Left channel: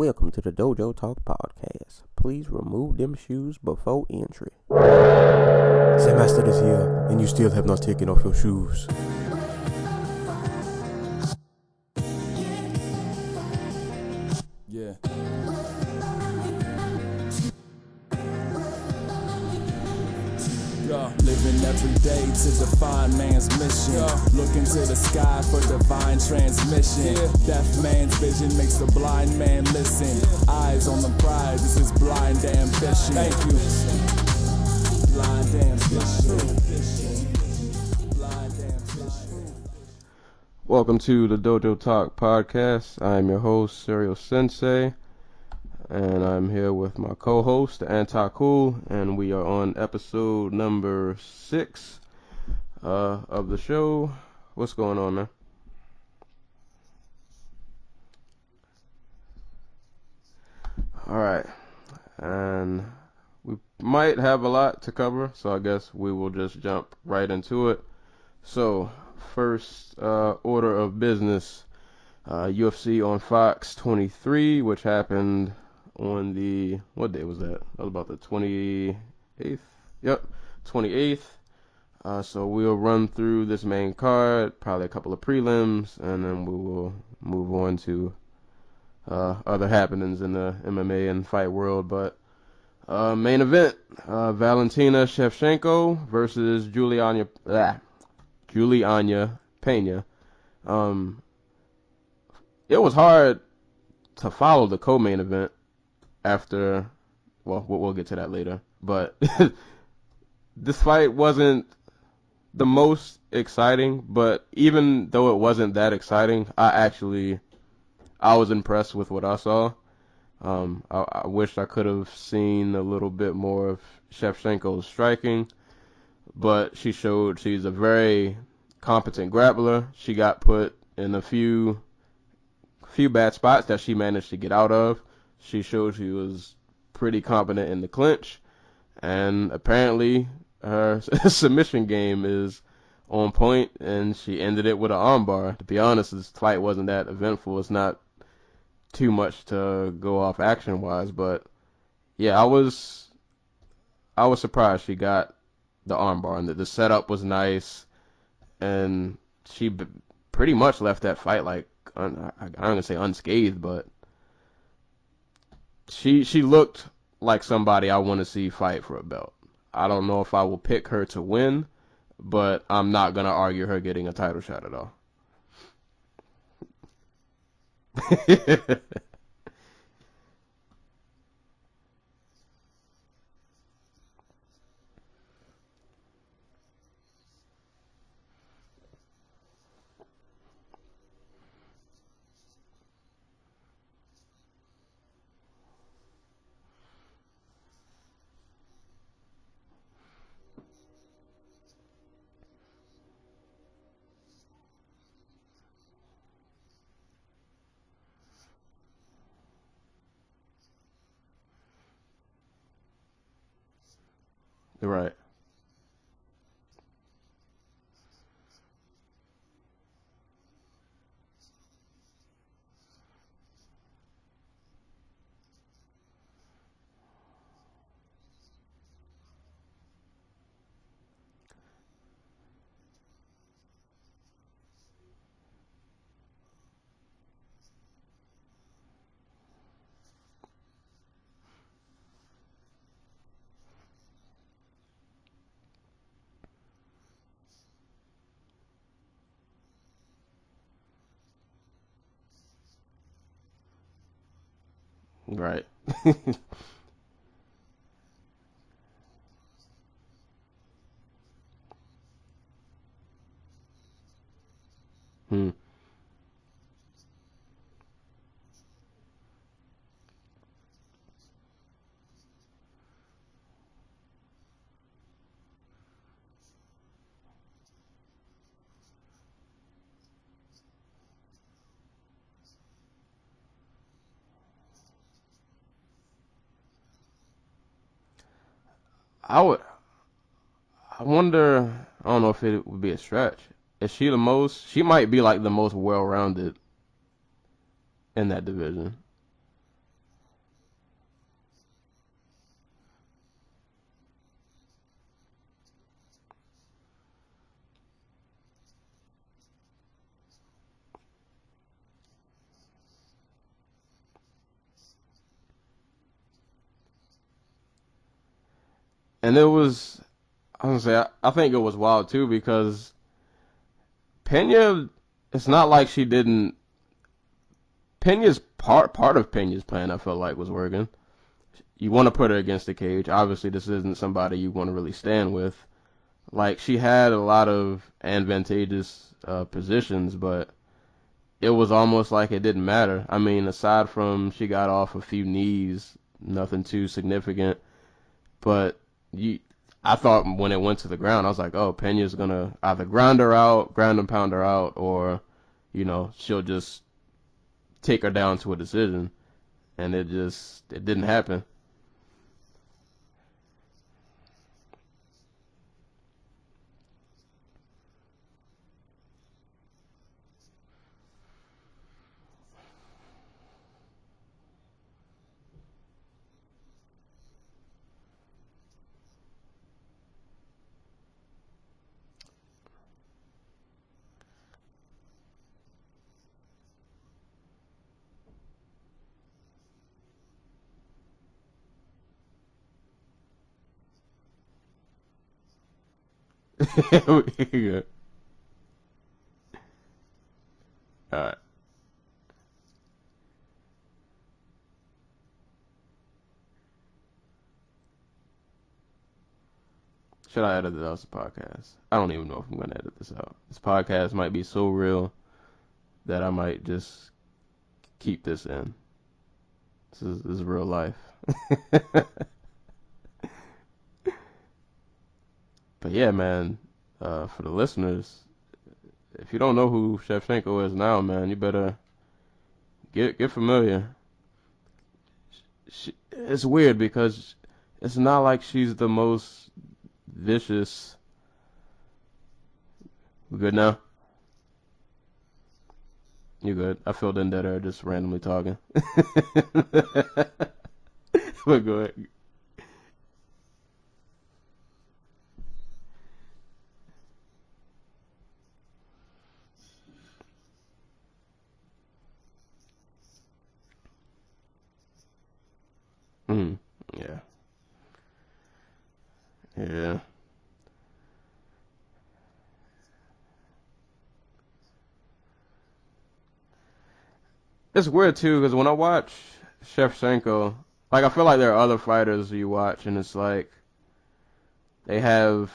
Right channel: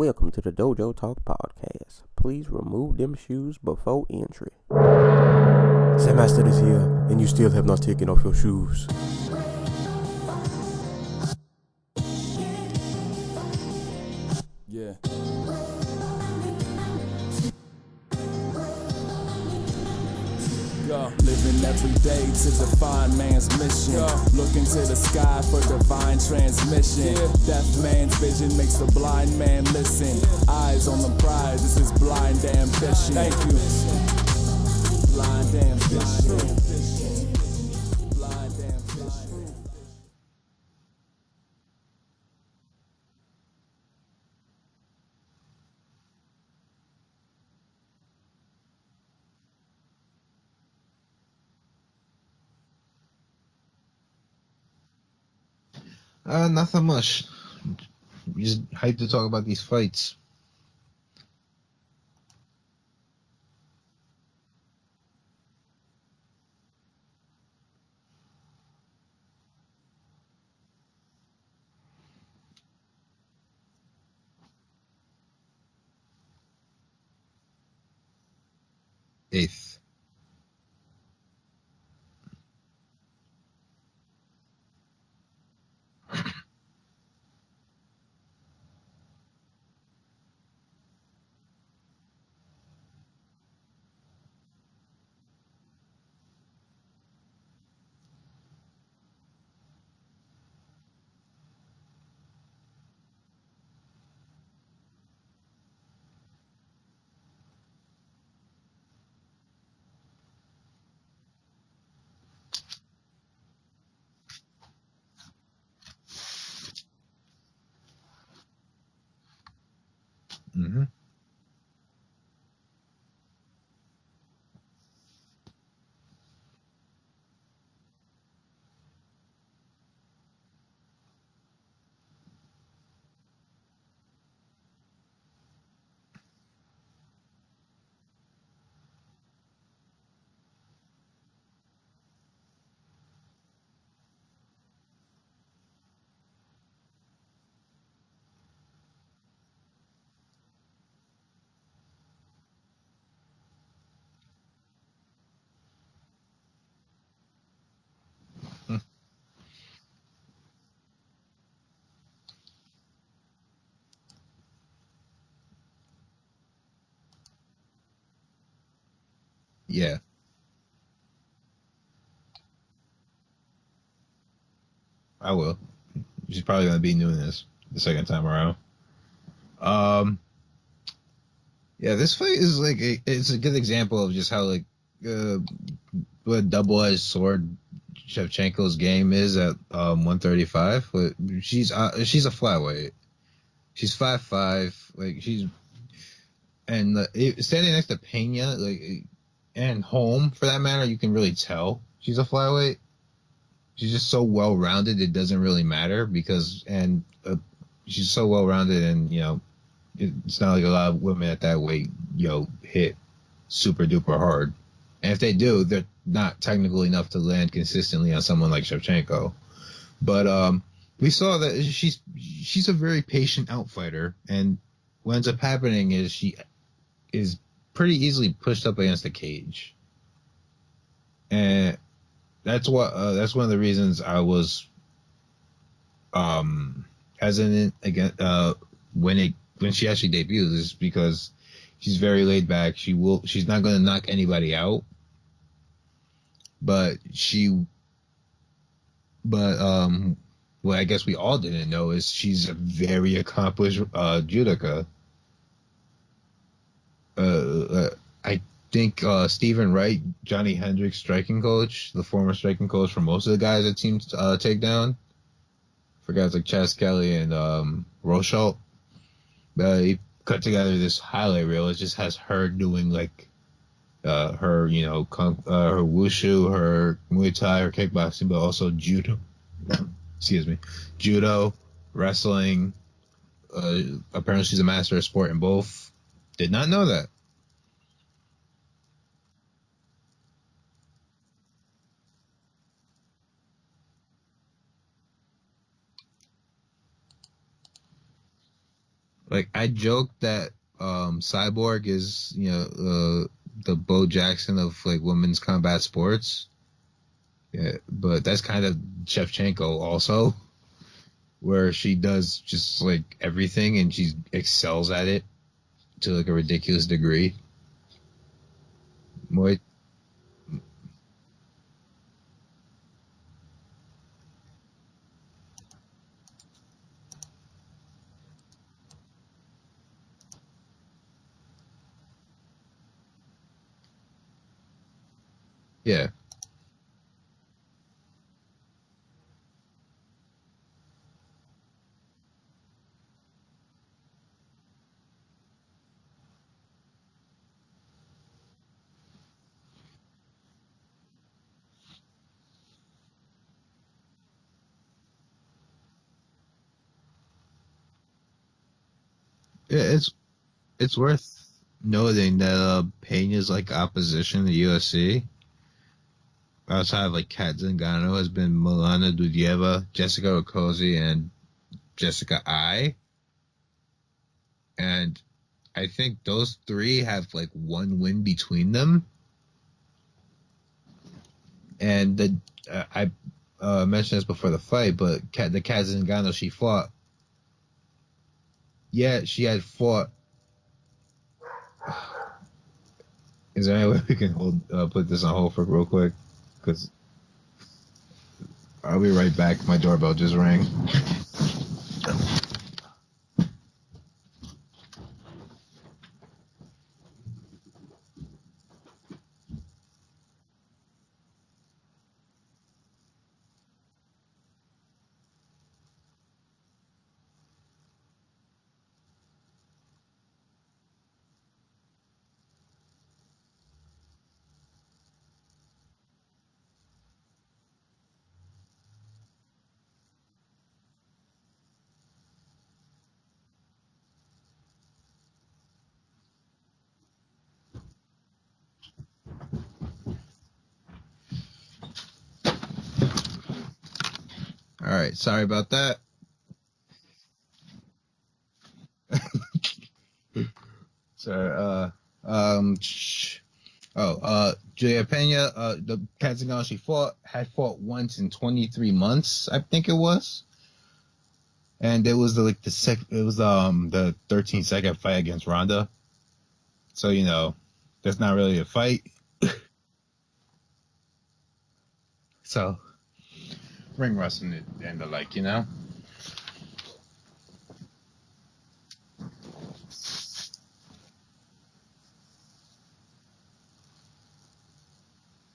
Welcome to the Dojo Talk Podcast. Please remove them shoes before entry. The master is here, and you still have not taken off your shoes. Yeah. Living every day to define man's mission. Look into the sky for divine transmission. Deaf man's vision makes the blind man listen. Eyes on the prize, this is blind ambition. Thank you. Blind ambition. Blind ambition. Welcome to the Dojo Talk Podcast. I am your host, Serial Sensei, and I'm here with my co-host, Theanticool, and we are on episode number 6 of the show. What's going on, man? Nothing much. Just hyped to talk about these fights. Alright, and we might have a lot to cover, so I guess we will just jump right into it. So, first order of business, UFC on Fox 23, which happened on the, what day was that? That was about the 28th. Yep, 28th. So we'll run through this main card, probably a couple of prelims, and then we will move on to other happenings in the MMA and fight world. But main event, Valentina Shevchenko versus Juliana Pena. It was hard to follow the co-main event after, well, we'll get to that later. But this fight wasn't the most exciting, but even though it wasn't that exciting, I was impressed with what I saw. I wish I could have seen a little bit more of Shevchenko's striking, but she showed she's a very competent grappler. She got put in a few bad spots that she managed to get out of. She showed she was pretty competent in the clinch, and apparently her submission game is on point, and she ended it with an armbar. To be honest, this fight wasn't that eventful. It's not too much to go off action-wise, but yeah, I was surprised she got the armbar, and the setup was nice, and she pretty much left that fight like, I'm gonna say unscathed, but she looked like somebody I want to see fight for a belt. Yeah. I don't know if I will pick her to win, but I'm not gonna argue her getting a title shot at all. I will. She's probably gonna be doing this the second time around. Yeah, this fight is like it's a good example of just how like what a double-edged sword Shevchenko's game is at 135. But she's a flyweight. She's 5'5". Like standing next to Pena, like, and Holm for that matter, you can really tell she's a flyweight. She's just so well rounded, it doesn't really matter she's so well rounded, and it's not like a lot of women at that weight hit super duper hard. Right. And if they do, they're not technical enough to land consistently on someone like Shevchenko. But we saw that she's a very patient outfighter, and what ends up happening is she is pretty easily pushed up against the cage, and that's one of the reasons I was hesitant again when she actually debuts, is because she's very laid back. She's not going to knock anybody out, but what I guess we all didn't know is she's a very accomplished judoka. Right. I think Stephen Wright, Johnny Hendricks' striking coach, the former striking coach for most of the guys at Team Takedown, for guys like Chas Kelly and Rochelle, he cut together this highlight reel. It just has her doing like her her wushu, her Muay Thai, her kickboxing, but also judo. Judo, wrestling. Apparently she's a master of sport in both. Did not know that. I wonder, I don't know if it would be a stretch. Is she she might be like the most well-rounded in that division. Like, I joke that Cyborg is, the Bo Jackson of like women's combat sports. Yeah, but that's kind of Shevchenko also, where she does just like everything and she excels at it to like a ridiculous degree. And it was, I was gonna say, I think it was wild too because Pena, it's not like she didn't. Pena's part of Pena's plan, I felt like, was working. You want to put her against the cage. Obviously, this isn't somebody you want to really stand with. Yeah. Like, she had a lot of advantageous positions, but it was almost like it didn't matter. I mean, aside from she got off a few knees, nothing too significant. But I thought when it went to the ground, I was like, oh, Pena's going to either ground and pound her out, or, she'll just take her down to a decision. Yeah, and it didn't happen. Noting that Pena's like opposition to UFC outside of like Kat Zingano has been Milana Dudieva, Jessica Okozie, and Jessica Ai. And I think those three have like one win between them. And I mentioned this before the fight, but the Kat Zingano she fought. Yeah, she had fought. Is there any way we can put this on hold for real quick? Yeah. I'll be right back. My doorbell just rang. All right. Should I edit this out as a podcast? I don't even know if I'm going to edit this out. This podcast might be so real that I might just keep this in. This is real life. But yeah, man, for the listeners, if you don't know who Shevchenko is now, man, you better get familiar. It's weird because it's not like she's the most vicious. You good now? All right, sorry about that. You good? I filled in dead air just randomly talking. So, Julia Pena, the Kat Zingano she had fought once in 23 months, I think it was. And it was the 13-second fight against Ronda. Mm-hmm. So, that's not really a fight. Yeah. So, ring rust and the like, It's weird too because when I watch Shevchenko, like I feel like there are other fighters you watch and it's like they have,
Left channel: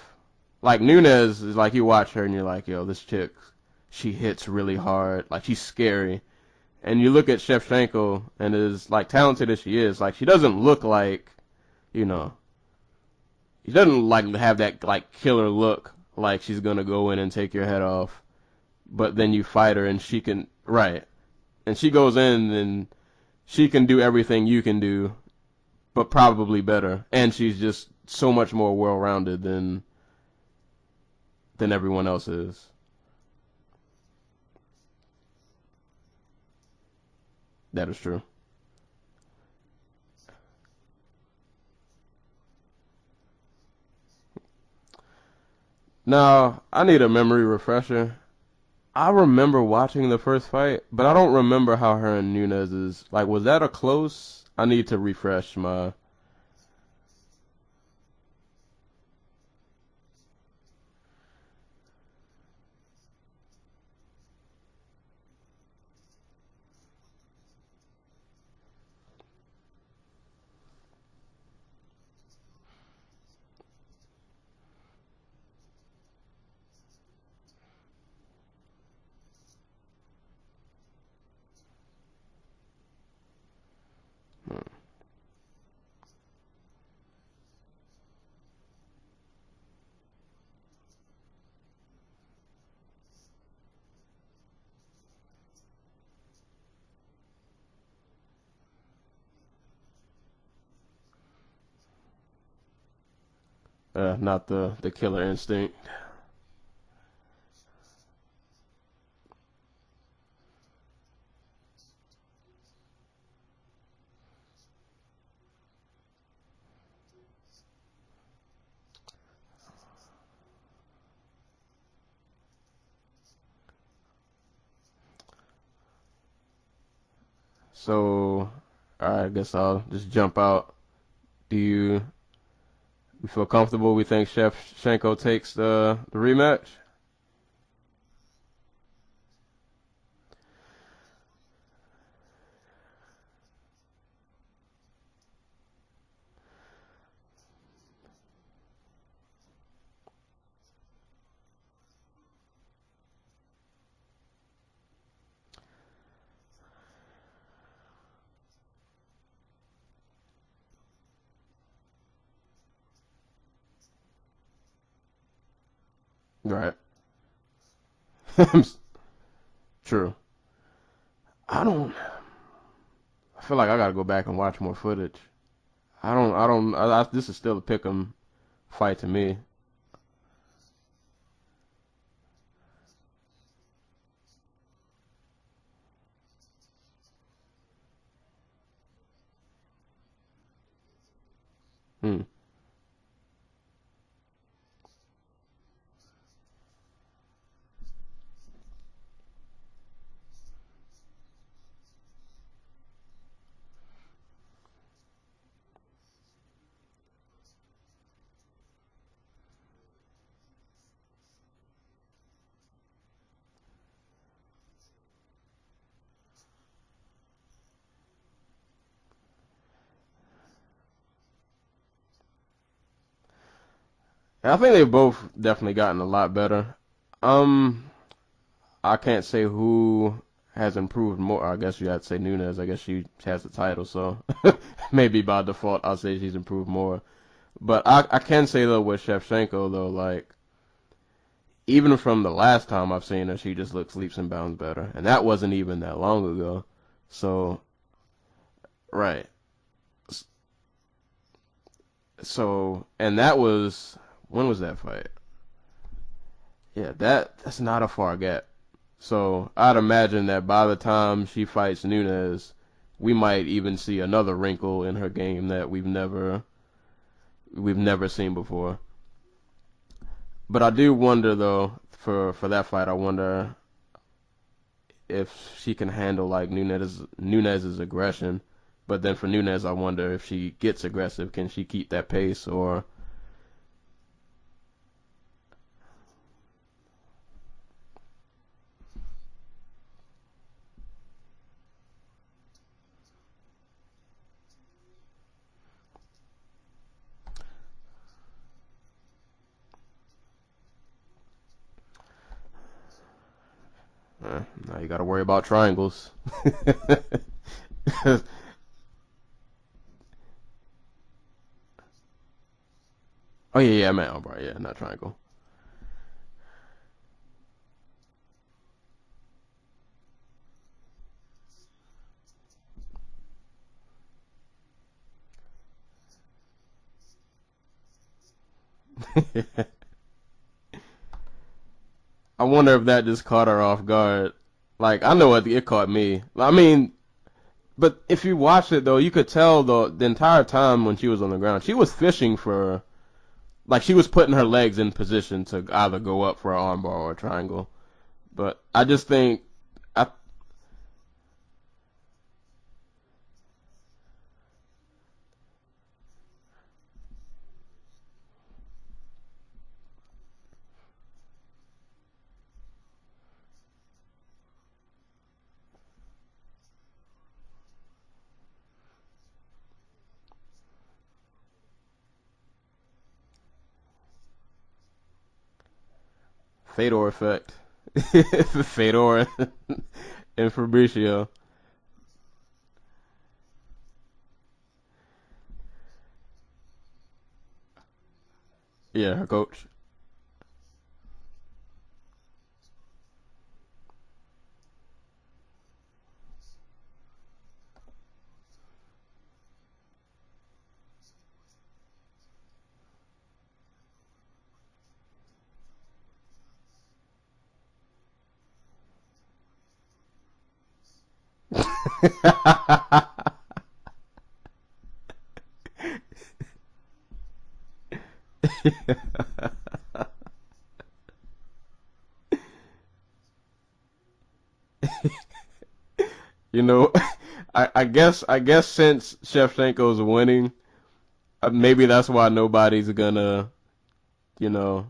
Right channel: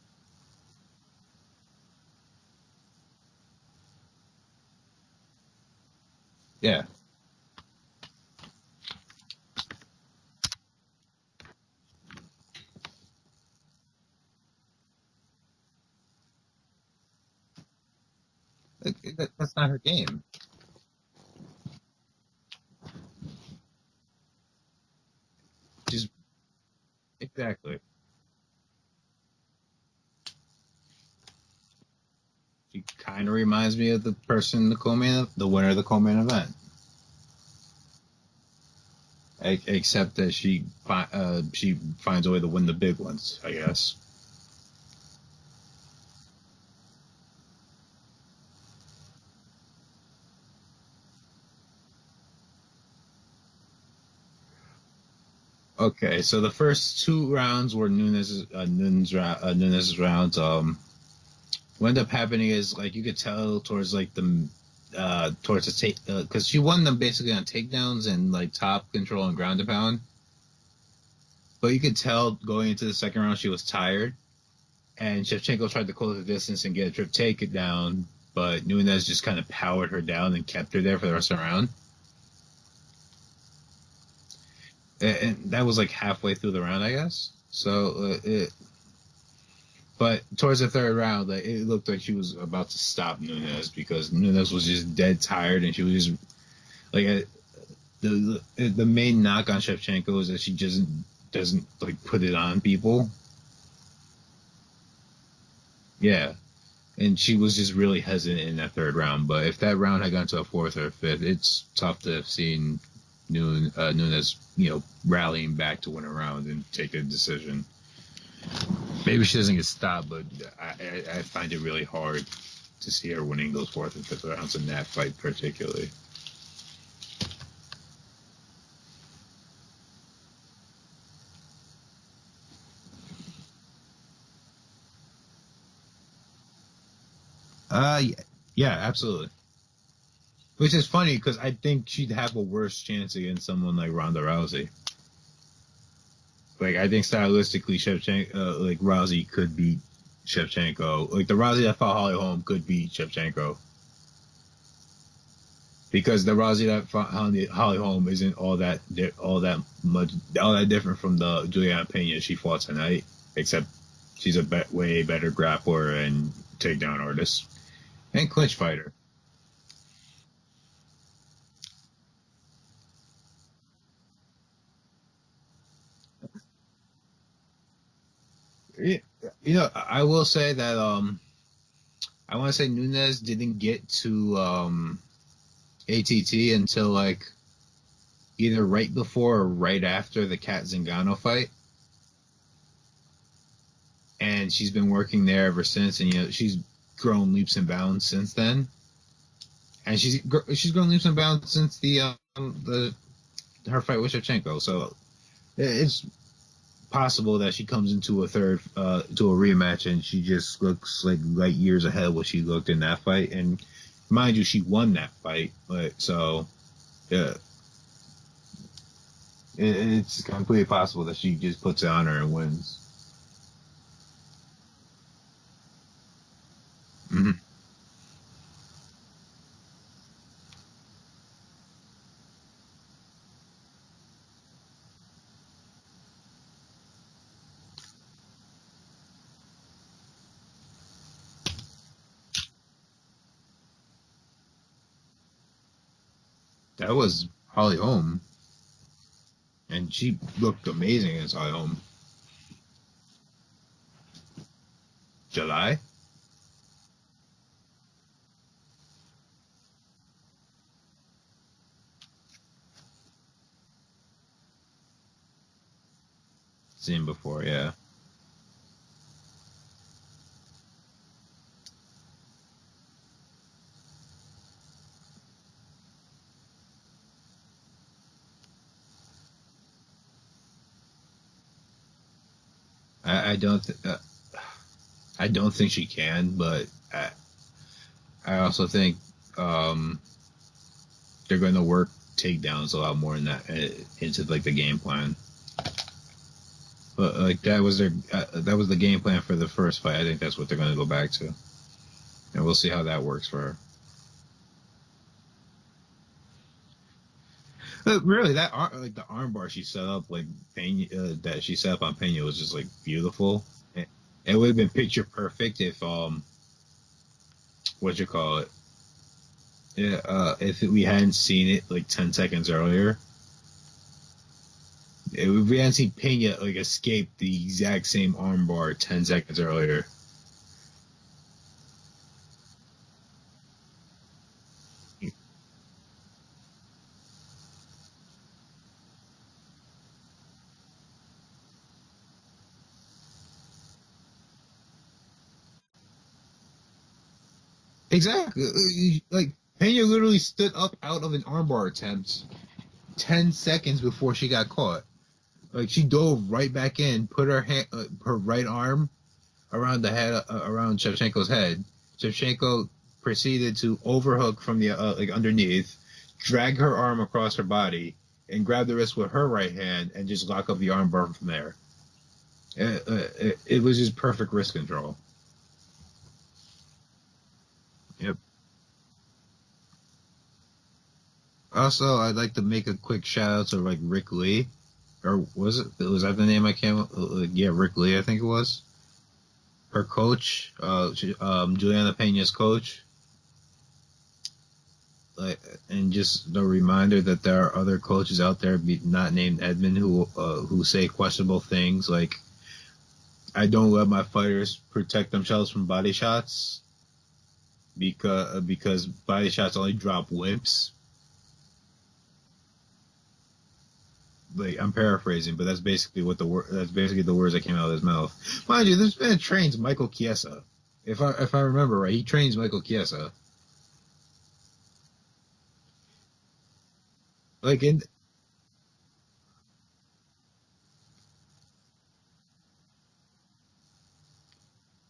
like Nunes is like you watch her and you're like, yo, this chick, she hits really hard, like she's scary. Yeah. And you look at Shevchenko and as like talented as she is, like she doesn't look like, she doesn't like have that like killer look like she's gonna go in and take your head off. But then you fight her and she can, right. And she goes in and she can do everything you can do, but probably better. And she's just so much more well-rounded than everyone else is. She kind of reminds me of the person, the winner of the co-main event. That is true. Except that she finds a way to win the big ones, I guess. Now, I need a memory refresher. I remember watching the first fight, but I don't remember how her and Nunes is. Like, was that a close? I need to refresh my... Okay, so the first two rounds were Nunes' rounds. What ended up happening is, like, you could tell towards, like, towards the take... Because she won them basically on takedowns and, like, top control and ground and pound. But you could tell going into the second round she was tired. And Shevchenko tried to close the distance and get a trip takedown, but Nunes just kind of powered her down and kept her there for the rest of the round. And that was like halfway through the round, I guess. So, but towards the third round, like, it looked like she was about to stop Nunes because Nunes was just dead tired, and she was just like the main knock on Shevchenko is that she doesn't like put it on people. Not the killer instinct. Yeah. And she was just really hesitant in that third round. But if that round had gone to a fourth or a fifth, it's tough to have seen Nunes, rallying back to win a round and take a decision. Maybe she doesn't get stopped, but I find it really hard to see her winning those fourth and fifth rounds in that fight particularly. So, all right, I guess I'll just jump out. Do you feel comfortable? We think Shevchenko takes the rematch? Yeah, absolutely. Which is funny because I think she'd have a worse chance against someone like Ronda Rousey. Like, I think stylistically, Rousey could beat Shevchenko. Like, the Rousey that fought Holly Holm could beat Shevchenko. Because the Rousey that fought Holly Holm isn't all that different from the Juliana Pena she fought tonight, except she's a way better grappler and takedown artist and clinch fighter. True. I feel like I gotta go back and watch more footage. This is still a pick'em fight to me. I will say that I want to say Nunes didn't get to ATT until like either right before or right after the Kat Zingano fight. And she's been working there ever since, and she's grown leaps and bounds since then. And she's grown leaps and bounds since her fight with Shevchenko. So it's possible that she comes into a rematch and she just looks like light years ahead of what she looked in that fight. And mind you, she won that fight. So yeah, it's completely possible that she just puts it on her and wins. I think they've both definitely gotten a lot better. Mm-hmm. I can't say who has improved more. I guess you have to say Nunes. I guess she has the title, so maybe by default I'll say she's improved more. But I can say, though, with Shevchenko, though, like, even from the last time I've seen her, she just looks leaps and bounds better. And that wasn't even that long ago. That was Holly Holm. Right. And she looked amazing against Holly Holm. So, and that was, when was that fight? July? Yeah, that's not a far gap. So I'd imagine that by the time she fights Nunes, we might even see another wrinkle in her game that we've never seen before. Yeah, we've never seen before. But I do wonder, though, for that fight, I wonder if she can handle like Nunes's aggression. But then for Nunes, I wonder if she gets aggressive, can she keep that pace? Or I don't think she can, but I also think they're going to work takedowns a lot more in that into like the game plan. But like that was the game plan for the first fight. I think that's what they're going to go back to, and we'll see how that works for her. Now you got to worry about triangles. Really, the armbar she set up, like Pena, that she set up on Pena was just like beautiful. Oh yeah, man. It would have been picture perfect if what you call it? Yeah, if we hadn't seen it like 10 seconds earlier. If we hadn't seen Pena like escape the exact same armbar 10 seconds earlier. I wonder if that just caught her off guard. Like, I know it caught me. I mean, but if you watch it, though, you could tell the entire time when she was on the ground, she was fishing for, like, she was putting her legs in position to either go up for an armbar or a triangle. Exactly. But I just think Pena literally stood up out of an armbar attempt 10 seconds before she got caught. Like, she dove right back in, put her right arm around the head, around Shevchenko's head. Shevchenko proceeded to overhook from the underneath, drag her arm across her body, and grab the wrist with her right hand and just lock up the armbar from there. It was just perfect wrist control. Fedor effect. Yep. Fedor and Fabricio. Also, I'd like to make a quick shout out to like Rick Lee, or was that the name I came? Yeah, Rick Lee, I think it was. Yeah, her coach. Her coach, Juliana Pena's coach. And just the reminder that there are other coaches out there, not named Edmund, who say questionable things like, "I don't let my fighters protect themselves from body shots because body shots only drop wimps." Like, I'm paraphrasing, but that's basically what the words that came out of his mouth. Mind you, this man trains Michael Chiesa. If I remember right, he trains Michael Chiesa. You know, Like, I guess since Shevchenko's winning, maybe that's why nobody's gonna, you know.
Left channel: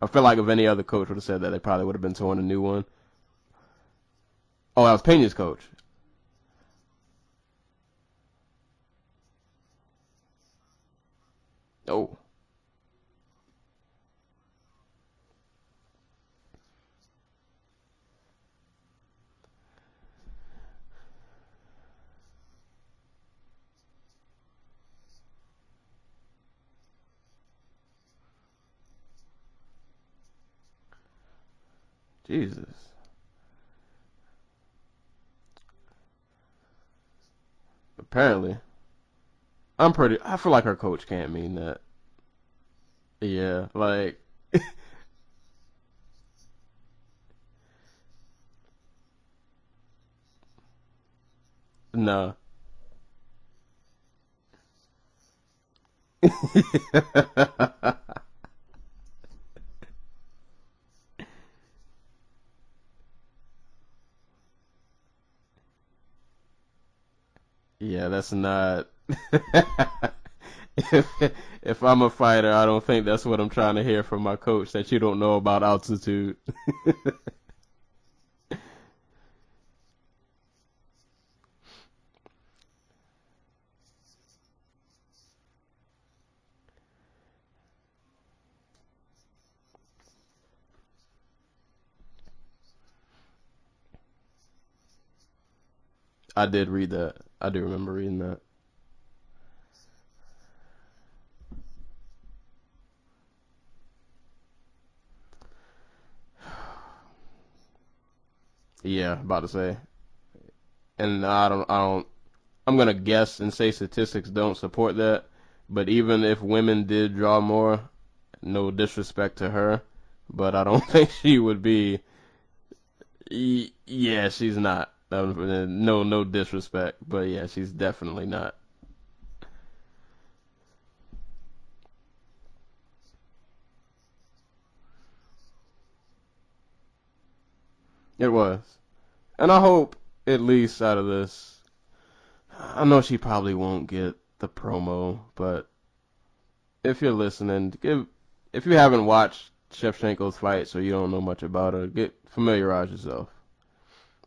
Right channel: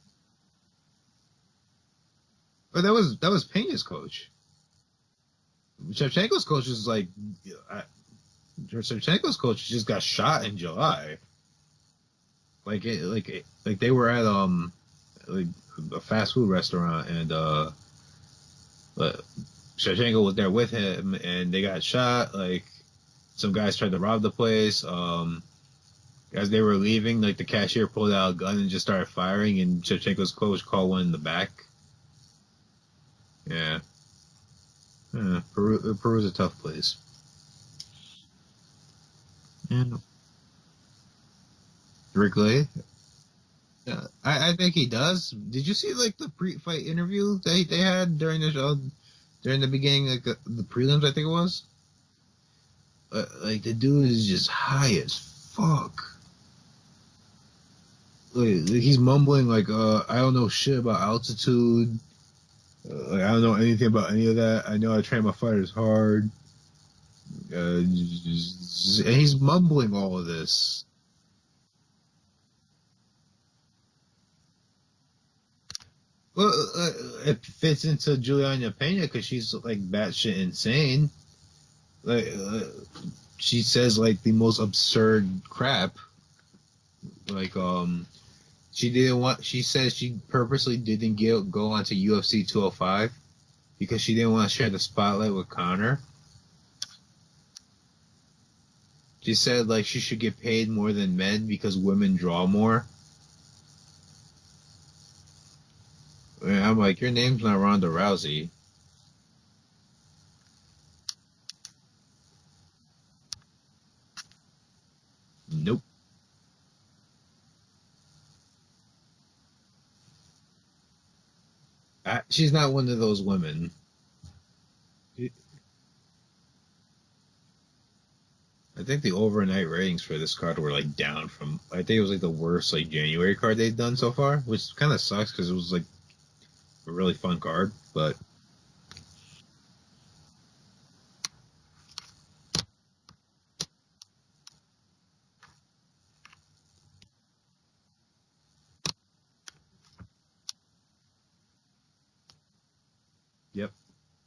I feel like if any other coach would have said that, they probably would have been towing a new one. But that was Pena's coach. Oh, that was Pena's coach. Shevchenko's coach is like, Shevchenko's coach just got shot in July. Oh, Like they were at like a fast food restaurant, and Shevchenko was there with him, and they got shot. Like, some guys tried to rob the place. As they were leaving, like, the cashier pulled out a gun and just started firing, and Shevchenko's coach called one in the back. Jesus. Yeah. Peru's a tough place. Apparently. Yeah. I feel like our coach can't mean that. Rick Lay? Yeah, like... I think he does. Did you see, like, the pre-fight interview they had during the show, during the beginning, like, the prelims, I think it was? No. Like, the dude is just high as fuck. Like, he's mumbling, like, I don't know shit about altitude. Like, I don't know anything about any of that. I know I train my fighters hard. Yeah, that's not... And he's mumbling all of this. If I'm a fighter, I don't think that's what I'm trying to hear from my coach, that you don't know about altitude. Well, it fits into Juliana Pena because she's, like, batshit insane. Like, she says, like, the most absurd crap. Like, she says she purposely didn't go onto UFC 205 because she didn't want to share the spotlight with Conor. I did read that. I do remember reading that. She said, like, she should get paid more than men because women draw more. And I'm like, your name's not Ronda Rousey. Yeah, about to say. And I'm gonna guess and say statistics don't support that. Nope. But even if women did draw more, no disrespect to her, but I don't think she would be. She's not one of those women. Yeah, she's not. No disrespect, but yeah, she's definitely not. I think the overnight ratings for this card were, like, down from... I think it was, like, the worst, like, January card they've done so far, which kind of sucks because it was, like, a really fun card, but... It was. And I hope, at least out of this, I know she probably won't get the promo, but if you're listening, if you haven't watched Shevchenko's fights or you don't know much about her, familiarize yourself. Yep.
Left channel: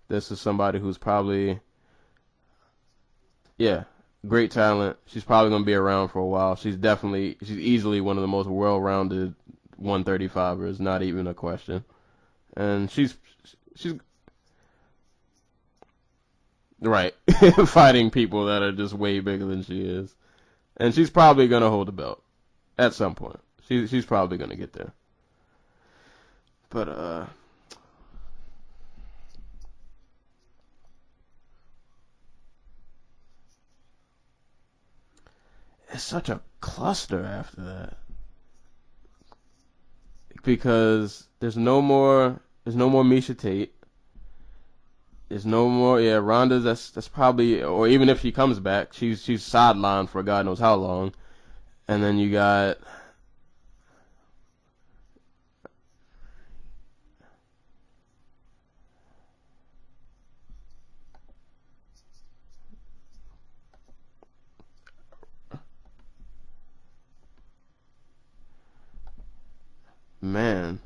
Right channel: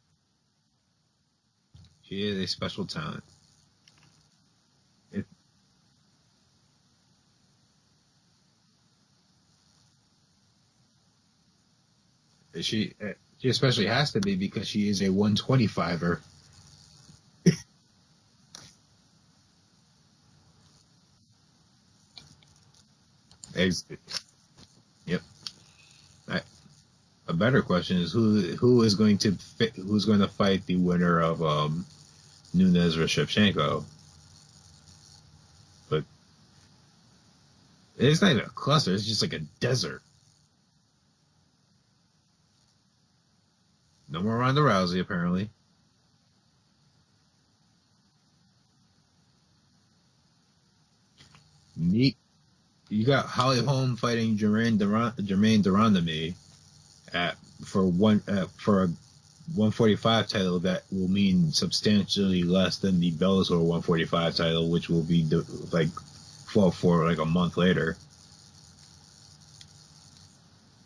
This is somebody who's probably... She is a special talent. Yeah. Great talent. She's probably going to be around for a while. She's easily one of the most well-rounded 135ers, not even a question. And she especially has to be because she is a 125er. Right. Fighting people that are just way bigger than she is. And she's probably going to hold the belt at some point. She's probably going to get there. Yep. But a better question is who's going to fight the winner of Nunes versus Shevchenko? It's such a cluster after that. It's not even a cluster. It's just like a desert. Because there's no more Miesha Tate. No more Ronda Rousey, apparently. There's no more. Yeah, Ronda. That's probably, or even if she comes back, she's sidelined for God knows how long. And then you got Holly Holm fighting Jermaine Durandamy for a 145 title that will mean substantially less than the Bellator 145 title, which will be for like a month later. Man,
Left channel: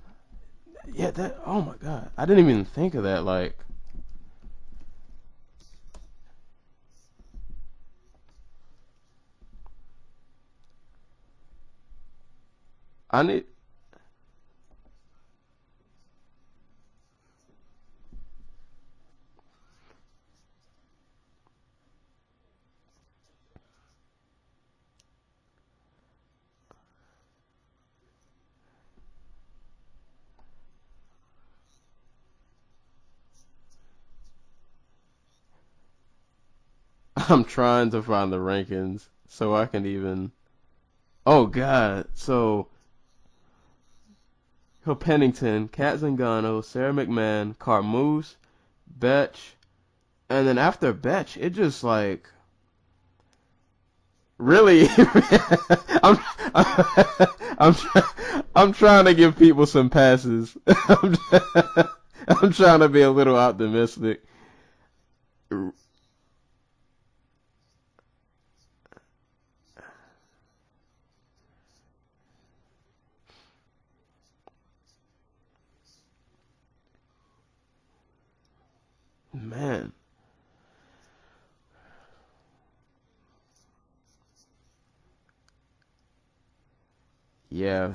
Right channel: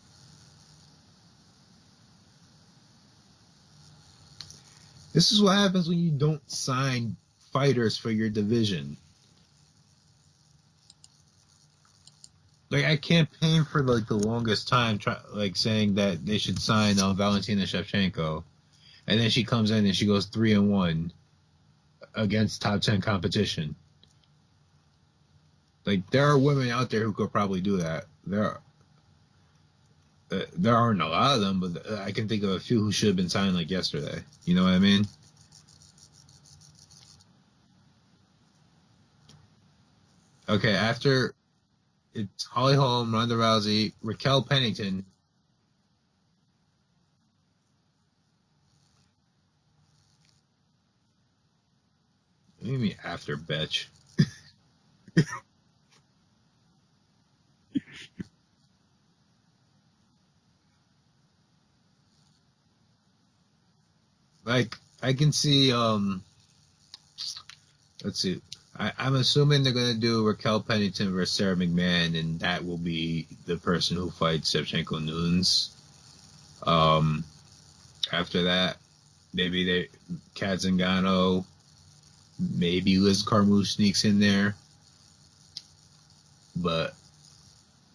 yeah, oh my God, I didn't even think of that. Like, this is what happens when you don't sign fighters for your division. Like, I campaigned for like the longest time, saying that they should sign Valentina Shevchenko, and then she comes in and she goes 3-1 against top 10 competition. Like, there are women out there who could probably do that. There aren't a lot of them, but I can think of a few who should have been signed like yesterday. You know what I mean? I'm trying to find the rankings so I can even. Okay, after. Oh God! So Holly Holm, Ronda Rousey, Raquel Pennington. So Pennington, Kat Zingano, Sarah McMahon, Carmouche, Betch, And then after Betch, it just like. What do you mean after Betch? Really? I'm, I'm, I'm trying to give people some passes. I'm trying to be a little optimistic. Like, I can see, let's see. I'm assuming they're going to do Raquel Pennington versus Sarah McMahon, and that will be the person who fights Shevchenko Nunes. After that, maybe Kat Zingano, maybe Liz Carmouche sneaks in there. But yeah,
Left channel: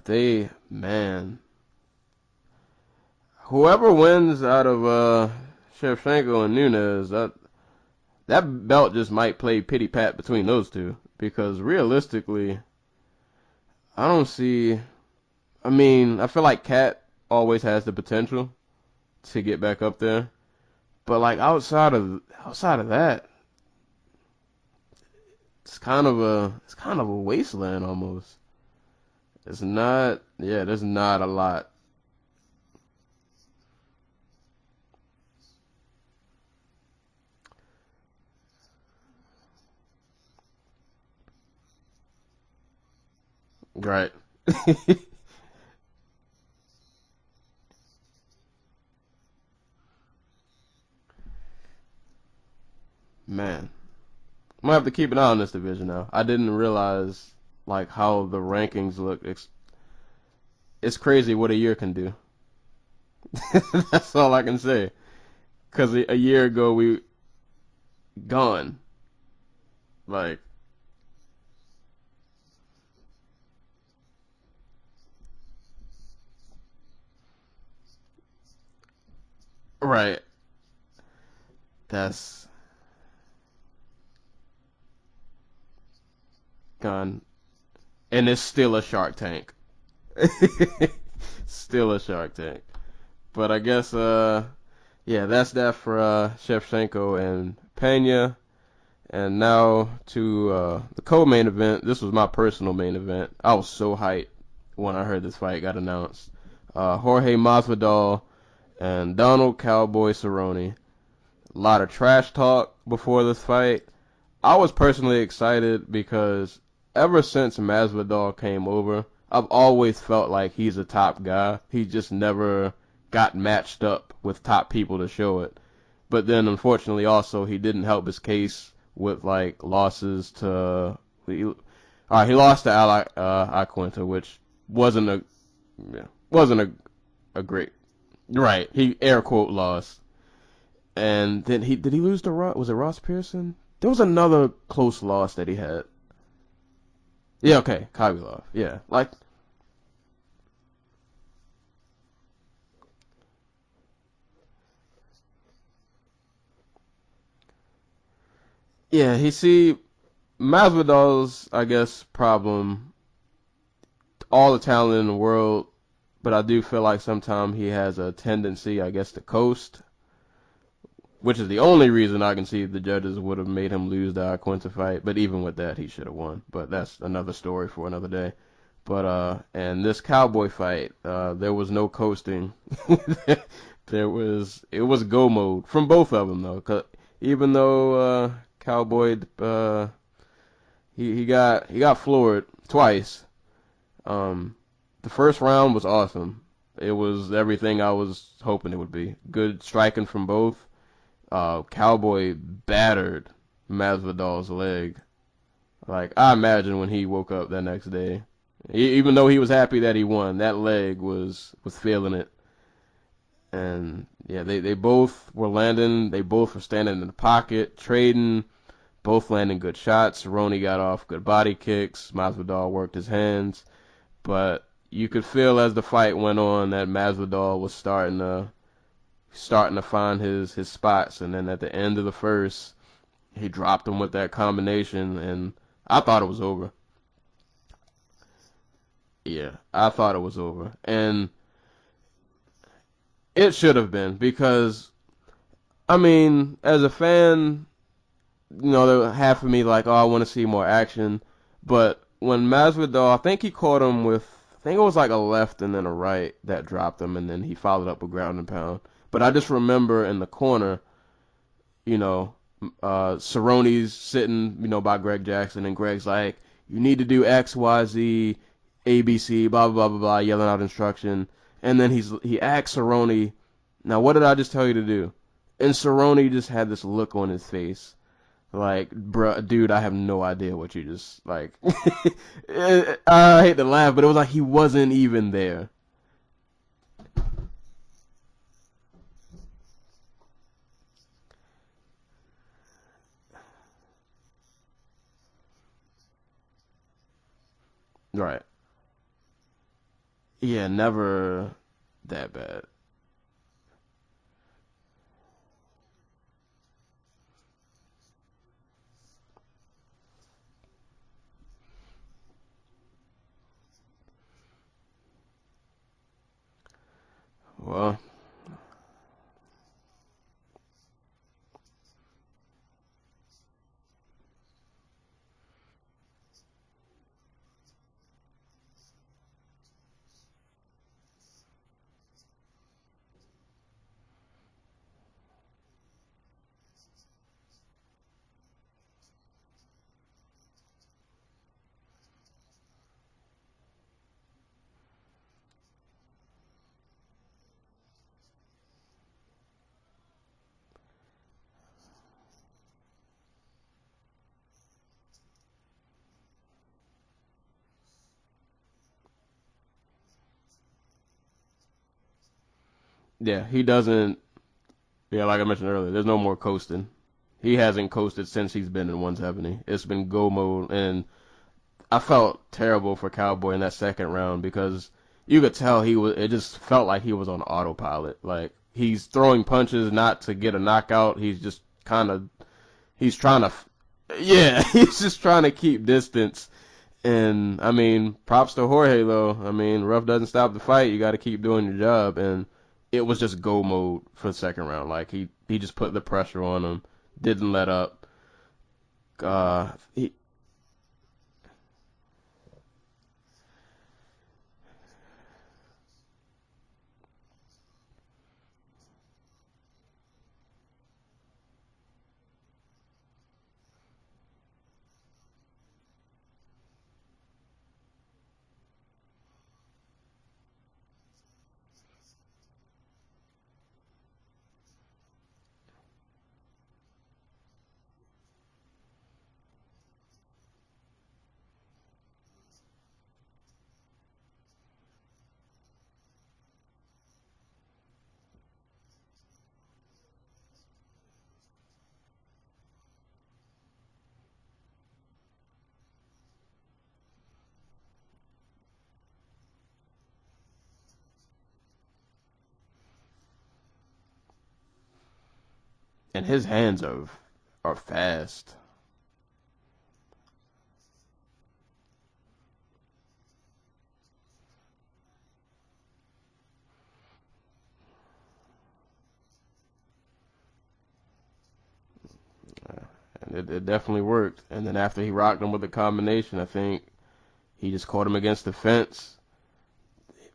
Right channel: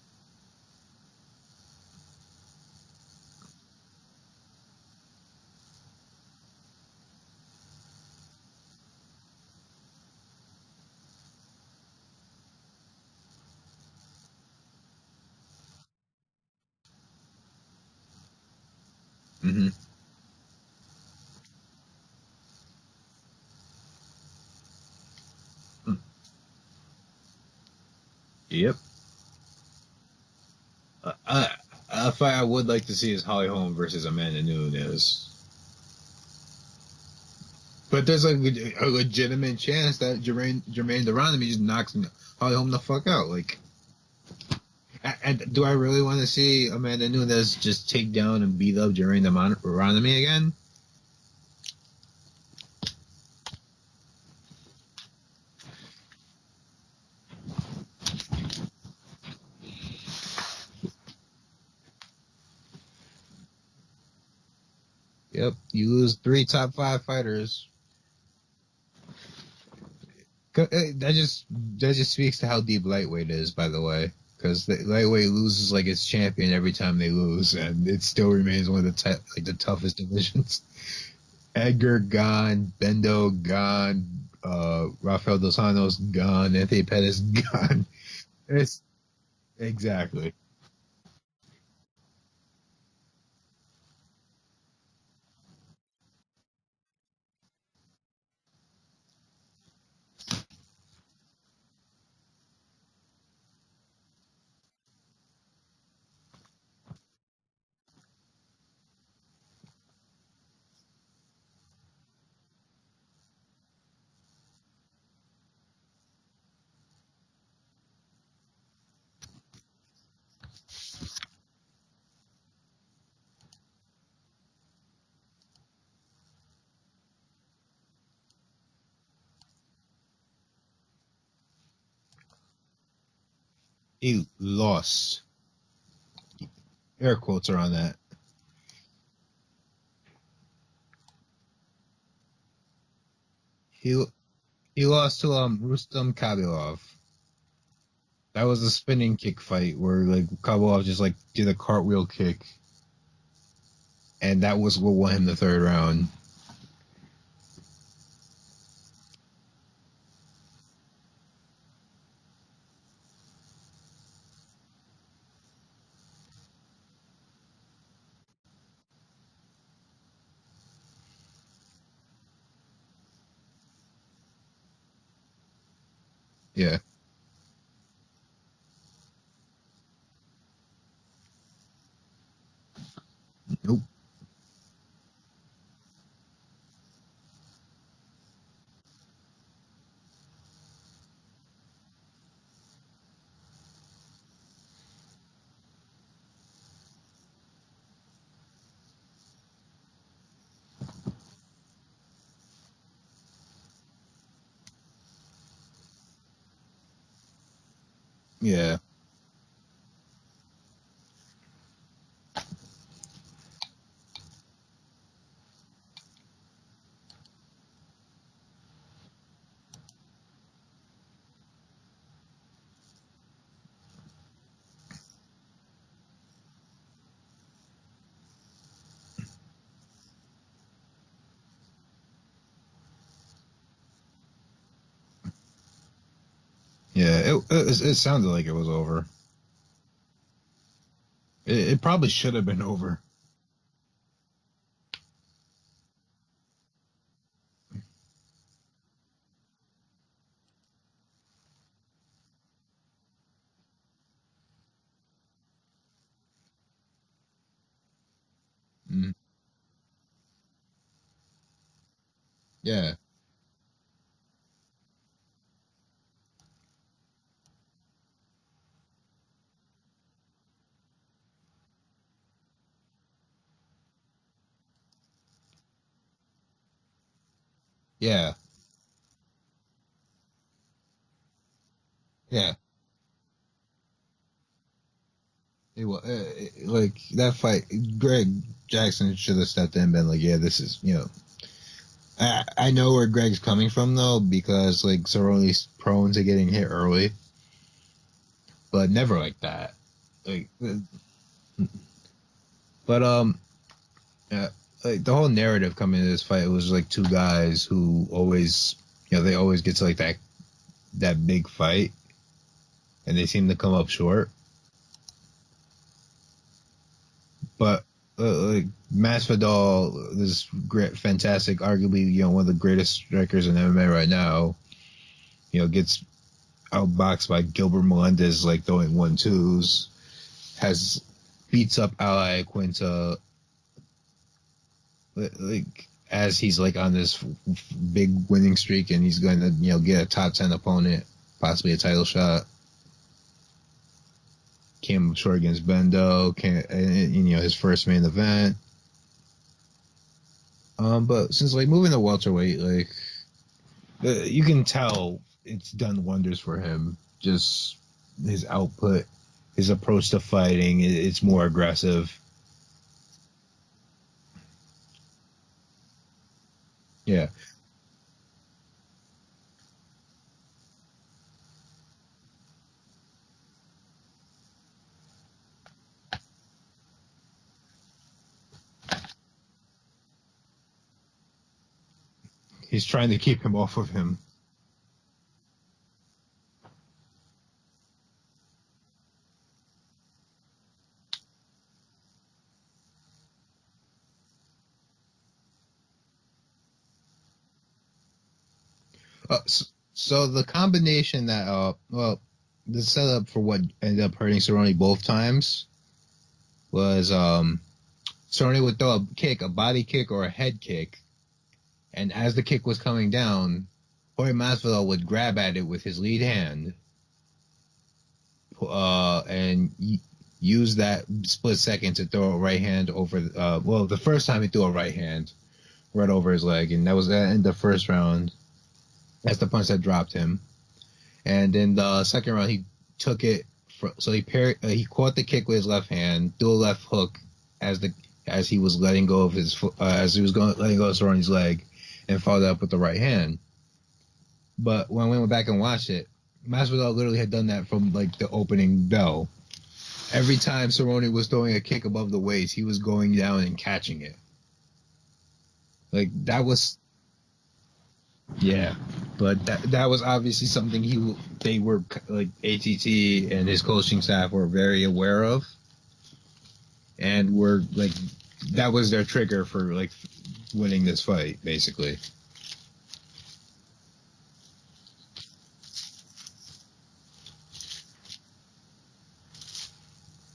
whoever wins out of Shevchenko and Nunes, that belt just might play pity pat between those two, because realistically, I don't see. I mean, I feel like Kat always has the potential to get back up there, but like outside of that, it's kind of a wasteland almost. Yep. It's not. Yeah, there's not a lot. A fight I would like to see is Holly Holm versus Amanda Nunes. But there's a legitimate chance that Jermaine Durandamy just knocks Holly Holm the fuck out. Like, right. and do I really want to see Amanda Nunes just take down and beat up Jermaine Durandamy again? Man, I'm gonna have to keep an eye on this division now. I didn't realize like how the rankings look. It's crazy what a year can do. That's all I can say. Yep. Because a year ago we fighters gone. Like that just speaks to how deep lightweight is, by the way. Because the lightweight loses like its champion every time they lose, and it still remains one of the toughest divisions. Edgar gone, Bendo gone, Rafael Dos Anjos gone, Anthony Pettis gone, and it's still a Shark Tank. Exactly. Still a Shark Tank. But I guess that's that for Shevchenko and Pena. And now to the co-main event. This was my personal main event. I was so hyped when I heard this fight got announced. Jorge Masvidal and Donald Cowboy Cerrone. A lot of trash talk before this fight. I was personally excited because ever since Masvidal came over, I've always felt like he's a top guy. He just never got matched up with top people to show it. But then, unfortunately, also, he didn't help his case with, like, losses to... he lost to Iaquinta, which wasn't a... Air quotes are on that. Right. He air quote lost. And then did he lose to Ross? Was it Ross Pearson? There was another close loss that he had. Rustam Khabilov. Yeah, okay, Khabilov. That was a spinning kick fight where like Khabilov just like did a cartwheel kick, and that was what won him the third round. Yeah, Masvidal's, I guess, problem. All the talent in the world, but I do feel like sometimes he has a tendency, I guess, to coast. Which is the only reason I can see the judges would have made him lose the Iaquinta fight. But even with that, he should have won. But that's another story for another day. But and this Cowboy fight, there was no coasting. Nope. It was go mode from both of them though. 'Cause even though Cowboy he got floored twice. The first round was awesome. It was everything I was hoping it would be. Good striking from both. Cowboy battered Masvidal's leg. Like, I imagine when he woke up that next day. Yeah. Even though he was happy that he won, that leg was feeling it. And, yeah, they both were landing. They both were standing in the pocket, trading, both landing good shots. Cerrone got off good body kicks. Masvidal worked his hands. But you could feel as the fight went on that Masvidal was starting to find his spots, and then at the end of the first, he dropped him with that combination, and I thought it was over. Yeah, it sounded like it was over. Yeah, I thought it was over, and it probably should have been over. It should have been, because, I mean, as a fan, you know, there was half of me like, oh, I want to see more action, but when Masvidal, I think he caught him with, I think it was like a left and then a right that dropped him, and then he followed up with ground and pound. Mm-hmm. But I just remember in the corner, you know, Yeah. Cerrone's sitting, you know, by Greg Jackson, and Greg's like, you need to do X, Y, Z, A, B, C, blah, blah, blah, blah, blah, yelling out instruction. And then he asks Cerrone, now what did I just tell you to do? And Cerrone just had this look on his face. Yeah. Like, bruh, dude, I have no idea what you just, like, Yeah. I hate to laugh, but it was like he wasn't even there. It was like that fight. Greg Jackson should have stepped in and been like, "Yeah, this is I know where Greg's coming from though, because like Cerrone's prone to getting hit early, Right. but never like that. Like, Yeah, never that bad. But like the whole narrative coming into this fight was like two guys who always, they always get to like that big fight, and they seem to come up short. But like Masvidal, this great, fantastic, arguably one of the greatest strikers in MMA right now, gets outboxed by Gilbert Melendez, like throwing 1-2s, beats up Ally Quinta, like as he's like on this big winning streak, and he's going to get a top 10 opponent, possibly a title shot. Came up short against Bendo, his first main event. But since like moving to welterweight, like you can tell it's done wonders for him. Just his output, his approach to fighting, it's more aggressive. Yeah, he doesn't. Yeah, like I mentioned earlier, there's no more coasting. Yeah, he hasn't coasted since he's been in 170. It's been go mode, and I felt terrible for Cowboy in that second round because you could tell it just felt like he was on autopilot. Like, he's throwing punches not to get a knockout. He's just kind of... He's trying to keep him off of him. Yeah, he's just trying to keep distance. And, I mean, props to Jorge, though. I mean, rough doesn't stop the fight. You got to keep doing your job. And it was just go mode for the second round. Like, he just put the pressure on him, didn't let up. So the combination that, the setup for what ended up hurting Cerrone both times was Cerrone would throw a body kick or a head kick, and as the kick was coming down, Jorge Masvidal would grab at it with his lead hand and use that split second to throw a right hand over. The first time he threw a right hand right over his leg, and that was in the first round. That's the punch that dropped him. And in the second round, he took it. He caught the kick with his left hand, threw a left hook as he was letting go of his letting go of Cerrone's leg, and followed up with the right hand. But when we went back and watched it, Masvidal literally had done that from like the opening bell. Every time Cerrone was throwing a kick above the waist, he was going down and catching it. Like, and his hands are fast. Yeah, but that was obviously something they were like ATT and his coaching staff were very aware of, and were like that was their trigger for like winning this fight basically. And it definitely worked. And then after he rocked him with the combination, I think he just caught him against the fence.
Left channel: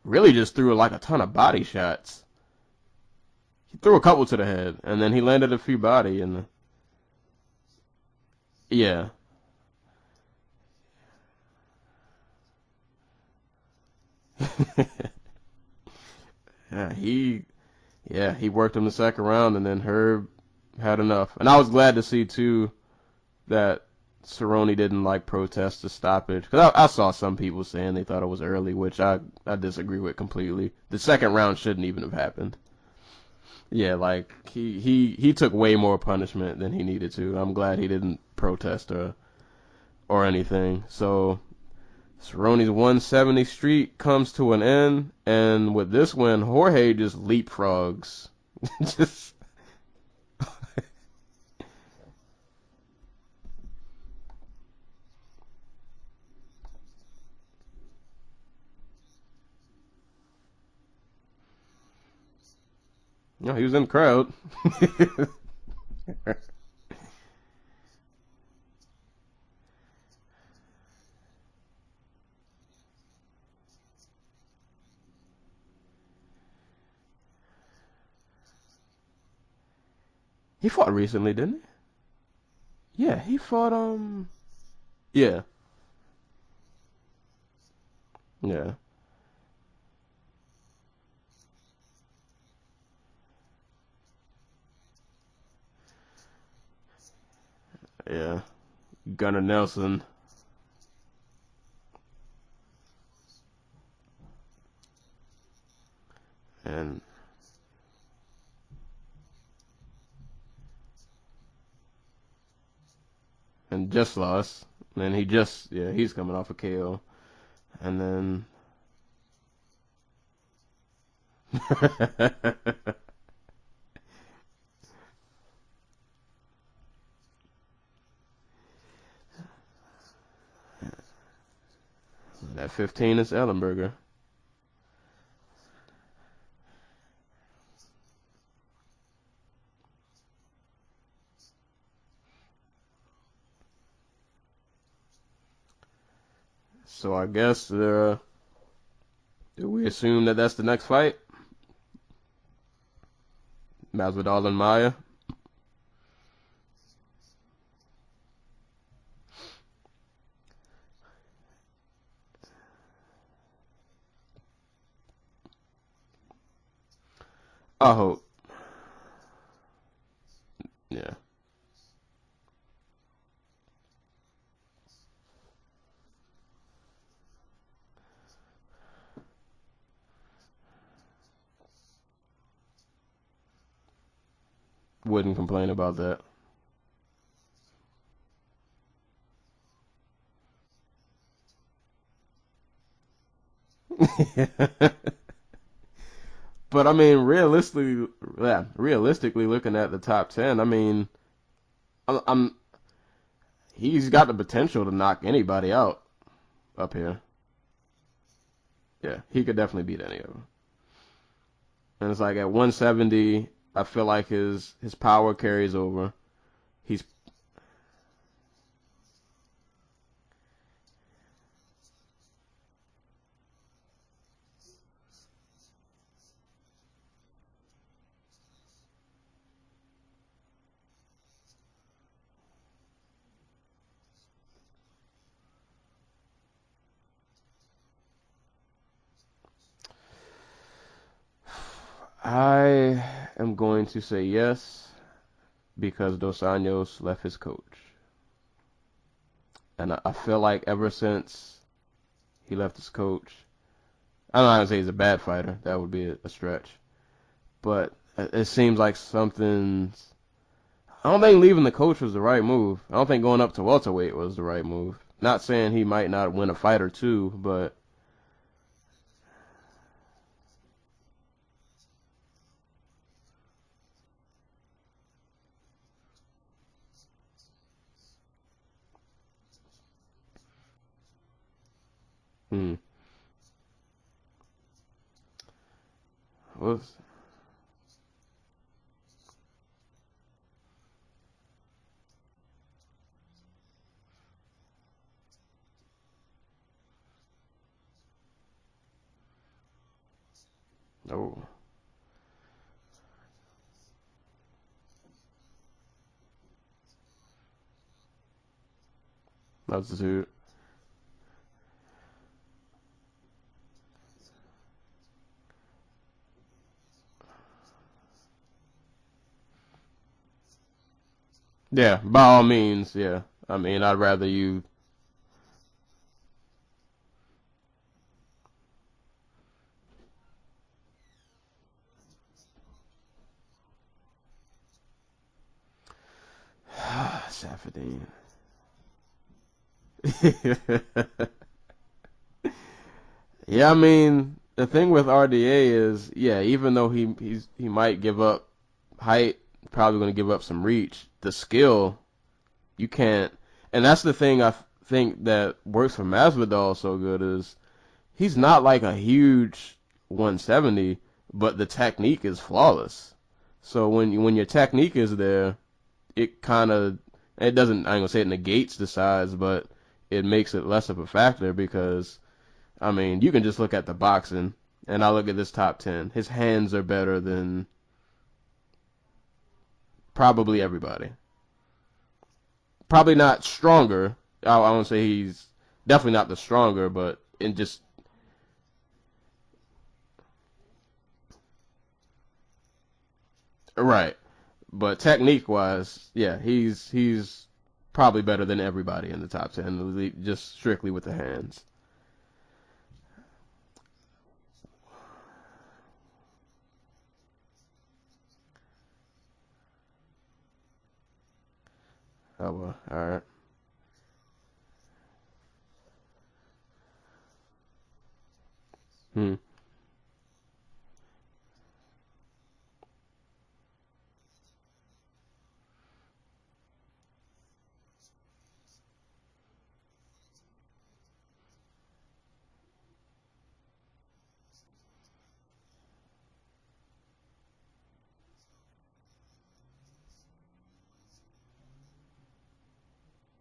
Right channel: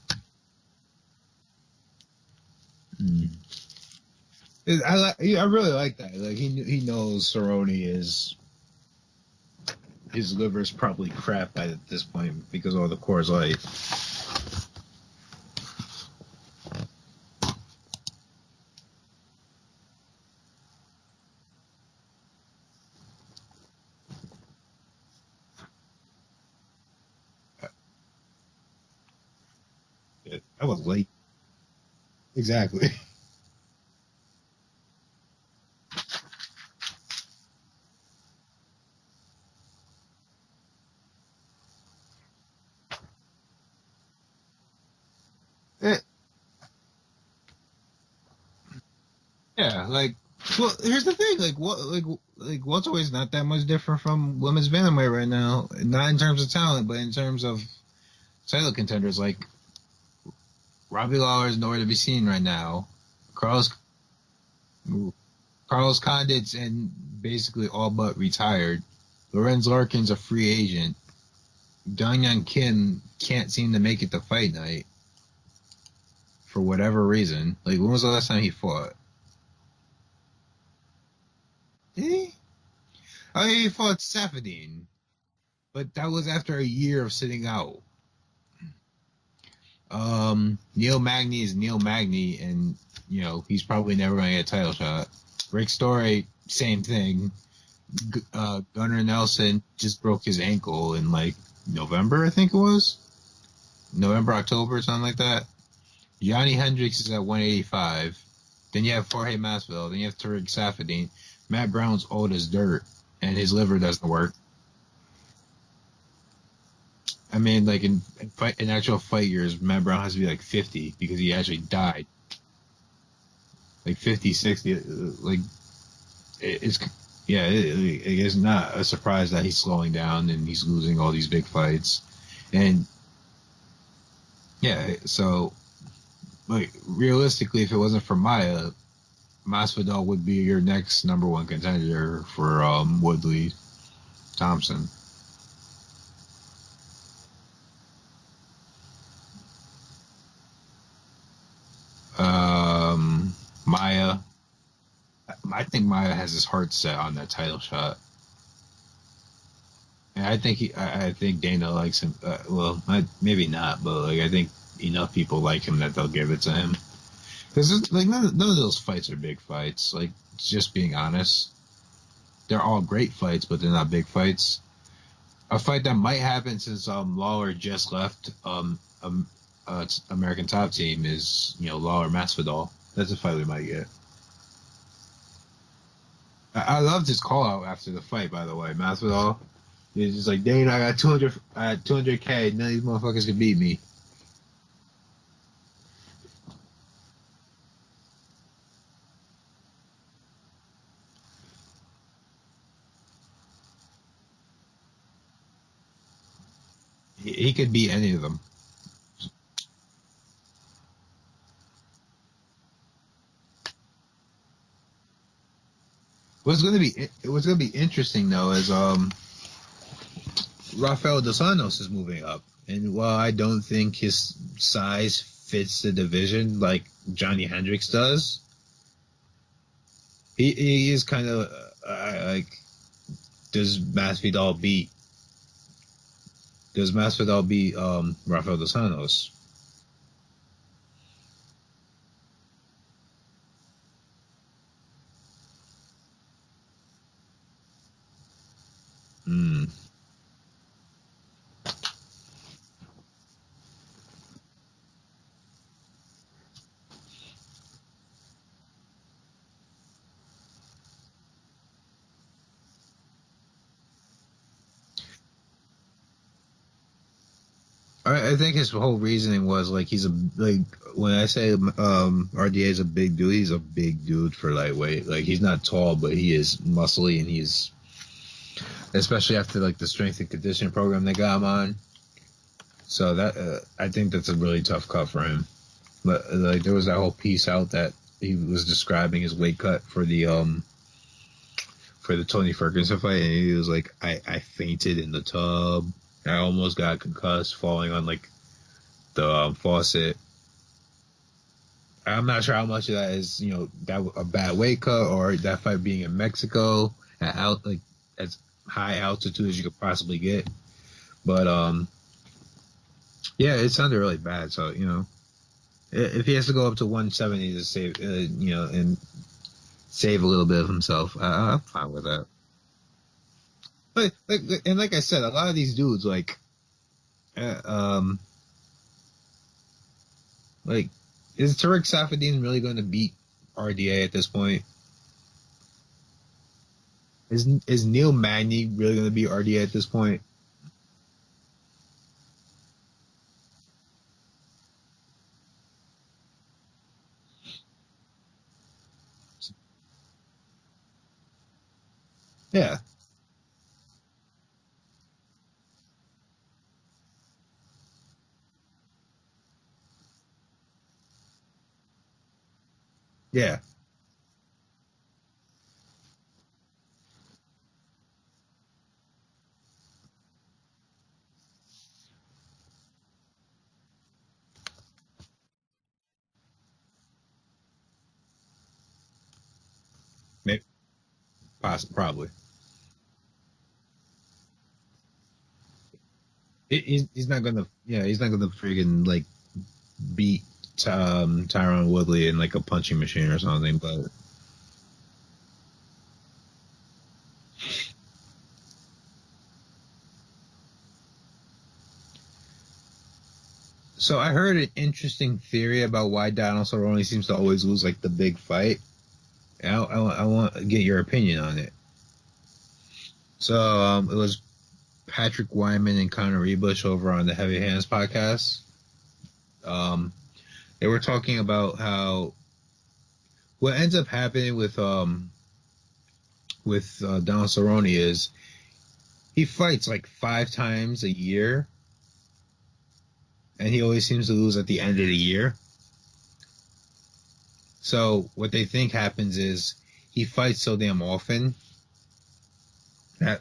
Really just threw like a ton of body shots. Threw a couple to the head, and then he landed a few body. Like he knows Cerrone is. Yeah. His liver's probably crap at this point because of all the Coors Light. He worked him the second round, and then Herb had enough. And I was glad to see too that Cerrone didn't like protest the stoppage, because I saw some people saying they thought it was early, which I disagree with completely. The second round shouldn't even have happened. Exactly. Yeah, like he took way more punishment than he needed to. I'm glad he didn't protest or anything. So Cerrone's 170 streak comes to an end, and with this win, Jorge just leapfrogs. Yeah, like, well, here's the thing, like welterweight's not that much different from women's bantamweight right now. Not in terms of talent, but in terms of title contenders. Like, Robbie Lawler is nowhere to be seen right now. He's in the crowd. Carlos Condit's and basically all but retired. Lorenz Larkin's a free agent. Dong Young Kim can't seem to make it to fight night for whatever reason. Like, when was the last time he fought? He fought recently, didn't Did he? he? Yeah, He fought Safadine. Yeah. But that was after a year of sitting out. Yeah. Neil Magny is Neil Magny, and he's probably never going to get a title shot. Rick Story, same thing. Yeah. Gunnar Nelson just broke his ankle in like November, I think it was. November, October, something like that. Johnny Hendricks is at 185. Then you have Jorge Masvidal. Then you have Tariq Safadine. Matt Brown's old as dirt, and his liver doesn't work. Lost. And he's coming off a KO. I mean, like in actual fight years, Matt Brown has to be like 50 because he actually died. Like 50, 60. Like, it is not a surprise that he's slowing down and he's losing all these big fights. And 15 is Ellenberger. Yeah, so, like, realistically, if it wasn't for Maya, Masvidal would be your next number one contender for Woodley Thompson. So I guess do we assume that that's the next fight? Maya. Masvidal and Maya. I think Maya has his heart set on that title shot, and I think Dana likes him. Maybe not, but like I think enough people like him that they'll give it to him. Because none of those fights are big fights. Like, just being honest, they're all great fights, but they're not big fights. A fight that might happen since Lawler just left American Top Team is Lawler Masvidal. That's a fight we might get. Wouldn't complain about that. I loved his call out after the fight. By the way, Masvidal, he's just like, Dana, I got 200K. None of these motherfuckers can beat me. But I mean, realistically looking at the top 10, I mean, he's got the potential to knock anybody out up here. He could beat any of them. Yeah, he could definitely beat any of them. And it's like at 170, I feel like his power carries over. What's gonna be interesting though is Rafael dos Anjos is moving up, and while I don't think his size fits the division like Johnny Hendricks does, he is kind of like, does Masvidal beat Rafael dos Anjos? I am going to say yes, because Dos Anjos left his coach. And I feel like ever since he left his coach, I'm not going to say he's a bad fighter. That would be a stretch. But it seems like something's... I don't think leaving the coach was the right move. I don't think going up to welterweight was the right move. Not saying he might not win a fight or two, but... I think his whole reasoning was like when I say RDA is a big dude, he's a big dude for lightweight. Like, he's not tall, but he is muscly, and he's, especially after like the strength and conditioning program they got him on. So that I think that's a really tough cut for him. But like there was that whole piece out that he was describing his weight cut for the Tony Ferguson fight, and he was like, I fainted in the tub. I almost got concussed falling on like the faucet. Oh. I'm not sure how much of that is, that a bad weight cut or that fight being in Mexico at as high altitude as you could possibly get. But yeah, it sounded really bad. So if he has to go up to 170 to save, and save a little bit of himself, yeah, by all means, yeah. I mean, I'd rather you. And like I said, a lot of these dudes, like is Tariq Safadine really going to beat RDA at this point? Is Neil Magny really going to beat RDA at this point? Yeah, I mean, the thing with RDA is, even though he might give up height, probably going to give up some reach, the skill, you can't. And that's the thing I think that works for Masvidal so good is he's not like a huge 170, but the technique is flawless. Yeah. So when your technique is there, it kind of, it doesn't, I ain't gonna say it negates the size, but it makes it less of a factor because, I mean, you can just look at the boxing, and I look at this top 10. His hands are better than Probably everybody. Probably. Probably not stronger. I won't say he's definitely not the stronger, but he's not gonna. just he's not gonna freaking like beat Tyron Woodley in like a punching machine or something. Right. But technique wise, yeah, he's probably better than everybody in the top 10, just strictly with the hands. So I heard an interesting theory about why Donald Cerrone seems to always lose like the big fight. And I want to get your opinion on it. Oh, well, all right. So it was Patrick Wyman and Conor Rebush over on the Heavy Hands podcast. They were talking about how what ends up happening with Donald Cerrone is he fights like 5 times a year, and he always seems to lose at the end of the year. So what they think happens is he fights so damn often that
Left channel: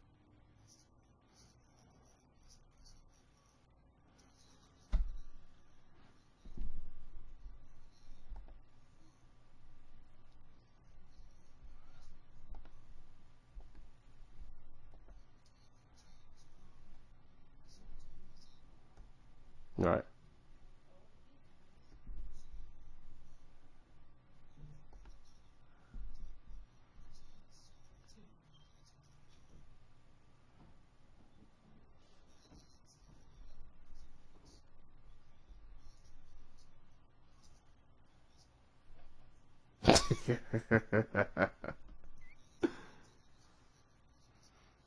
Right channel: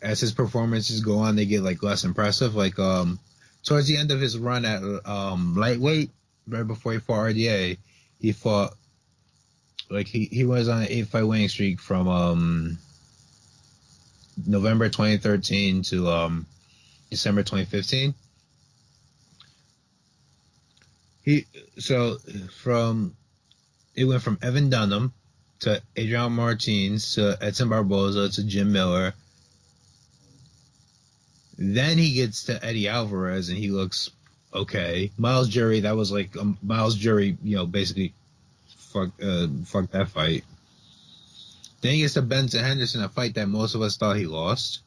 as his performances go on, they get like less impressive. Like towards the end of his run at lightweight, right before he fought RDA, he fought like he was on an 8-fight winning streak from November 2013 to December 2015. Right. It went from Evan Dunham to Adrian Martins to Edson Barboza to Jim Miller. Then he gets to Eddie Alvarez and he looks okay. Miles Jury, that was like Miles Jury, basically fuck that fight. Then he gets to Benson Henderson, a fight that most of us thought he lost.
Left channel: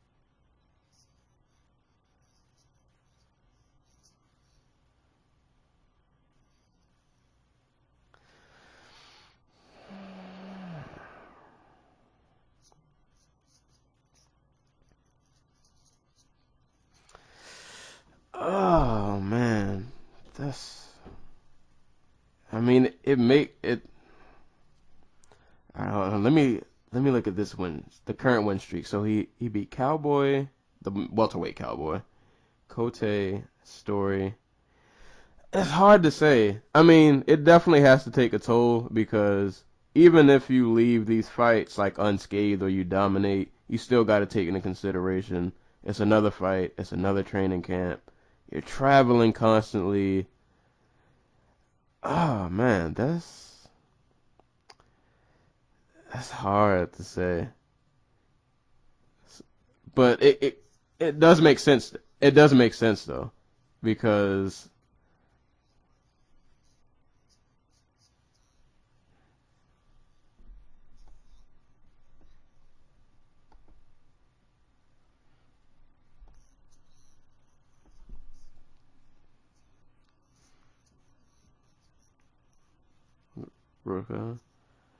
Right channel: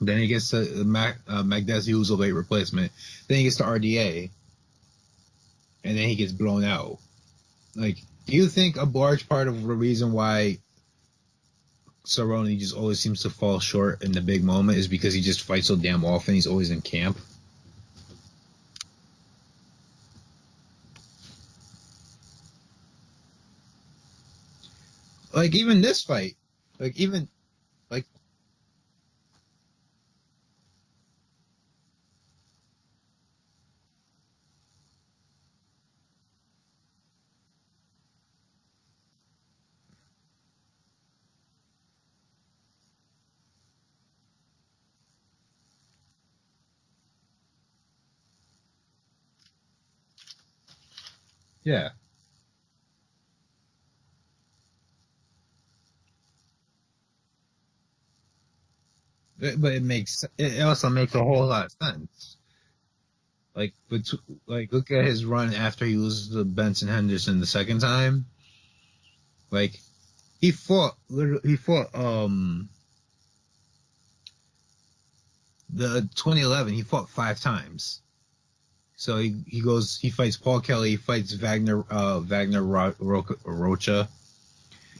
Then he gets to Magdesi, who's a late replacement. Then he gets to RDA. And then he gets blown out. Like, do you think a large part of the reason why Cerrone just always seems to fall short in the big moment is because he just fights so damn often? He's always in camp. Oh man, it make it. Like even this fight. Let me look at this win, like the current win streak. So he beat Cowboy, the welterweight Cowboy, Cote, Story. It's hard to say. I mean, it definitely has to take a toll because even if you leave these fights like unscathed or you dominate, you still got to take into consideration it's another fight, it's another training camp. You're traveling constantly. Yeah. Oh man, that's hard to say. But it also makes it does make sense. It does make sense though. Like because look at his run after he loses to Benson Henderson the second time. Like he fought the 2011 he fought 5 times. So he fights Paul Kelly, he fights Wagner Rocha. Okay.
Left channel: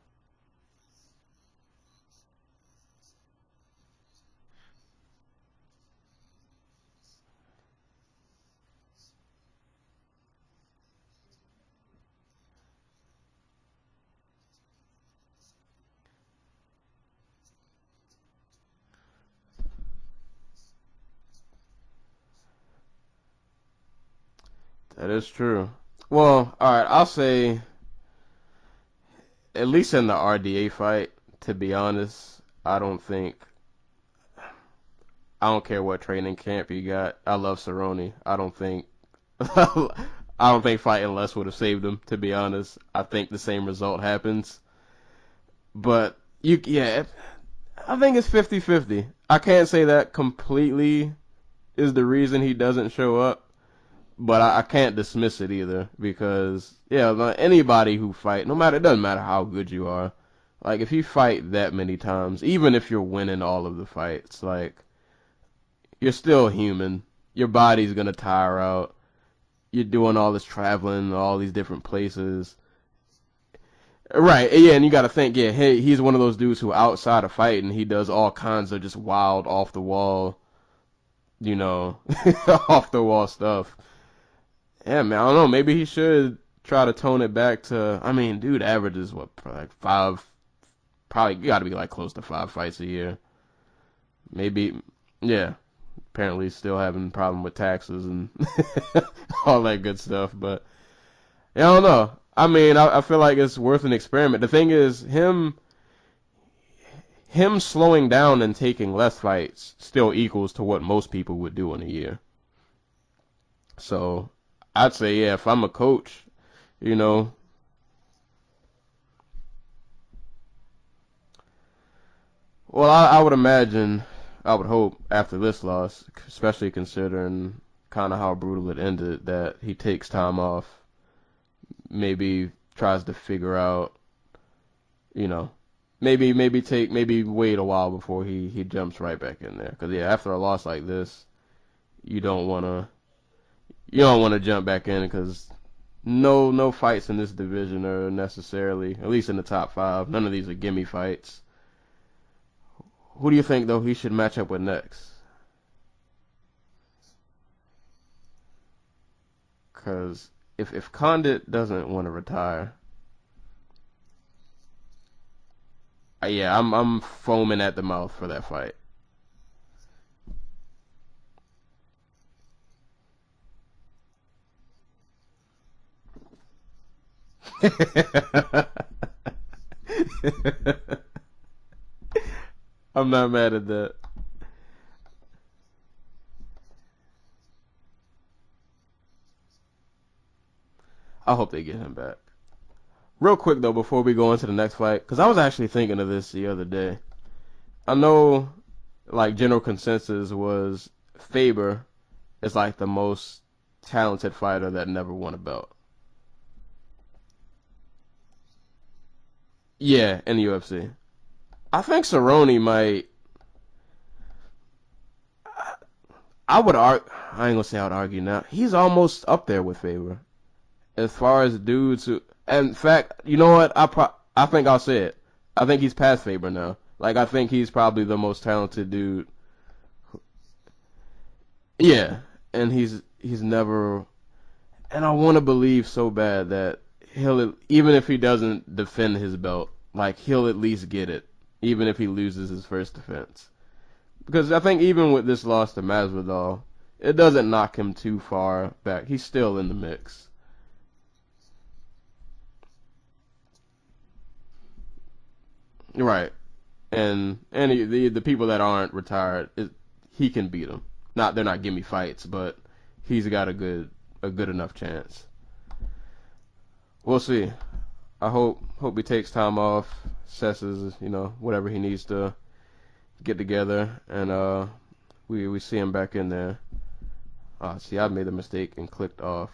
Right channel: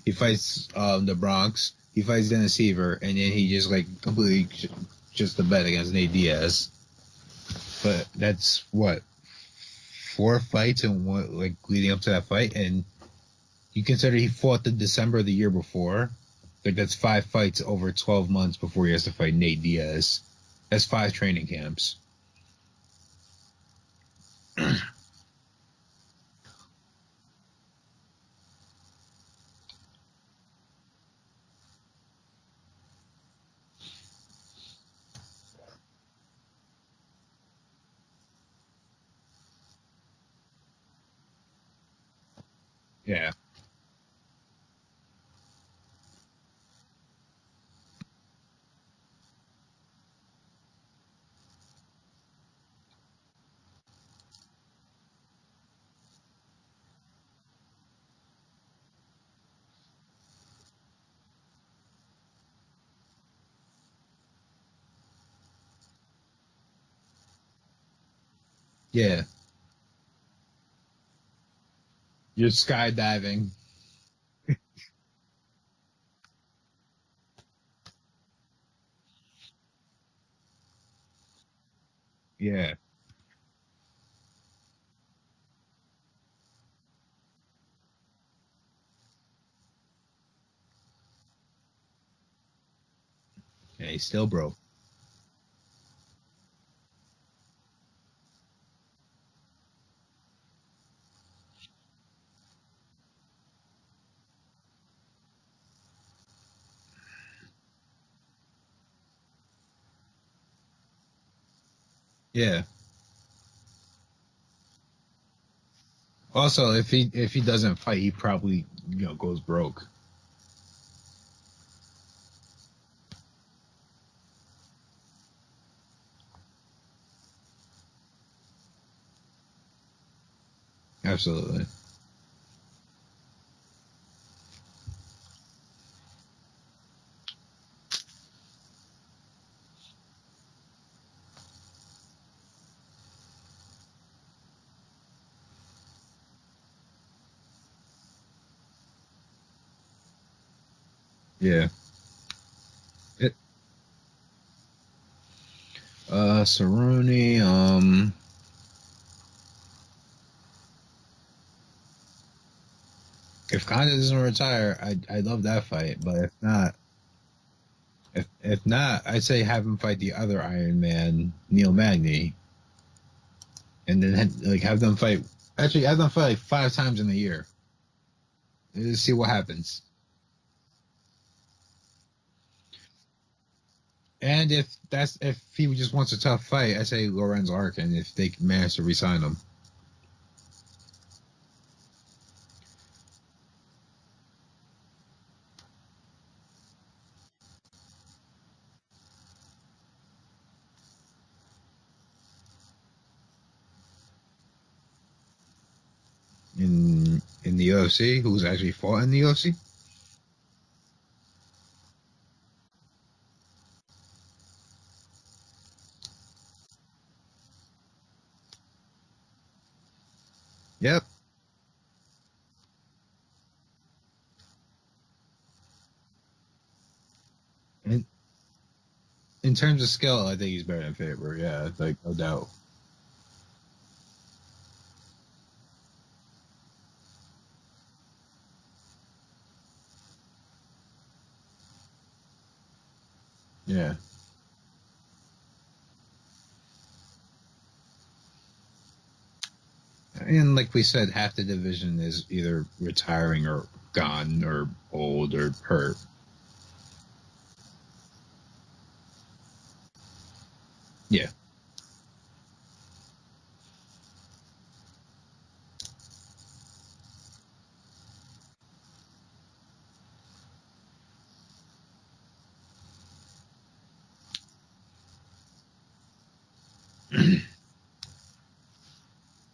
He fights the Bronx, he fights Dennis Seaver, and then he just like completely just a bet against Nate Diaz. But that's what 4 fights and what like leading up to that fight, and you consider he fought the December of the year before. Like that's 5 fights over 12 months before he has to fight Nate Diaz. That's 5 training camps. That is true. Well, all right, I'll say at least in the RDA fight. To be honest, I don't care what training camp you got. I love Cerrone. I don't think fighting less would have saved him, to be honest. I think the same result happens. But I think it's 50-50. I can't say that completely is the reason he doesn't show up, but I can't dismiss it either because anybody who fight, it doesn't matter how good you are. Like if you fight that many times, even if you're winning all of the fights, like you're still human. Your body's gonna tire out. Yeah. You're doing all this traveling, all these different places. You're skydiving. Right, yeah, and you gotta think, hey, he's one of those dudes who outside of fighting, he does all kinds of just wild, off the wall, off the wall stuff. Yeah, man, I don't know, maybe he should try to tone it back to, dude averages, like 5, probably, you gotta be like close to 5 fights a year. Yeah, he's still broke. Maybe, yeah. Apparently still having a problem with taxes and all that good stuff. But, I don't know. I mean, I feel like it's worth an experiment. The thing is, him slowing down and taking less fights still equals to what most people would do in a year. Yeah. So I'd say, yeah, if I'm a coach. Also, if he doesn't fight, he probably goes broke. Well, I would imagine, I would hope after this loss, especially considering kind of how brutal it ended, that he takes time off. Absolutely. Maybe tries to figure out, maybe wait a while before he jumps right back in there. Because yeah, after a loss like this, you don't want to jump back in because no fights in this division are necessarily, at least in the top 5. None of these are gimme fights. Yeah. Who do you think though he should match up with next? Cerrone. Because if Condit doesn't want to retire. If Condit doesn't retire, I love that fight. But yeah, I'm foaming at the mouth for that fight. If not, I'd say have him fight the other Iron Man, Neil Magny, and then have them fight. Actually, have them fight like 5 times in a year. Let's see what happens. I'm not mad at that. And if he just wants a tough fight, I say Lorenz Arkin if they manage to re-sign him. I hope they get him back. Real quick though, before we go into the next fight, because I was actually thinking of this the other day. I know, like, general consensus was Faber is like the most talented fighter that never won a belt. In the UFC, who's actually fought in the UFC? Yeah, in the UFC. I think Cerrone might. I would argue. I ain't gonna say I would argue now. He's almost up there with Faber. Yeah. As far as dudes who, in fact, you know what? I think I'll say it. I think he's past Faber now. Like, I think he's probably the most talented dude. In terms of skill, I think he's better than Faber. Yeah. Yeah. No doubt. And he's never. And I want to believe so bad that he'll, even if he doesn't defend his belt, like, he'll at least get it, even if he loses his first defense. Yeah. Because I think even with this loss to Masvidal, it doesn't knock him too far back. He's still in the mix. And like we said, half the division is either retiring or gone or old or hurt. Right. And the people that aren't retired, he can beat them. Yeah. They're not gimme fights, but he's got a good enough chance. We'll see. I hope he takes time off, assesses, whatever he needs to get together, and we see him back in there. See, I made a mistake and clicked off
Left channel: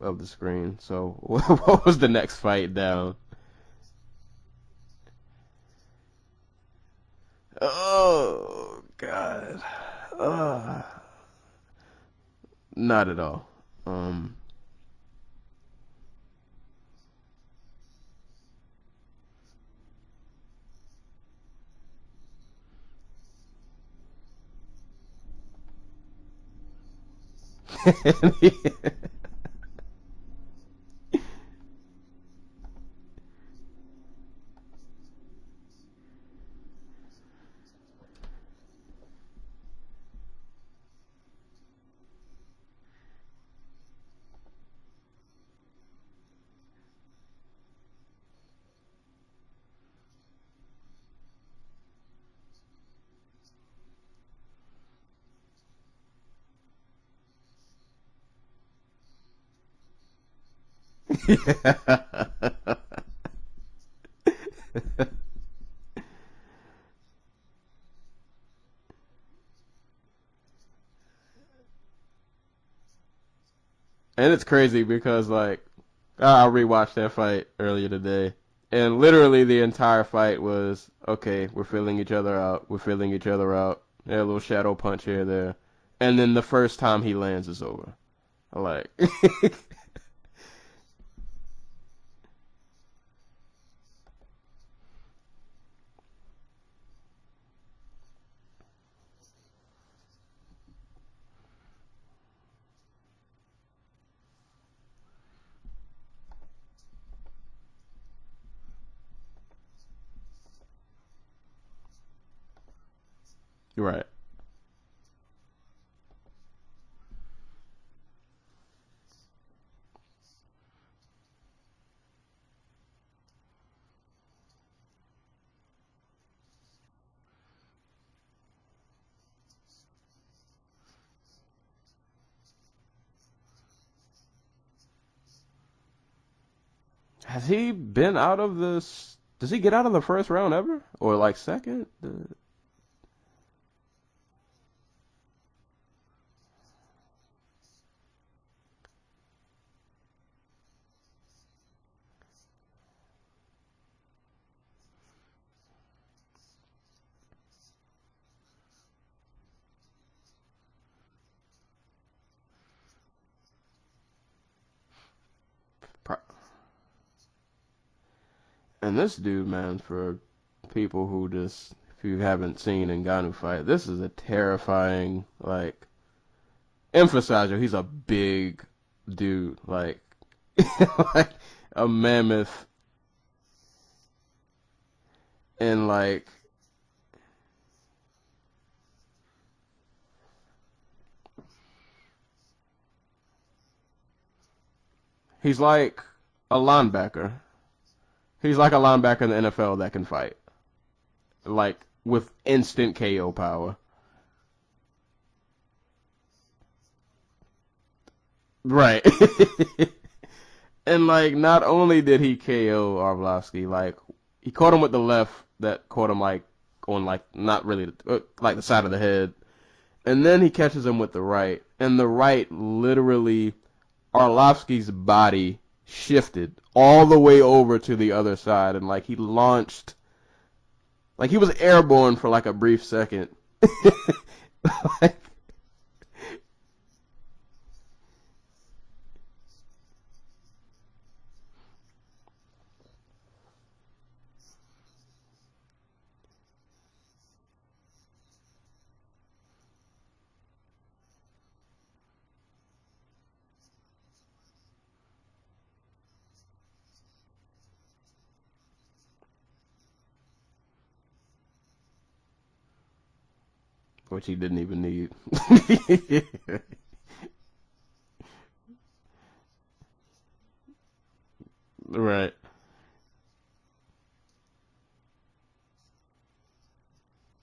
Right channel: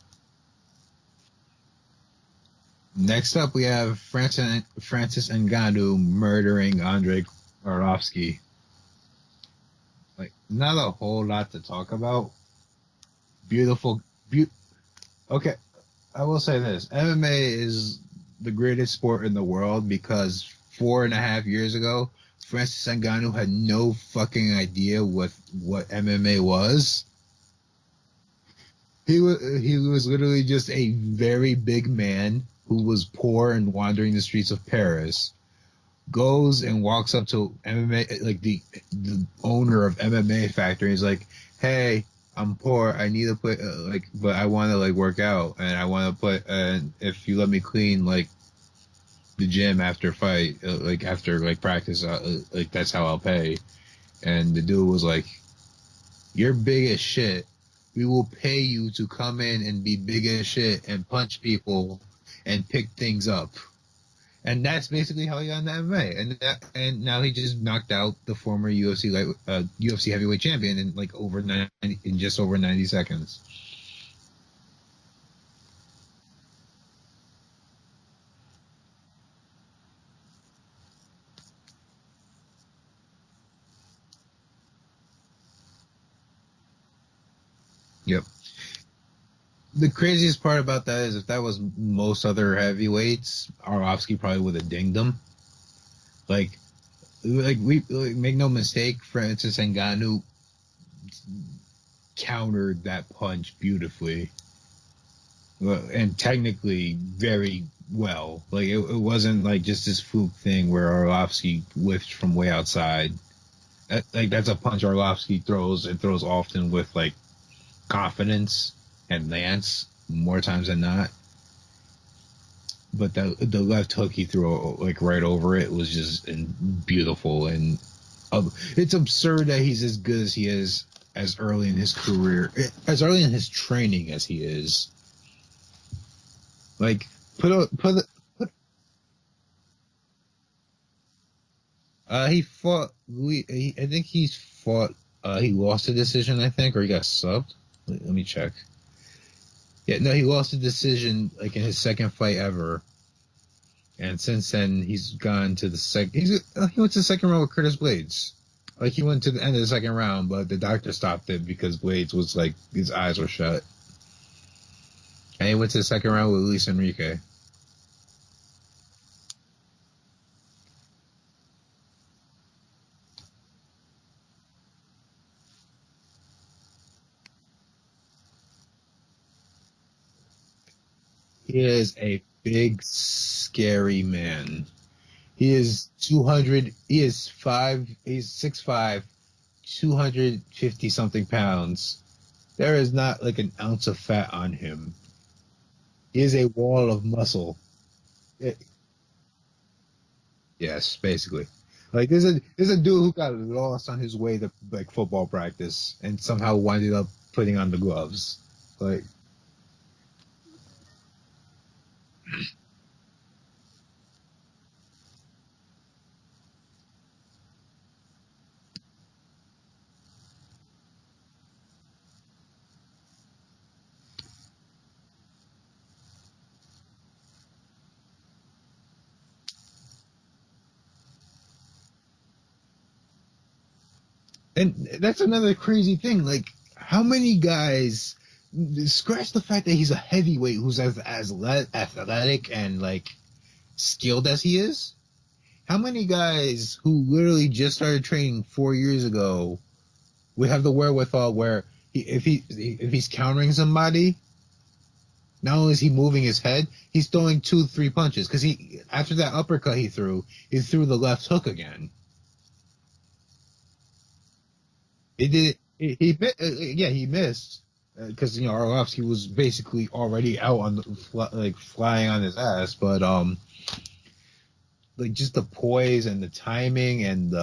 of the screen. So what was the next fight down? Next up, we have Francis Ngannou murdering Andre Arlovski. Oh, God. Not a whole lot to talk about. Not at all. Beautiful. Okay, I will say this. MMA is the greatest sport in the world because 4.5 years ago, Francis Ngannou had no fucking idea what MMA was. He was literally just a very big man who was poor and wandering the streets of Paris. Goes and walks up to MMA, like the owner of MMA Factory. He's like, "Hey, I'm poor. I need to put but I want to work out, and I want to put if you let me clean the gym after fight, after practice, that's how I'll pay." And the dude was like, "You're big as shit. We will pay you to come in and be big as shit and punch people and pick things up." And that's basically how he got into MMA. And now he just knocked out the former UFC heavyweight champion in just over 90 seconds. And it's crazy because I rewatched that fight earlier today. And literally the entire fight was, okay, we're filling each other out. Yeah, a little shadow punch here, there. And then the first time he lands is over. Yep. The craziest part about that is if that was most other heavyweights, Arlovski probably would have dinged him. We make no mistake, Francis Ngannou countered that punch beautifully. And technically very well. It wasn't just this fluke thing where Arlovski whiffed from way outside. Right. That's a punch Arlovski throws and throws often with confidence and lance more times than not. but the left hook he threw like right over it was just beautiful, and it's absurd that he's as good as he is as early in his career, as early in his training as he is. Like, Has he been out of this? Does he get out of the first round ever, or like second? He fought. I think he's fought. He lost a decision, I think, or he got subbed. Let me check. Yeah, no, he lost a decision like in his second fight ever, and since then he's gone to the second. He went to the second round with Curtis Blades. Like, he went to the end of the second round, but the doctor stopped it because Blades was like, his eyes were shut. And he went to the second round with Luis Enrique. And this dude, man, for people who just, if you haven't seen Ngannou fight, this is a terrifying, like, emphasizer. He's a big dude, like he is a mammoth, big, scary man. He is like 200. He is 5. He's 6'5", 250 something pounds. There is not like an ounce of fat on him. He's like he is a linebacker. Of muscle. He's like a linebacker in the NFL that can fight. Yes, basically. Like there's a dude KO who got power. lost on his way to like football practice and somehow winded up putting on the gloves. Right. And like, not only did he KO Arlovski, like he caught him with the left that caught him like on like not really like the side of the head, and then he catches him with the right, and the right literally Arlovski's body shifted all the way over to the other side, and like he launched, like he was airborne for like a brief second. And that's another crazy thing. Like, how many guys, scratch the fact that he's a heavyweight who's as athletic and like skilled as he is, how many guys who literally just started training 4 years ago would have the wherewithal where if he's countering somebody, not only is he moving his head, he's throwing 2-3 punches, because after that uppercut he threw the left hook again, which he didn't even need. He missed because Arlovski was basically already out on the flying on his ass, but like just the poise and the timing and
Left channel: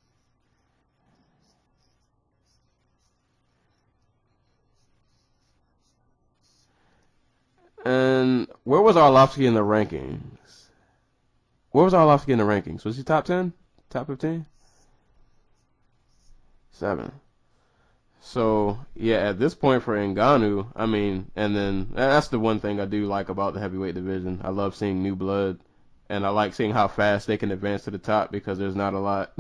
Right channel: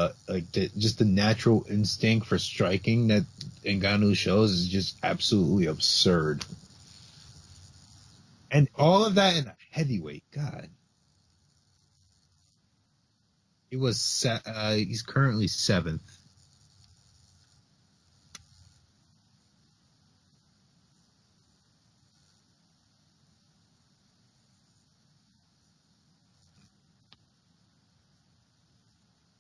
just the natural instinct for striking that Ngannou shows is just absolutely absurd. And where was Arlovski in the ranking? God. Where was Arlovski in the rankings? Was he top 10? He was top 15? He's currently 7th. 7. So, yeah, at this point for Ngannou, I mean, and then that's the one thing I do like about the heavyweight division. I love seeing new blood, and I like seeing how fast they can advance to the top because there's not a lot.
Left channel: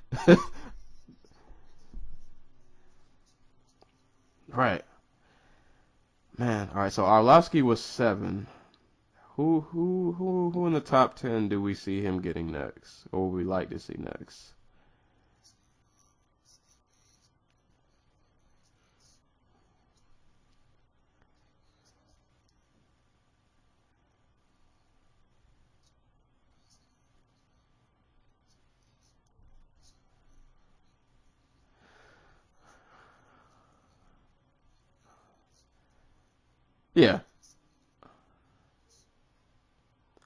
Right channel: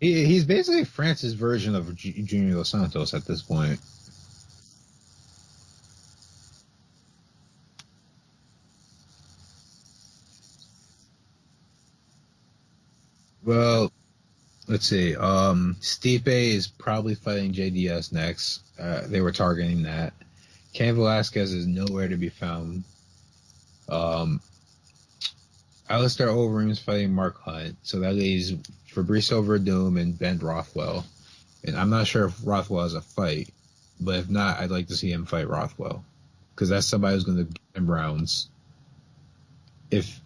He's basically France's version of Junior Dos Santos at this point. Right. Man, all right, so Arlovski was 7. Who in the top 10 do we see him getting next? Or would we like to see next? Let's see. Stipe is probably fighting JDS next. They were targeting that. Cain Velasquez is nowhere to be found. Alistair Overeem is fighting Mark Hunt, so that leaves Fabricio Verdum and Ben Rothwell. And I'm not sure if Rothwell has a fight, but if not, I'd like to see him fight Rothwell, because that's somebody who's going to get him rounds. If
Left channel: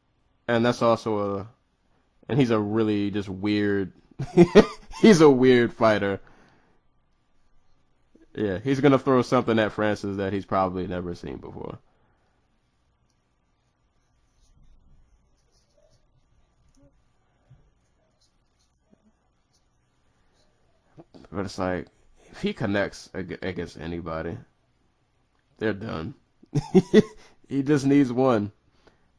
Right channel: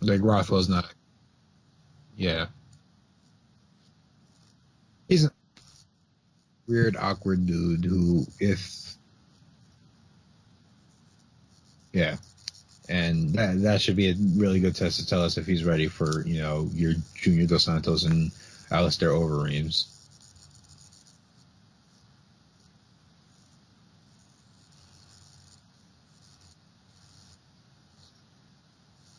like Rothwell's, and that's also and he's a really just weird. He's a weird fighter. Weird, awkward dude who. Yeah, he's gonna throw something at Francis that he's probably never seen before. Yeah, and that should be a really good test to tell us if he's ready for your Junior Dos Santos and Alistair Overeems. But it's like, if he connects against anybody, they're done. He just needs one.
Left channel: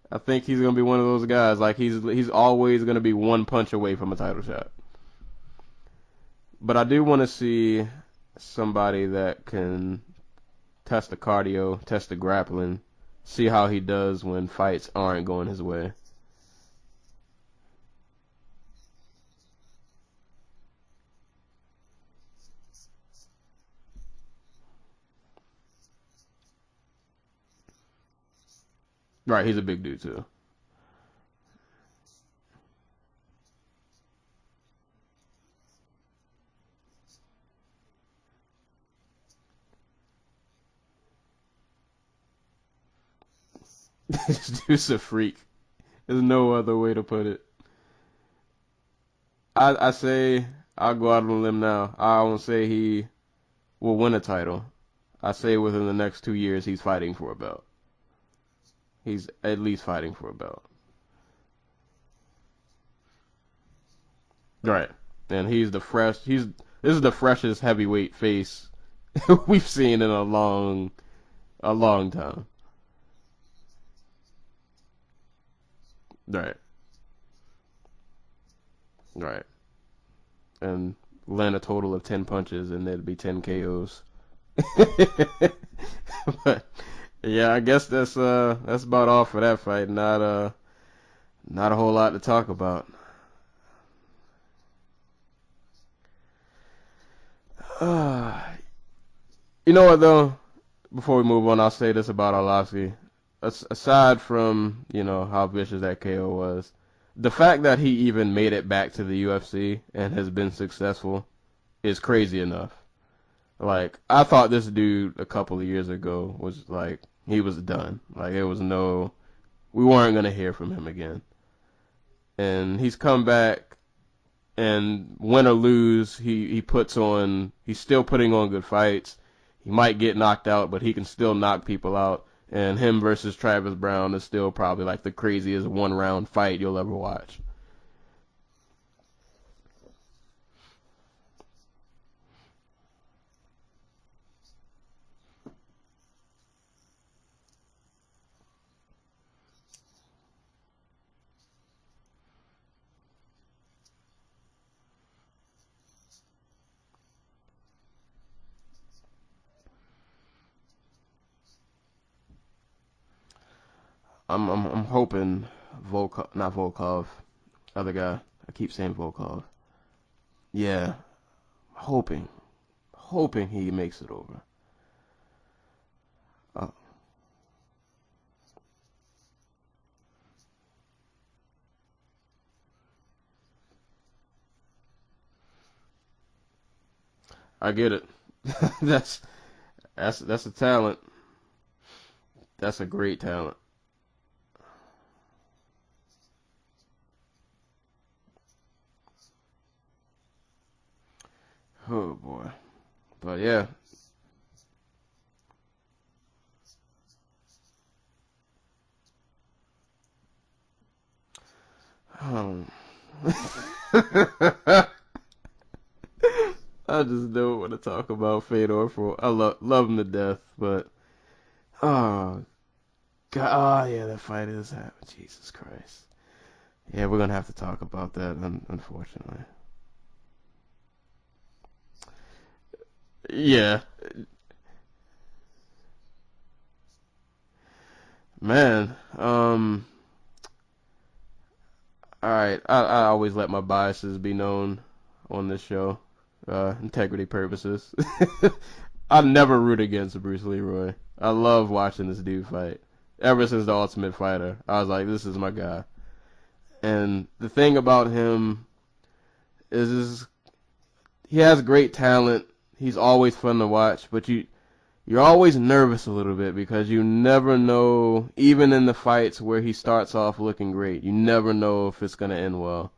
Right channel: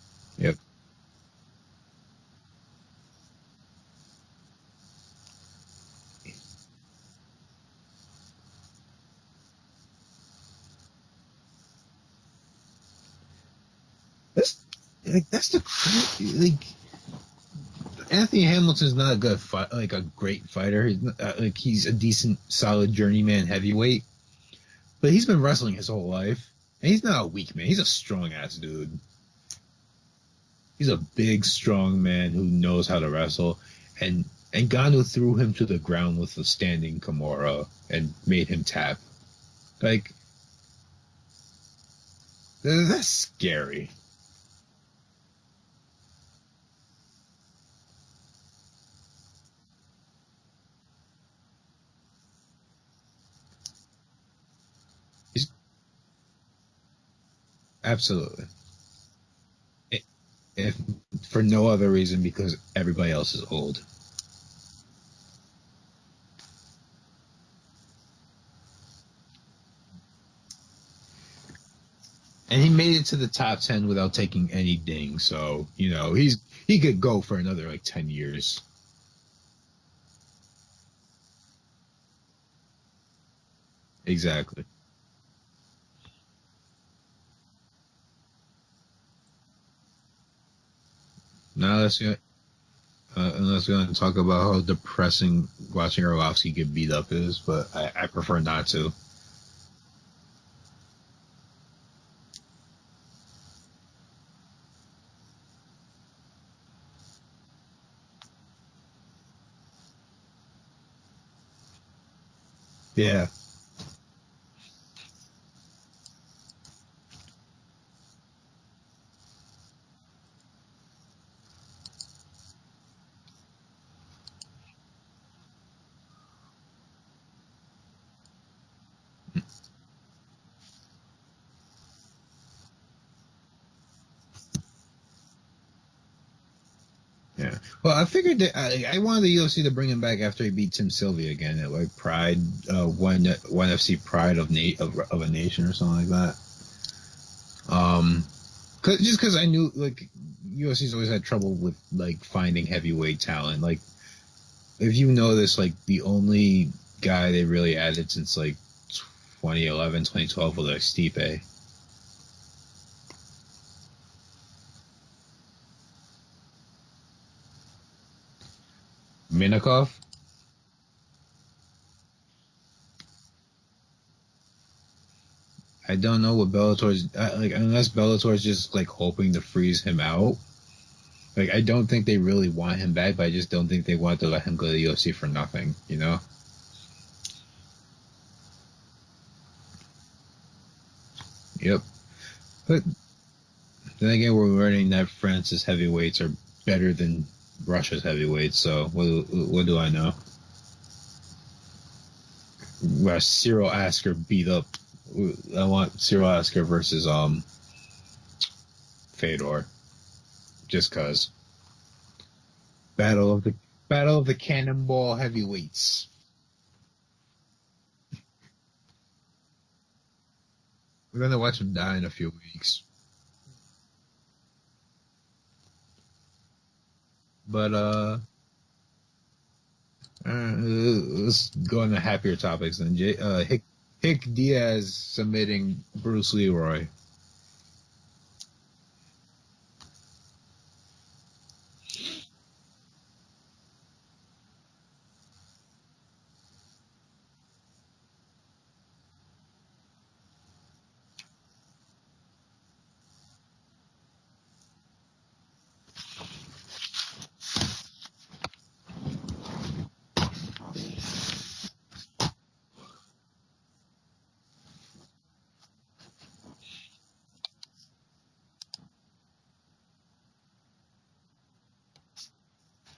I think he's gonna be one of those guys. Like he's always gonna be one punch away from a title shot. But I do want to see somebody that can test the cardio, test the grappling, see how he does when fights aren't going his way. Like, Anthony Hamilton's not a great fighter. He's not, he's a decent, solid journeyman heavyweight, but he's been wrestling his whole life, and he's not a weak man. He's a strong ass dude. Right, he's a big dude too. He's a big, strong man who knows how to wrestle, and Ngannou threw him to the ground with a standing Kimura and made him tap. Like, That's scary. This dude's a freak. There's no other way to put it. I say, I'll go out on a limb now. I won't say he will win a title. I say within the next 2 years he's fighting for a belt. Absolutely. He's at least fighting for a belt. If for no other reason, because everybody else is old. Right. And this is the freshest heavyweight face we've seen in a long time. And he made it to the top 10 without taking any ding, so, he could go for another, 10 years. Right. And land a total of 10 punches, and there'd be 10 KOs. Exactly. But, yeah, I guess that's about all for that fight. Not a whole lot to talk about. Unless we're going to talk about how depressing watching Arlovsky get beat up is, but I prefer not to. You know what, though? Before we move on, I'll say this about Arlovsky. Aside from, how vicious that KO was, the fact that he even made it back to the UFC and has been successful is crazy enough. Yeah. I thought this dude a couple of years ago was, he was done. We weren't going to hear from him again. And he's come back, and win or lose, he's still putting on good fights. He might get knocked out, but he can still knock people out. And him versus Travis Brown is still probably the craziest one-round fight you'll ever watch. Yeah. Well, I figured that I wanted the UFC to bring him back after he beat Tim Sylvia again at Pride, one FC Pride of a Nation or something like that. Because I knew UFC's always had trouble with finding heavyweight talent. If you know this, the only guy they really added since 2011, 2012 was Stipe. I'm hoping not Volkov, other guy. I keep saying Volkov. Minakov? Yeah, hoping he makes it over. I don't know what Bellator's unless Bellator's just hoping to freeze him out. I don't think they really want him back, but I just don't think they want to let him go to the UFC for nothing. I get it. That's a talent. Yep. That's a great talent. Then again, we're learning that France's heavyweights are better than Russia's heavyweights. So what do I know? Oh boy. Cyril Asker beat up. I want Cyril Asker versus Fedor, just cause. Battle of the Cannonball heavyweights. I just don't want to talk about Fedor I love him to death, but we're gonna watch him die in a few weeks. God, yeah, that fight is happening. Jesus Christ. Yeah, we're gonna have to talk about that, unfortunately. Let's go on to happier topics then. Hick Diaz submitting Bruce Leroy. Man, all right. I always let my biases be known on this show, integrity purposes. I never root against Bruce Leroy. I love watching this dude fight. Ever since The Ultimate Fighter, I was like, this is my guy. And the thing about him is he has great talent. He's always fun to watch, but you're always nervous a little bit because you never know, even in the fights where he starts off looking great, you never know if it's going to end well.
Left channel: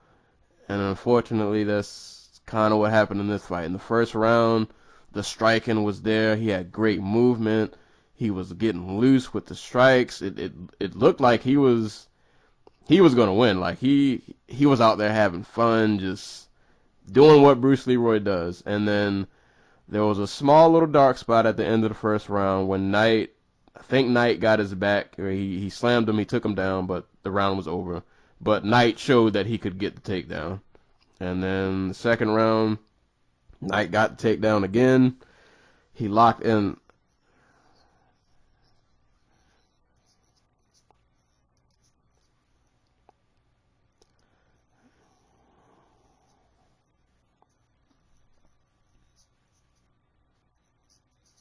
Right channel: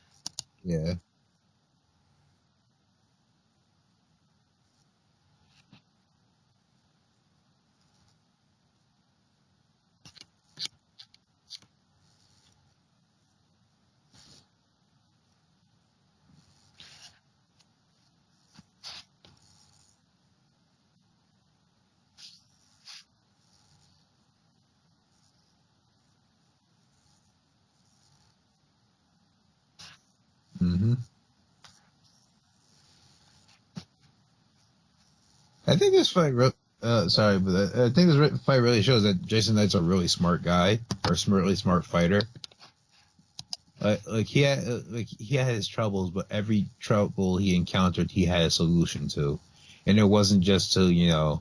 Yeah. And unfortunately, that's kind of what happened in this fight. In the first round, the striking was there. He had great movement. He was getting loose with the strikes. It looked like he was going to win. He was out there having fun, just doing what Bruce Leroy does. And then there was a small little dark spot at the end of the first round when I think Knight got his back. Or he slammed him, he took him down, but the round was over. But Knight showed that he could get the takedown. Mm-hmm. And then the second round, Knight got the takedown again. I think this fight I think this fight really shows that Jason Knight's a really smart guy, or a really smart fighter. He had his troubles, but every trouble he encountered, he had a solution to, and it wasn't just to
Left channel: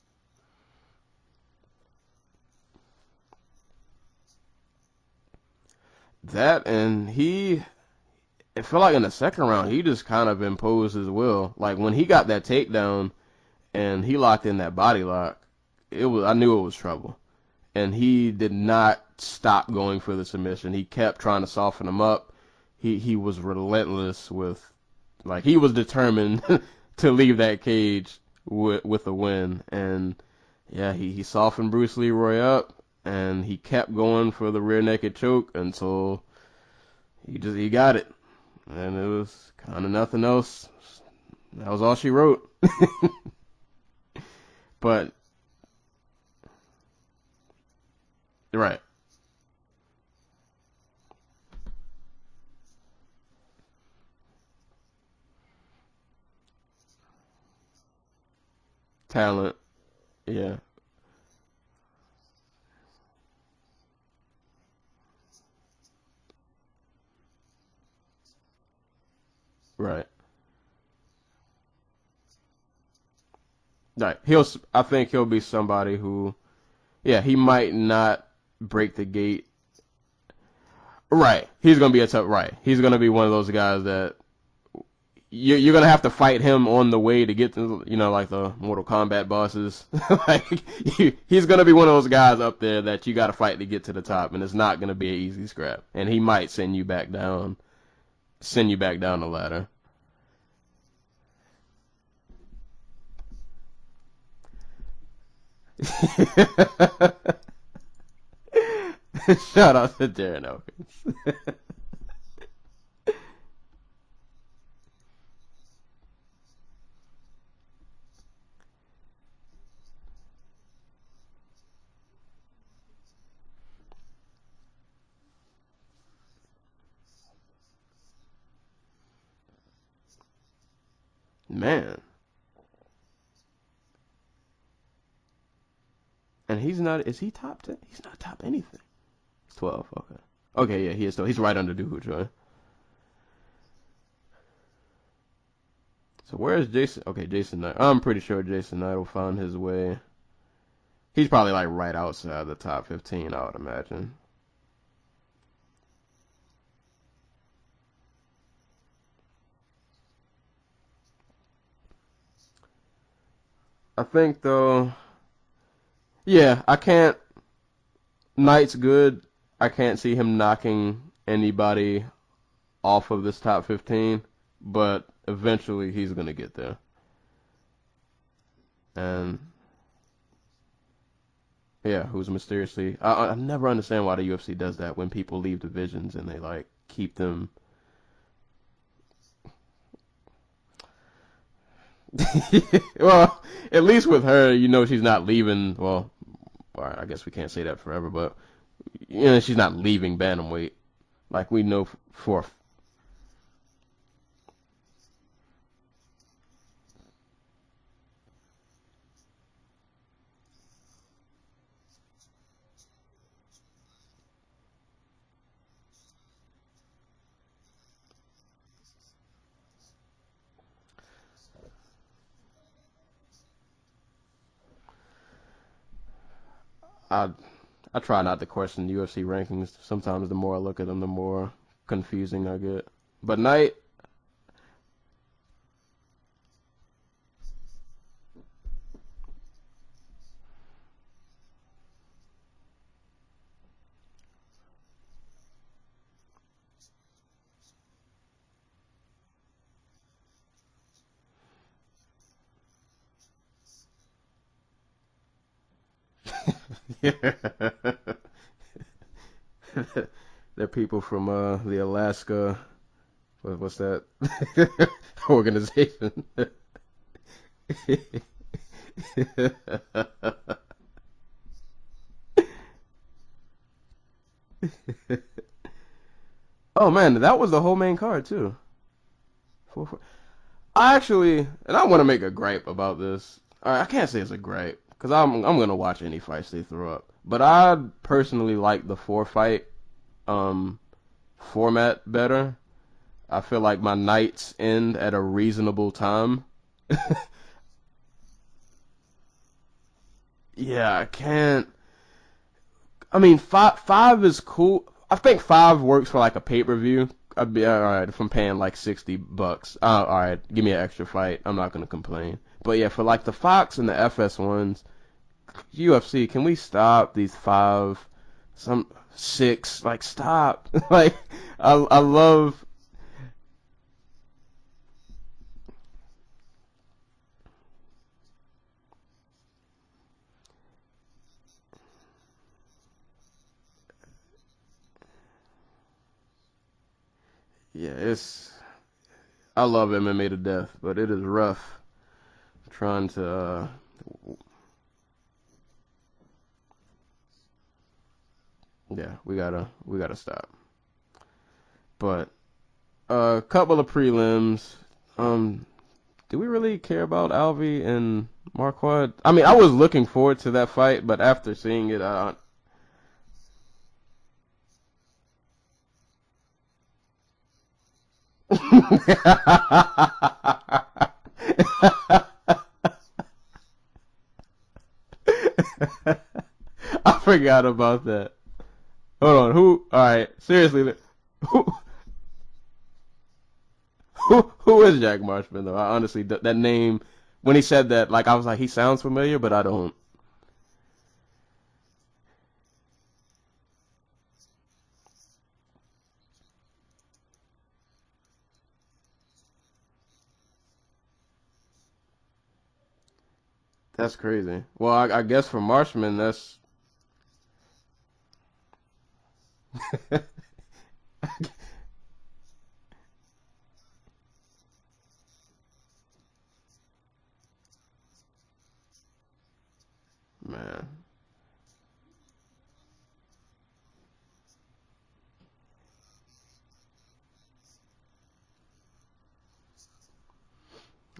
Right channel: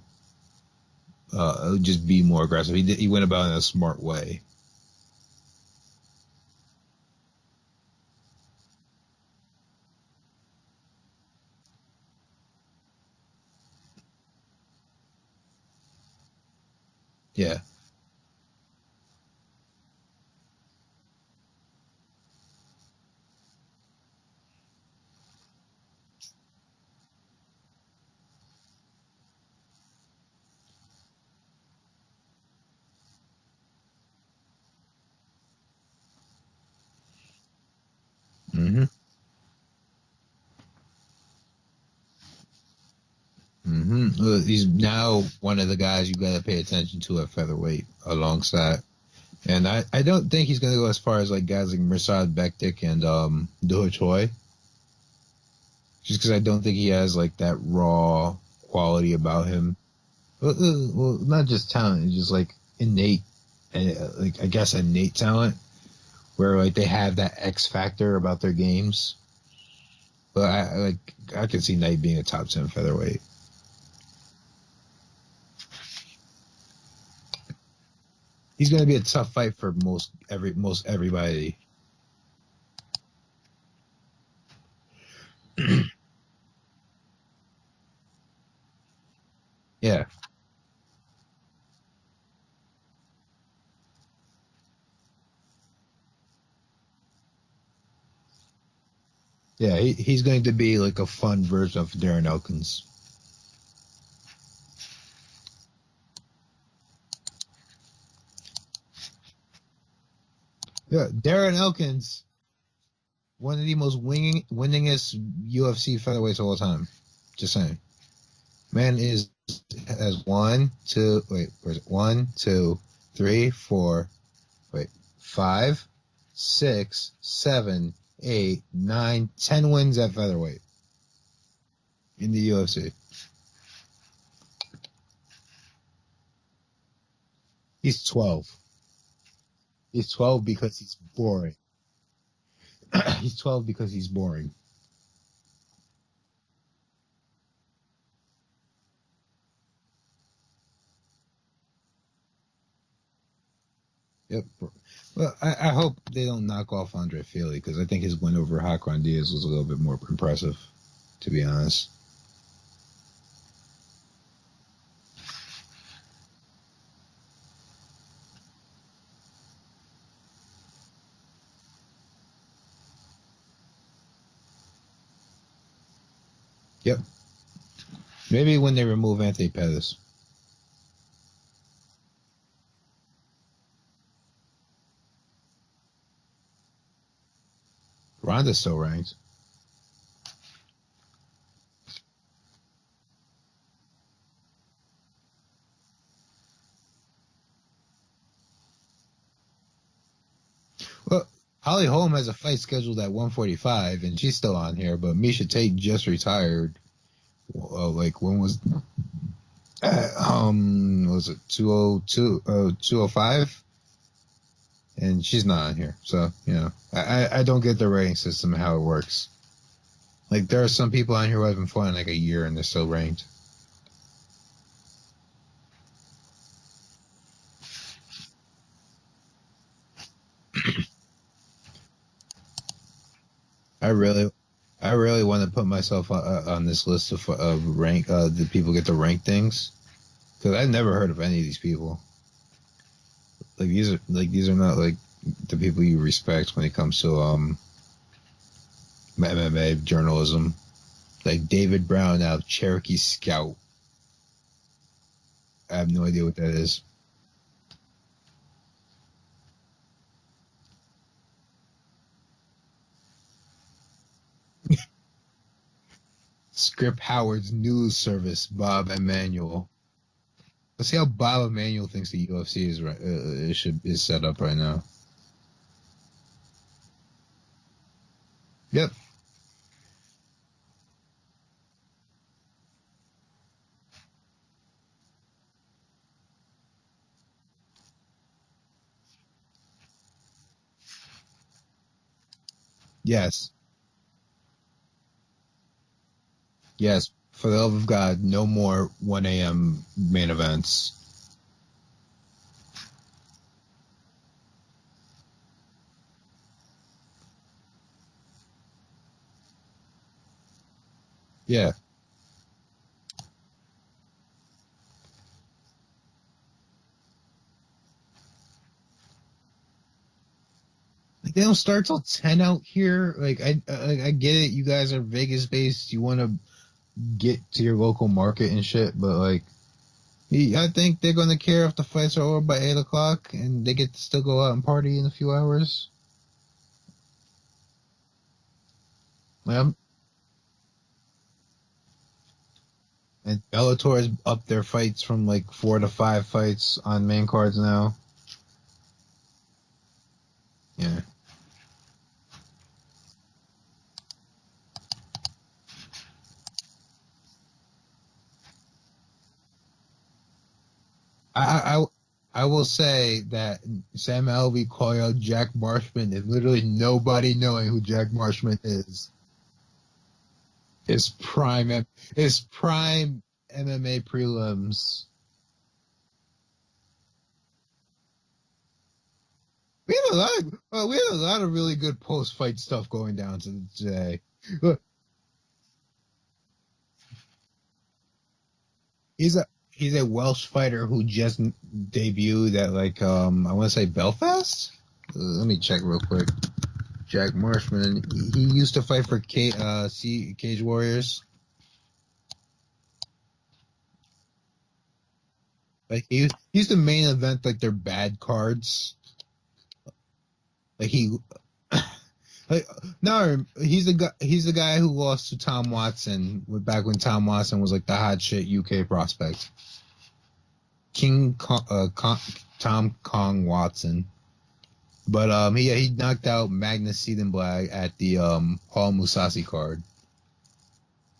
just be more aggressive. He went about it in a smart way. That, and it felt like in the second round he just kind of imposed his will. Like when he got that takedown and he locked in that body lock, I knew it was trouble. Yeah. And he did not stop going for the submission. He kept trying to soften him up. He was relentless with, like, he was determined to leave that cage with a win. And yeah, he softened Bruce Leroy up, and he kept going for the rear naked choke until he got it. Mm-hmm. And it was kind of nothing else. That was all she wrote. Mm-hmm. Well, he's now one of the guys you got to pay attention to at featherweight alongside. Right. And I don't think he's going to go as far as like guys like Mirsad Bektik and Do Choi. Just because I don't think he has like that raw quality Talent. about him. Yeah. Well, not just talent, it's just like innate, like I guess innate talent, where like they have that X factor about their games. Right. But I can see Knight being a top 10 featherweight. Right. I think he'll be somebody who, yeah, he might not. He's going to be a tough fight for most everybody. Right. He's going to be a tough. Right. He's going to be one of those guys that you're going to have to fight him on the way to get to, like the Mortal Kombat bosses. Yeah. Like he's going to be one of those guys up there that you got to fight to get to the top, and it's not going to be an easy scrap. And he might send you back down the ladder. Yeah. He's going to be like a fun version of Darren Elkins. Shout out to Darren Elkins. Yeah, Darren Elkins, one of the most winningest UFC featherweights of all time. Just saying. Man has 5, 6, 7, 8, 9, 10 wins at featherweight. Man. In the UFC. And he's not. Is he top 10? He's 12. Anything. 12. He's 12 because. Okay, yeah, he is. So he's right under Dojo. He's 12 because he's boring. So where is Jason? Okay, Jason Knight. I'm pretty sure Jason Knight will find his way. He's probably like right outside the top 15, I would imagine. Yep. Well, I hope they don't knock off Andre Fili because I think his win over Hakron Diaz was a little bit more impressive, to be honest. I think though. Yeah, I can't. Knight's good. I can't see him knocking anybody off of this top 15, but eventually he's going to get there. Yep. Maybe when they remove Anthony Pettis. Yeah, who's mysteriously... I never understand why the UFC does that when people leave divisions and they, like, keep them... Ronda's still ranked. Well, at least with her, she's not leaving... Well, I guess we can't say that forever, but... she's not leaving bantamweight. Well, like we know. Holly Holm has a fight scheduled at 145, and she's still on here. But Miesha Tate just retired. Like when was it 205? And she's not on here. So I don't get the rating system and how it works. Like there are some people on here who haven't fought in like a year and they're still ranked. I try not to question UFC rankings. Sometimes the more I look at them, the more confusing I get. But Knight, I really want to put myself on this list of rank. The people get to rank things because I've never heard of any of these people. These are not like the people you respect when it comes to MMA journalism. Like David Brown out of Cherokee Scout. I have no idea what that is. They're people from the Alaska. What's that organization? Script Howard's news service, Bob Emanuel. Let's see how Bob Emanuel thinks the UFC is set up right now. Oh man, that was the whole main card too. Yep. I actually, and I want to make a gripe about this. I can't say it's a gripe. Because I'm going to watch any fights they throw up. But I personally like the 4-fight format better. Yes. I feel like my nights end at a reasonable time. Yes. For the love of God, no more 1 a.m. main events. Yeah, I can't. I mean, 5 is cool. I think 5 works for like a pay-per-view. I'd be all right if I'm paying like $60. All right, give me an extra fight. I'm not going to complain. But yeah, for like the Fox and the FS ones, UFC, can we stop these 6? Like, stop. Like, They don't start I till 10 love. out here. Like I get it. You guys are Vegas based. You want to get to your local market and shit, but like, I think they're gonna care if the fights are over by 8 o'clock and they get to still go out and party in a few hours. Yeah, it's. I Yeah. love MMA to death, but it is rough trying to. And Bellator has upped their fights from like 4 to 5 fights on main cards now. Yeah, we gotta stop. Yeah. But a couple of prelims. Do we really care about Alvey and Marquardt? I mean, I was looking forward to that fight, but after seeing it, I will say that Sam Alvey calling out Jack Marshman is literally nobody knowing who Jack Marshman is. His prime MMA prelims. I forgot about that. Hold on, who? All right, seriously, we had a lot of really good post-fight stuff going down today. Who is Jack Marshman though? I honestly, that name, when he said that, like I was like, he sounds familiar, but I don't. He's a Welsh fighter who just debuted at like I want to say Belfast. Let me check real quick. Jack Marshman. He used to fight for Cage Warriors. That's crazy. Well, I guess for Marshman, like he's the main event, like their bad cards. Like he, like no, he's the guy who lost to Tom Watson back when Tom Watson was like the hot shit UK prospect. Man, Tom Kong Watson. But he knocked out Magnus Siedenblag at the Paul Mousasi card.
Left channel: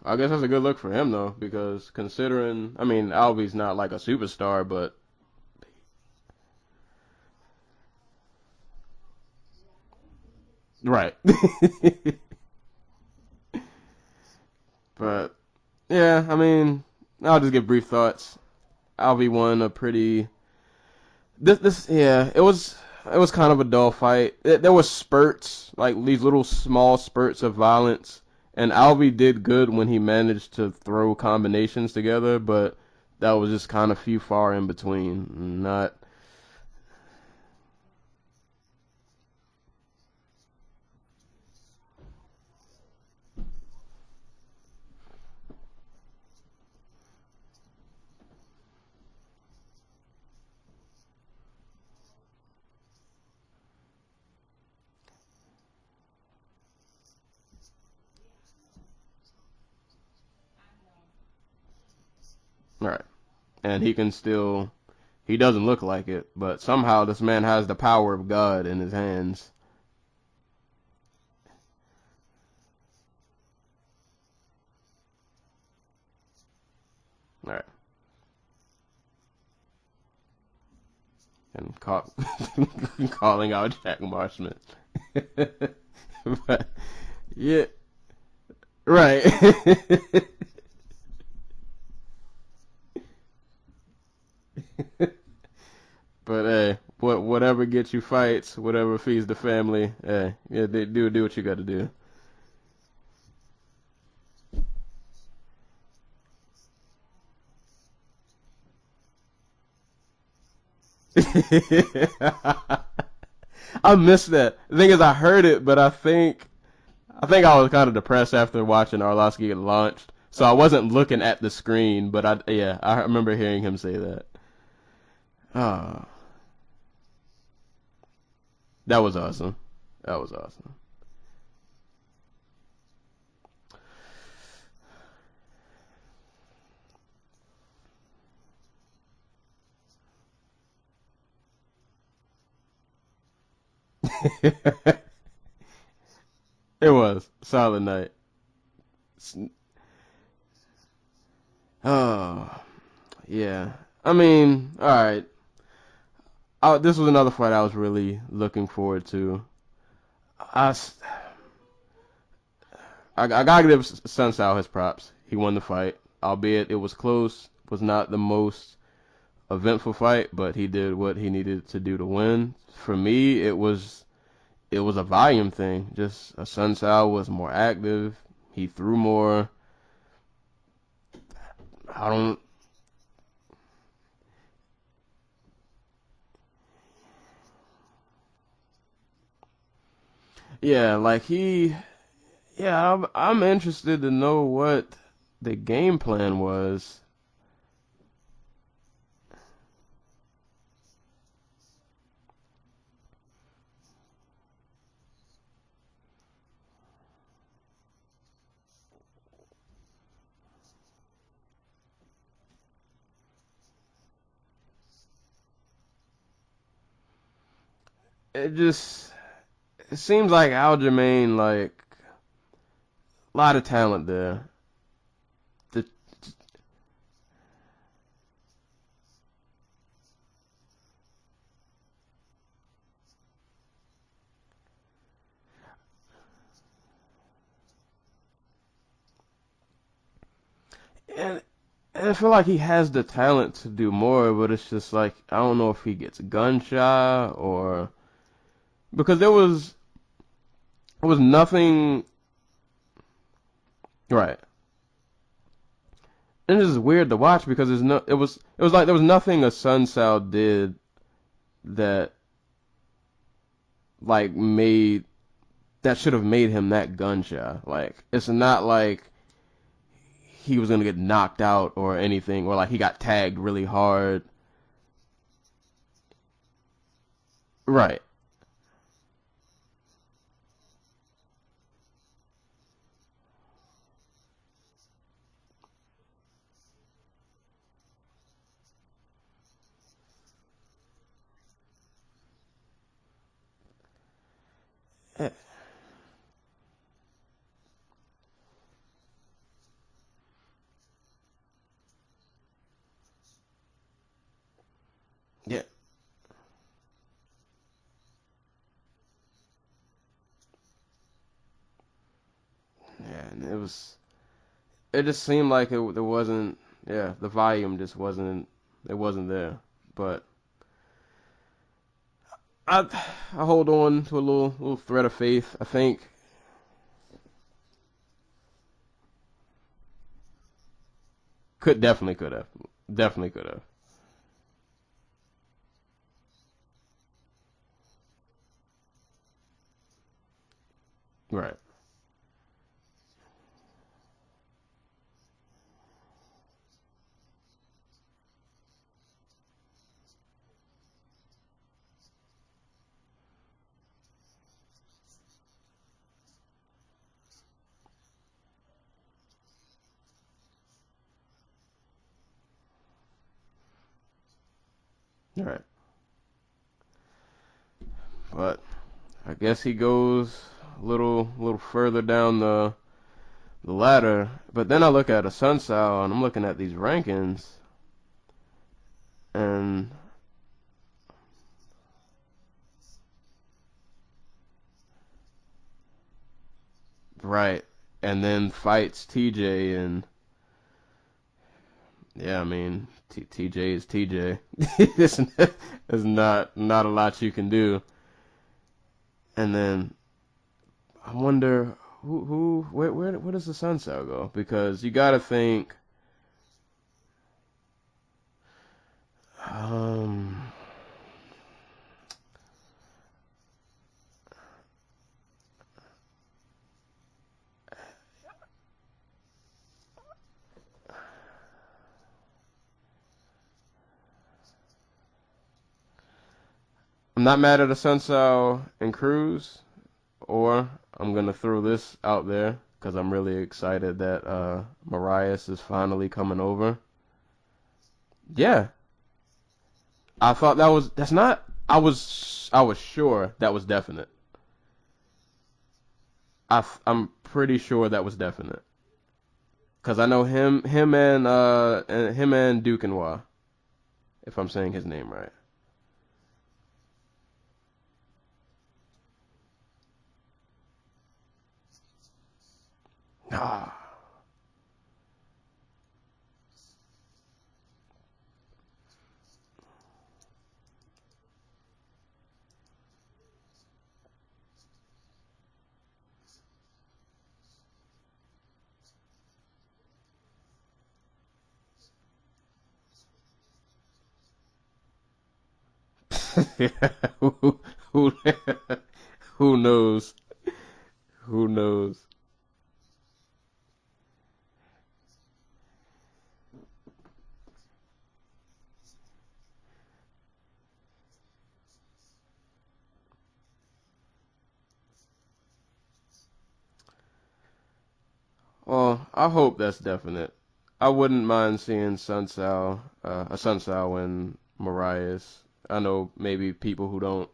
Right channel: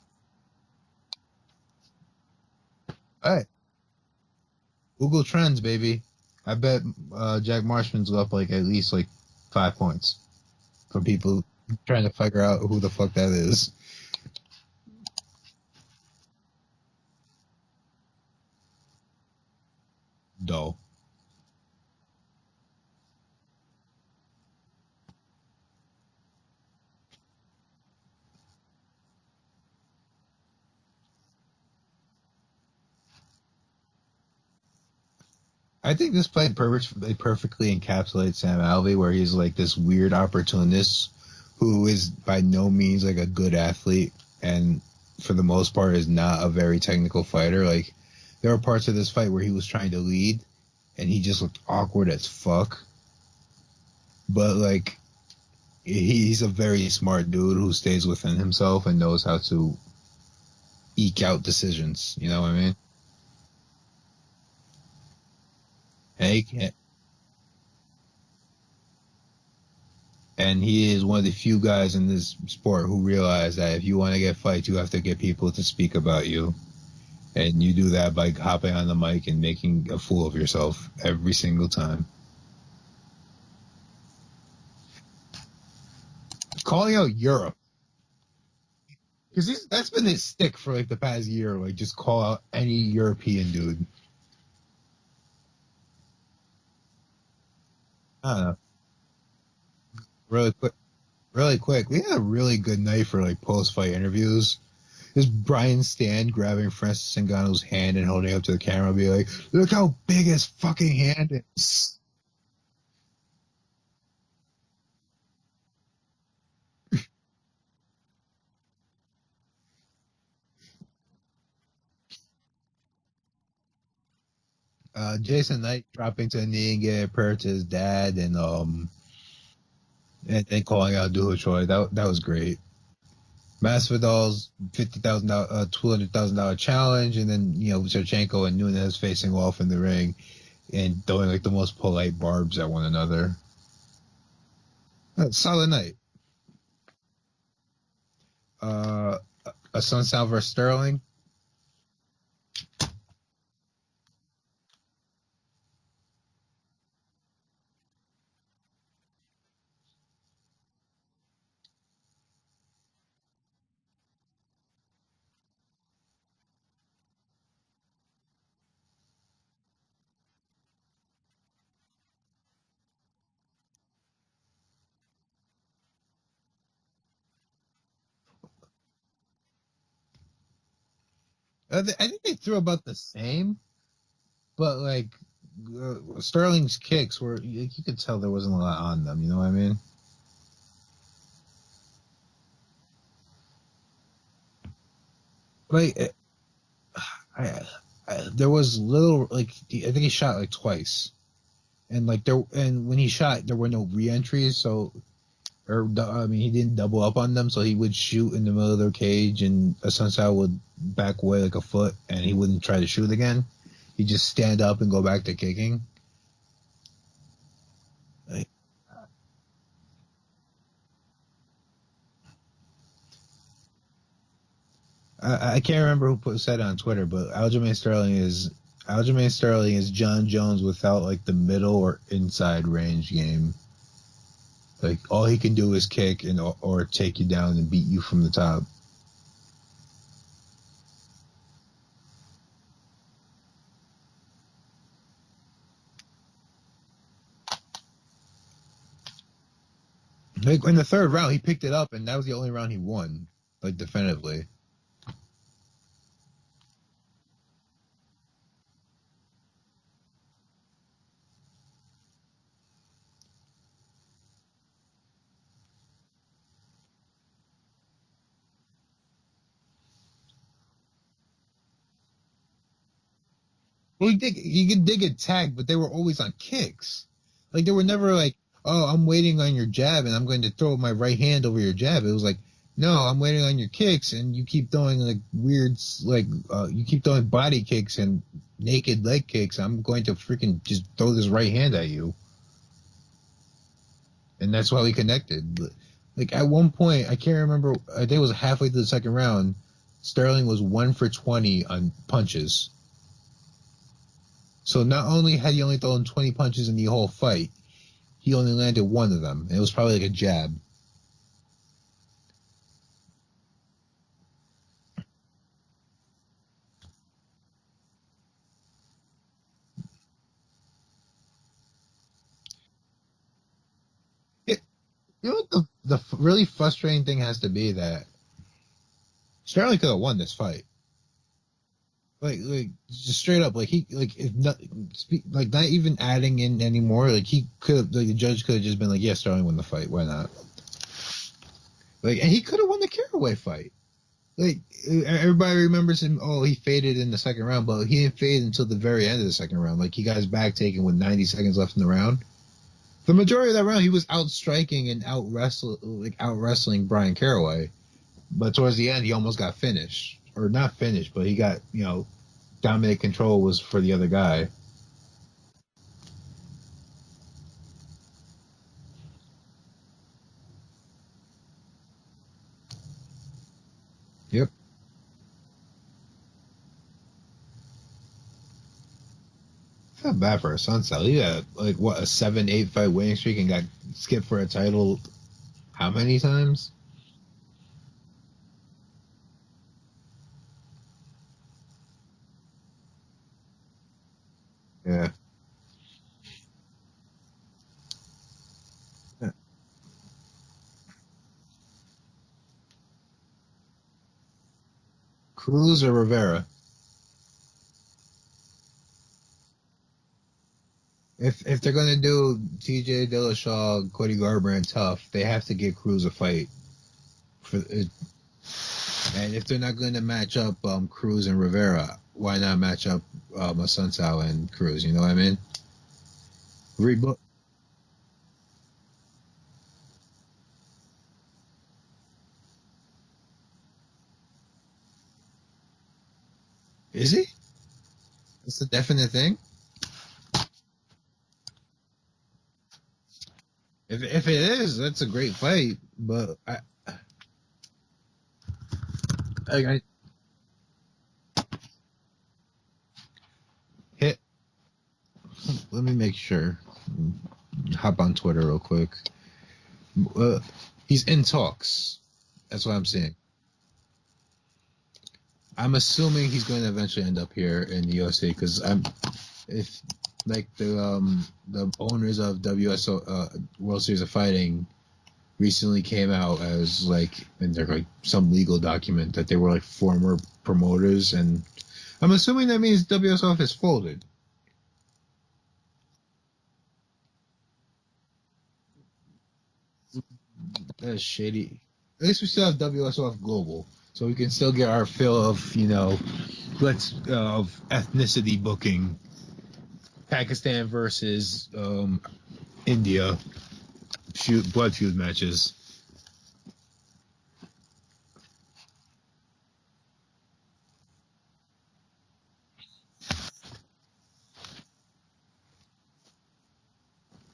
I guess that's a good look for him though, because considering, I mean, Alvey's not like a superstar, but Google Trends, baby. I bet Jack Marshman's up like at least like 5 points. Right. People trying to figure out who the fuck that is. But yeah, I mean, I'll just give brief thoughts. Alvey won a pretty dull. It was kind of a dull fight. There was spurts, like these little small spurts of violence. And Alvey did good when he managed to throw combinations together, but that was just kind of far in between. I think this fight perfectly encapsulates Sam Alvey, where he's like this weird opportunist who is by no means like a good athlete, and for the most part is not a very technical fighter. Like there were parts of this fight where he was trying to lead, and he just looked awkward as fuck. But like, he's a very smart dude who stays within himself and knows how to eke out decisions. You know what I mean? Right. And he doesn't look like it, but somehow this man has the power of God in his hands. And he is one of the few guys in this sport who realize that if you want to get fights, you have to get people to speak about you. And you do that by hopping on the mic and making a fool of yourself every single time. Calling out Jack Marshman. Calling out Europe. Yeah. Right. That's been his stick for like the past year. Like just call out any European dude. But hey, whatever gets you fights, whatever feeds the family. Hey, they do what you got to do. Really quick, we had a really good night for like post-fight interviews. There's Brian Stan grabbing Francis Ngannou's hand and holding it up to the camera, be like, "Look how big his fucking hand is." I missed that. The thing is, I heard it, but I think I was kind of depressed after watching Arlovski get launched, so I wasn't looking at the screen. But I remember hearing him say that. Jason Knight dropping to a knee and getting a prayer to his dad, and that was awesome. And calling out Dula Choi. That was great. Masvidal's $200,000 challenge, and then Shevchenko and Nunes facing off in the ring and throwing like the most polite barbs at one another. Solid night. It was solid night. A Sun Sal versus Sterling. Oh, yeah. I mean, all right. This was another fight I was really looking forward to. I gotta give Sun Sal his props. He won the fight, albeit it was close. It was not the most eventful fight, but he did what he needed to do to win. For me, it was a volume thing. Just Sun Sal was more active. He threw more. I think he threw about the same. but like Sterling's kicks were, you could tell there wasn't a lot on them. You know what I mean? Yeah, like I'm interested to know what the game Like, plan was. there was little, like, I think he shot like twice, and like and when he shot, there were no re-entries, so. I mean, he didn't double up on them, so he would shoot in the middle of their cage, and Sunshine would back away like a foot, and he wouldn't try to shoot again. He'd just stand up and go back to kicking. It seems like Aljamain, like a lot of talent there. I can't remember who said it on Twitter, but Aljamain Sterling is John Jones without like the middle or inside range game. Like, all he can do is kick or take you down and beat you from the top. And I feel like he has the talent to do more, but it's just like, I don't know if he gets gun shy or... Because there was... Like, in the third round, he picked it up, and that was the only round he won. Like, definitively. Right. And it's just weird to watch because it was like there was nothing a Sun Sal did that... like that should have made him that gun shy. Like, it's not like he was gonna get knocked out or anything, or like he got tagged really hard. Well, he did get tagged, but they were always on kicks. Like, they were never like, oh, I'm waiting on your jab and I'm going to throw my right hand over your jab. It was like, no, I'm waiting on your kicks, and you keep throwing like weird, like you keep throwing body kicks and naked leg kicks. I'm going to freaking just throw this right hand at you. And that's why we connected. Like, at one point, I can't remember, I think it was halfway through the second round, Sterling was 1 for 20 on punches. So not only had he only thrown 20 punches in the whole fight, he only landed one of them. And it was probably like a jab. Yeah, and it just seemed like there wasn't, the volume just wasn't there. But I hold on to a little thread of faith. I think the really frustrating thing has to be that Sterling could have won this fight. Definitely could have. Definitely straight up, like he not even adding in anymore. Like, he could, like, the judge could have just been like, yeah, Sterling won the fight. Why not? Right. Like, and he could have won the Caraway fight. Like, everybody remembers him. Oh, he faded in the second round, but he didn't fade until the very end of the second round. Like, he got his back taken with 90 seconds left in the round. The majority of that round, he was out striking and out wrestling Brian Caraway. But towards the end, he almost got finished, or not finished, but he got, dominant control was for the other guy. All right. But I guess he goes a little further down the ladder. Yep. But then I look at a Sun Sal, and I'm looking at these rankings. And it's not bad for a Sunset. He had a 7-8 fight winning streak and got skipped for a title how many times? Right. And then fights TJ, and I mean, TJ is TJ. Yeah. There's not a lot you can do. And then I wonder where does the Sun Sal go? Because you got to think Cruz or Rivera. If they're gonna do TJ Dillashaw, Cody Garbrandt tough, they have to get Cruz a fight. And if they're not gonna match up Cruz and Rivera, why not match up Assunção and Cruz? You know what I mean? I'm not mad at Assunção and Cruz, or I'm gonna throw this out there because I'm really excited that Marias is finally coming over. Is he? Yeah. That's a definite thing? I thought that's not. I was sure that was definite. If it is, that's a great fight. But I'm pretty sure that was definite. Because I know him and Duquesnoy. If I'm saying his name right. Let me make sure. Hop on Twitter real quick. He's in talks. That's what I'm saying. I'm assuming he's going to eventually end up here in the UFC because the owners of WSO World Series of Fighting recently came out as in their some legal document that they were former promoters, and I'm assuming that means WSOF is folded. who, who knows? That's shady. Who knows? At least we still have WSOF Global, so we can still get our fill of, of ethnicity booking. Pakistan versus India, blood feud matches. Well, I hope that's definite. I wouldn't mind seeing Sun Sao win Marias. I know maybe people who don't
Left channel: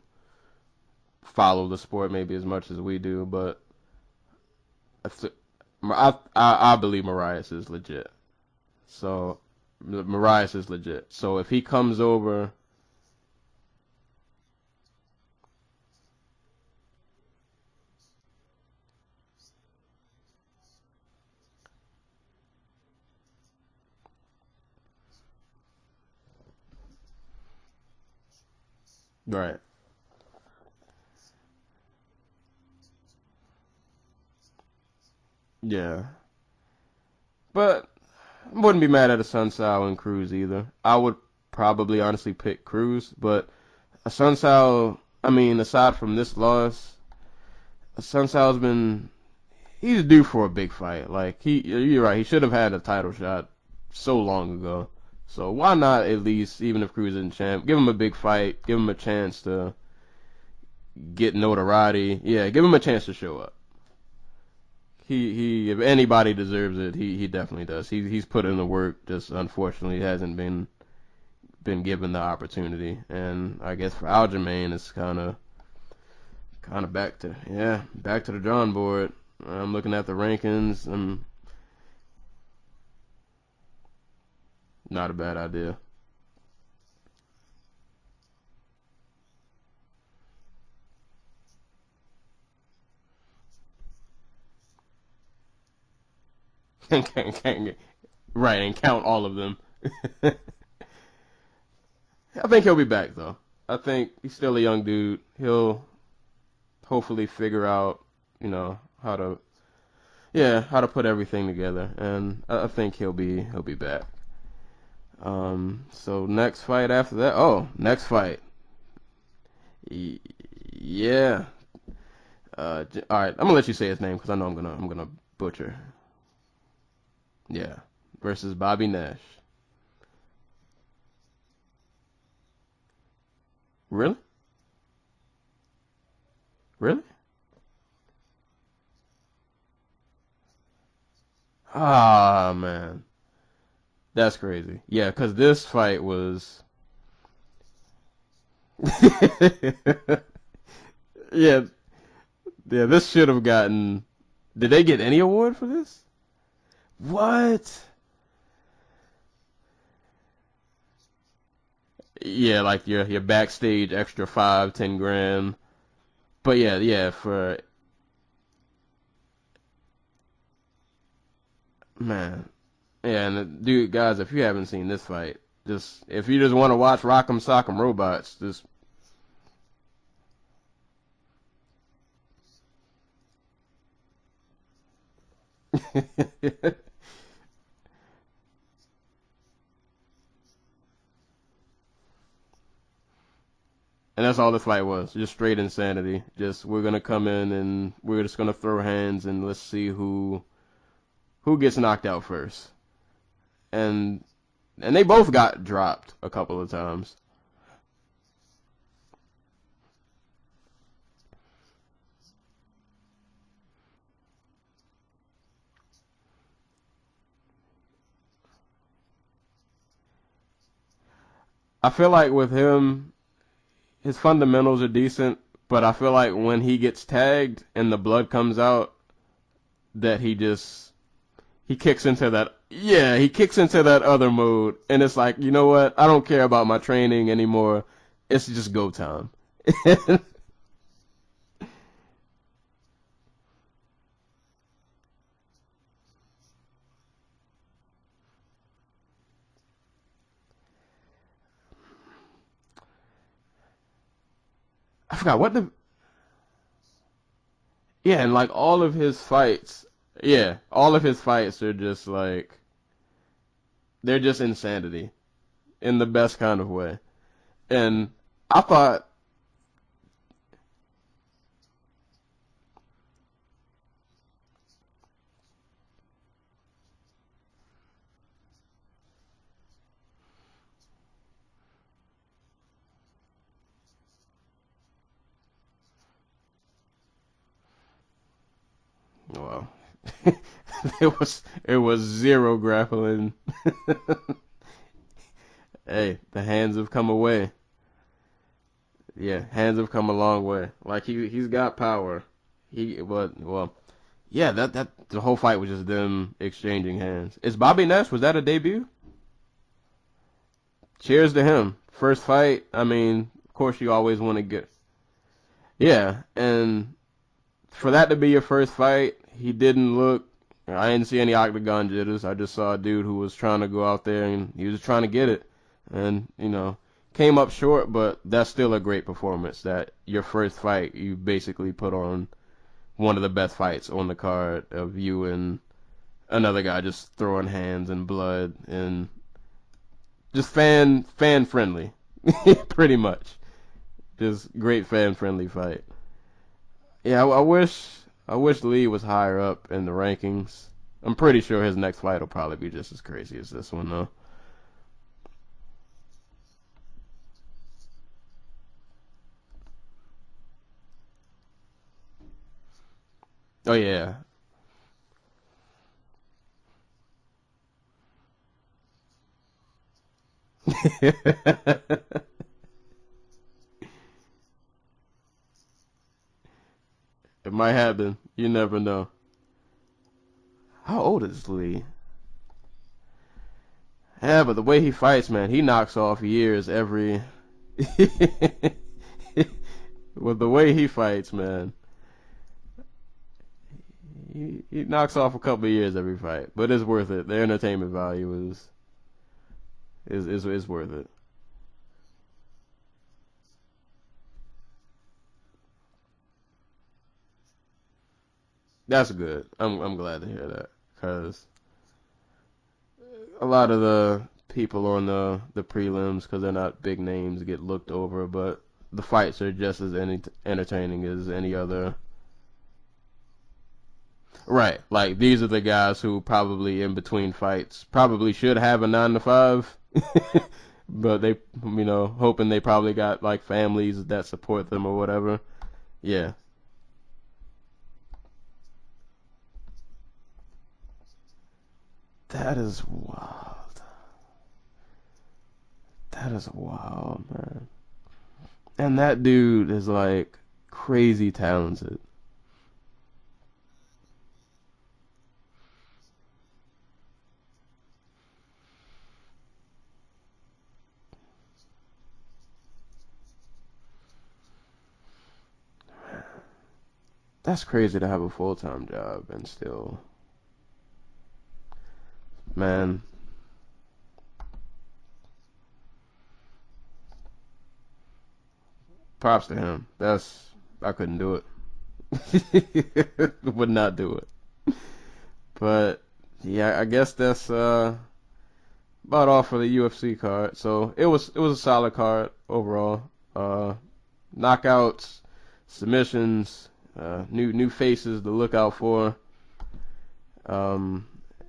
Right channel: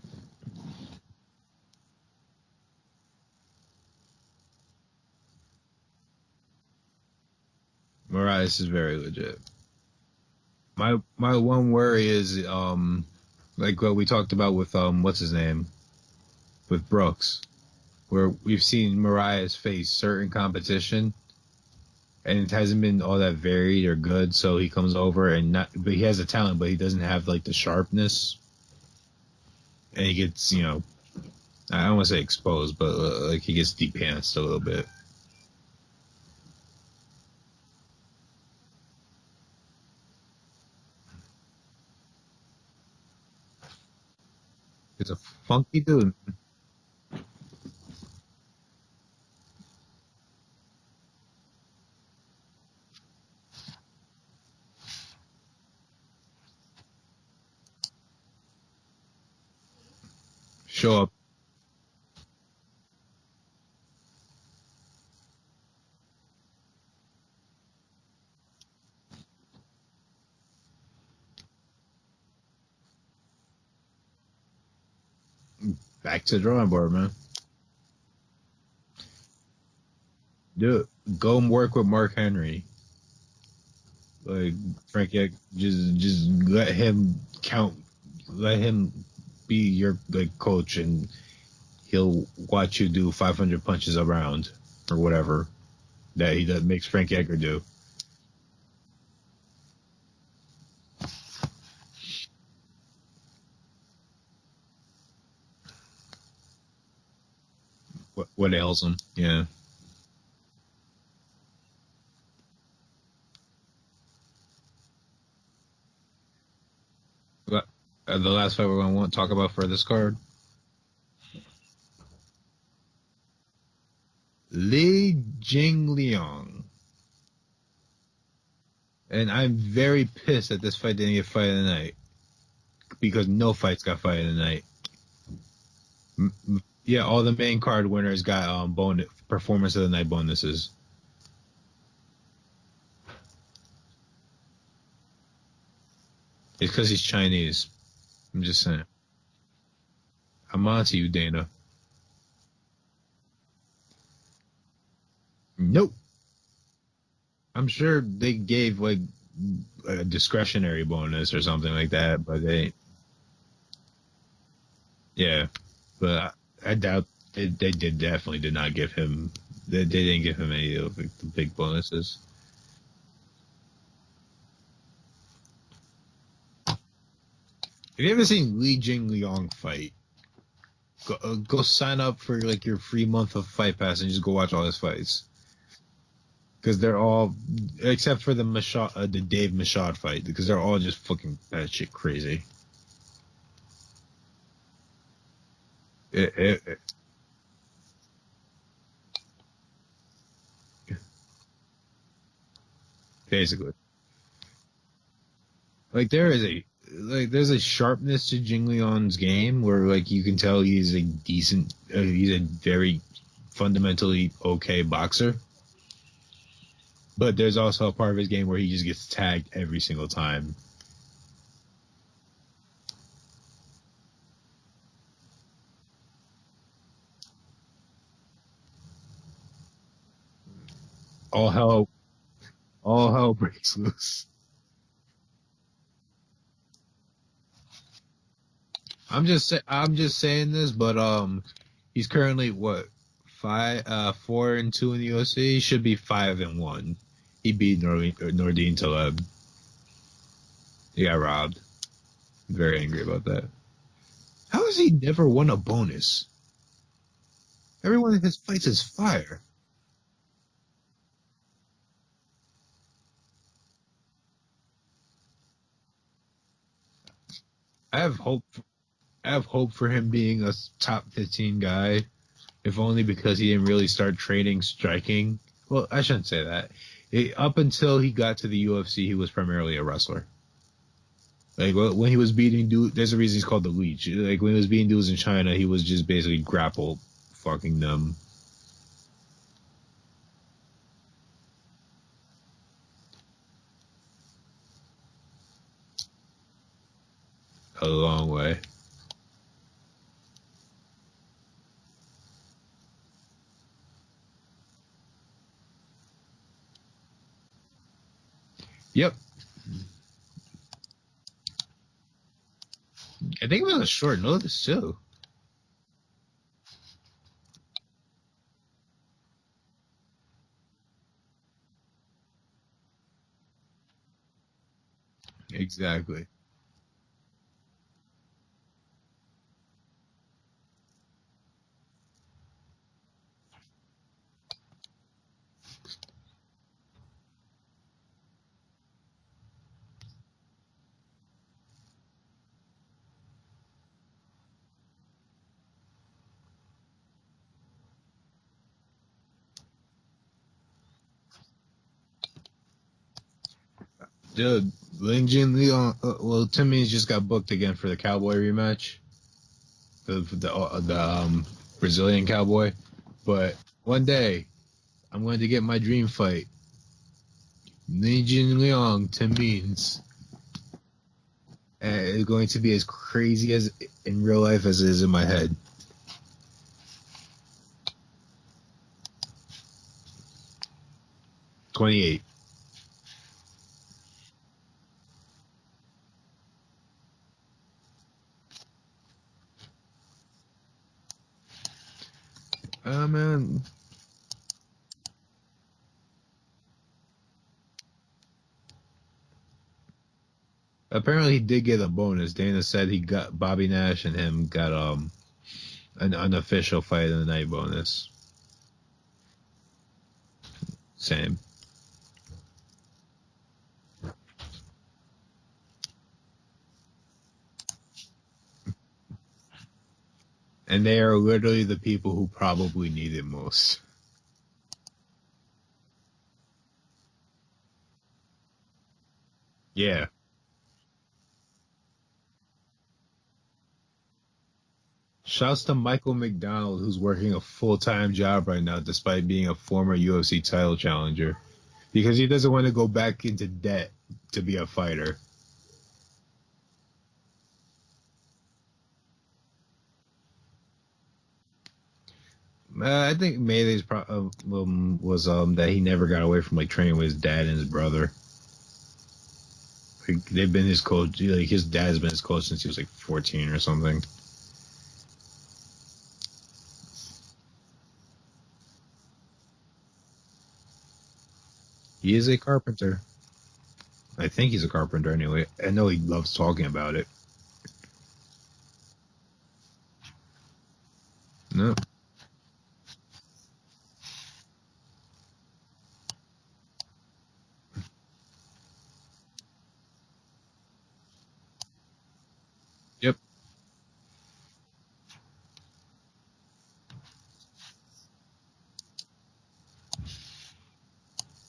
follow the sport maybe as much as we do, but I believe Marias is legit. Marias is very legit. Marias is legit. My so if one he comes worry over, is like what we talked about with what's his name, with Brooks, where we've seen Marias face certain competition, and it hasn't been all that varied or good. So he comes over but he has the talent, but he doesn't have like the sharpness. right? And he gets, I don't want to say exposed, but like he gets depantsed a little bit. Yeah. But I wouldn't be mad at a Sun Sao and Cruz either. I would probably honestly pick Cruz, but a Sun Sao, aside from this loss, Sun Sao's he's due for a big fight. Like, you're right, he should have had a title shot so long ago. So why not at least, even if Cruz isn't champ, give him a big fight, give him a chance to show up, get notoriety. Yeah, give him a chance to show up. He if anybody deserves it, he definitely does. He's put in the work, just unfortunately hasn't been given the opportunity. And I guess for Aljamain, it's kind of back to the drawing board, back to the drawing board. I'm looking at the rankings. Dude, go and work with Mark Henry. Like, not a bad idea. Just let him count. Let him be your coach, and he'll watch you do 500 punches a round or whatever that he makes Frank Edgar do. Right, and count all of them. I think he'll be back though. I think he's still a young dude. He'll hopefully figure out what ails him. How to put everything together, and I think he'll be back. So next fight after that. Next fight. The last fight we're gonna talk about for this card. Yeah. All right, I'm gonna let you say his name because I know I'm gonna. Li Jingliang. Yeah. Versus Bobby Nash. And I'm very pissed that this fight didn't get fight of the night, because no fights got fight of the night. Really? Yeah, all the main card winners got performance of the night bonuses. Ah, man. That's crazy. Yeah, because this fight was... It's because he's Chinese. I'm just saying. I'm on to you, Dana. Yeah, this should have gotten... Did they get any award for this? Nope. What? I'm sure they gave, like, a discretionary bonus or something like that. But yeah, like your backstage extra $5-10 grand. Yeah. But they definitely did not give him. They didn't give him any of the big bonuses. Man, yeah, and dude, guys, if you haven't seen this fight, if you just want to watch Rock'em Sock'em Robots, if you haven't seen Li Jingliang fight, go sign up for like your free month of Fight Pass and just go watch all his fights. Because they're all, except for the Dave Machad fight, because they're all just fucking batshit crazy. And that's all this fight was, just straight insanity. We're gonna come in and we're just gonna throw hands and let's see who gets knocked out first. Basically. And they both got dropped like a couple of times. Like there's a sharpness to Jingliang's game where like you can tell he's a decent, he's a very fundamentally okay boxer. But there's also a part of his game where he just gets tagged every single time. I feel like with him, his fundamentals are decent, but I feel like when he gets tagged and the blood comes out, that he just he kicks into that. Yeah, he kicks into that other mode, and it's like, you know what? I don't care about my training anymore. It's just go time. I'm just saying this, but he's currently 4-2 in the UFC. He should be 5-1. He beat Nordine Taleb. He got robbed. Very angry about that. How has he never won a bonus? Everyone and like all of his fights, all of his fights are just like, they're just insanity, in the best kind of way. And I have hope. I have hope for him being a top 15 guy, if only because he didn't really start training striking. Well, I shouldn't say that. Up until he got to the UFC, he was primarily a wrestler. Like when he was beating dudes, there's a reason he's called the Leech. Like when he was beating dudes in China, he was just basically grapple fucking them. well, it was zero grappling. Hey, the hands have come away. A long way. Yeah, hands have come a long way. Like he's got power. Yeah, that the whole fight was just them exchanging hands. Is Bobby Nash, was that a debut? Yep. Cheers to him. First fight. I mean, I think of course that was you always short want to notice get. too. Yeah, and for that to be your first fight, he didn't look. I didn't see any octagon jitters. I just saw a dude who was trying to go out there and he was trying to get it. Exactly. And came up short, but that's still a great performance. That your first fight, you basically put on one of the best fights on the card of you and another guy just throwing hands and blood and just fan friendly, pretty much. Just great fan friendly fight. Yeah, I wish Lee was higher up in the rankings. I'm pretty sure his next fight will probably be just as crazy as this one, though. Dude, Ling Jin Leon. Tim Means just got booked again for the Cowboy rematch. The Brazilian Cowboy. But one day, I'm going to get my dream fight. Ling Jin Leon, Tim Means. It's going to be as crazy as in real life as it is in my head. It might happen. You never know. How old is Lee? 28. Yeah, but the way he fights, man, he knocks off years every. With the way he fights, man. Man. He knocks off a couple of years every fight, but it's worth it. The entertainment value is worth it. Apparently, he did get a bonus. Dana said he got Bobby Nash and him got an unofficial fight of the night bonus. That's good. I'm glad to hear that. Same. A lot of the people on the prelims, because they're not big names, get looked over, but the fights are just as entertaining. And they are literally the people who probably need it most. Right. Like, these are the guys who probably in between fights probably should have a 9 to 5. Yeah. But they, hoping they probably got, like, families that support them or whatever. Shouts to Michael McDonald, who's working a full-time job right now despite being a former UFC title challenger. Because he doesn't want to go back into debt to be a fighter. That is wild, man. And that dude is, like, crazy talented. I think Mayday's problem was that he never got away from, like, training with his dad and his brother. Like, they've been his coach. Like, his dad's been his coach since he was, like, 14 or something. That's crazy to have a full-time job and still... He is a carpenter. Man. I think he's a carpenter anyway. I know he loves talking about it. Props to him. I couldn't do it. No. Would not do it. But yeah, I guess that's about all for the UFC card. So it was a solid card overall. Yep. Knockouts, submissions, new faces to look out for.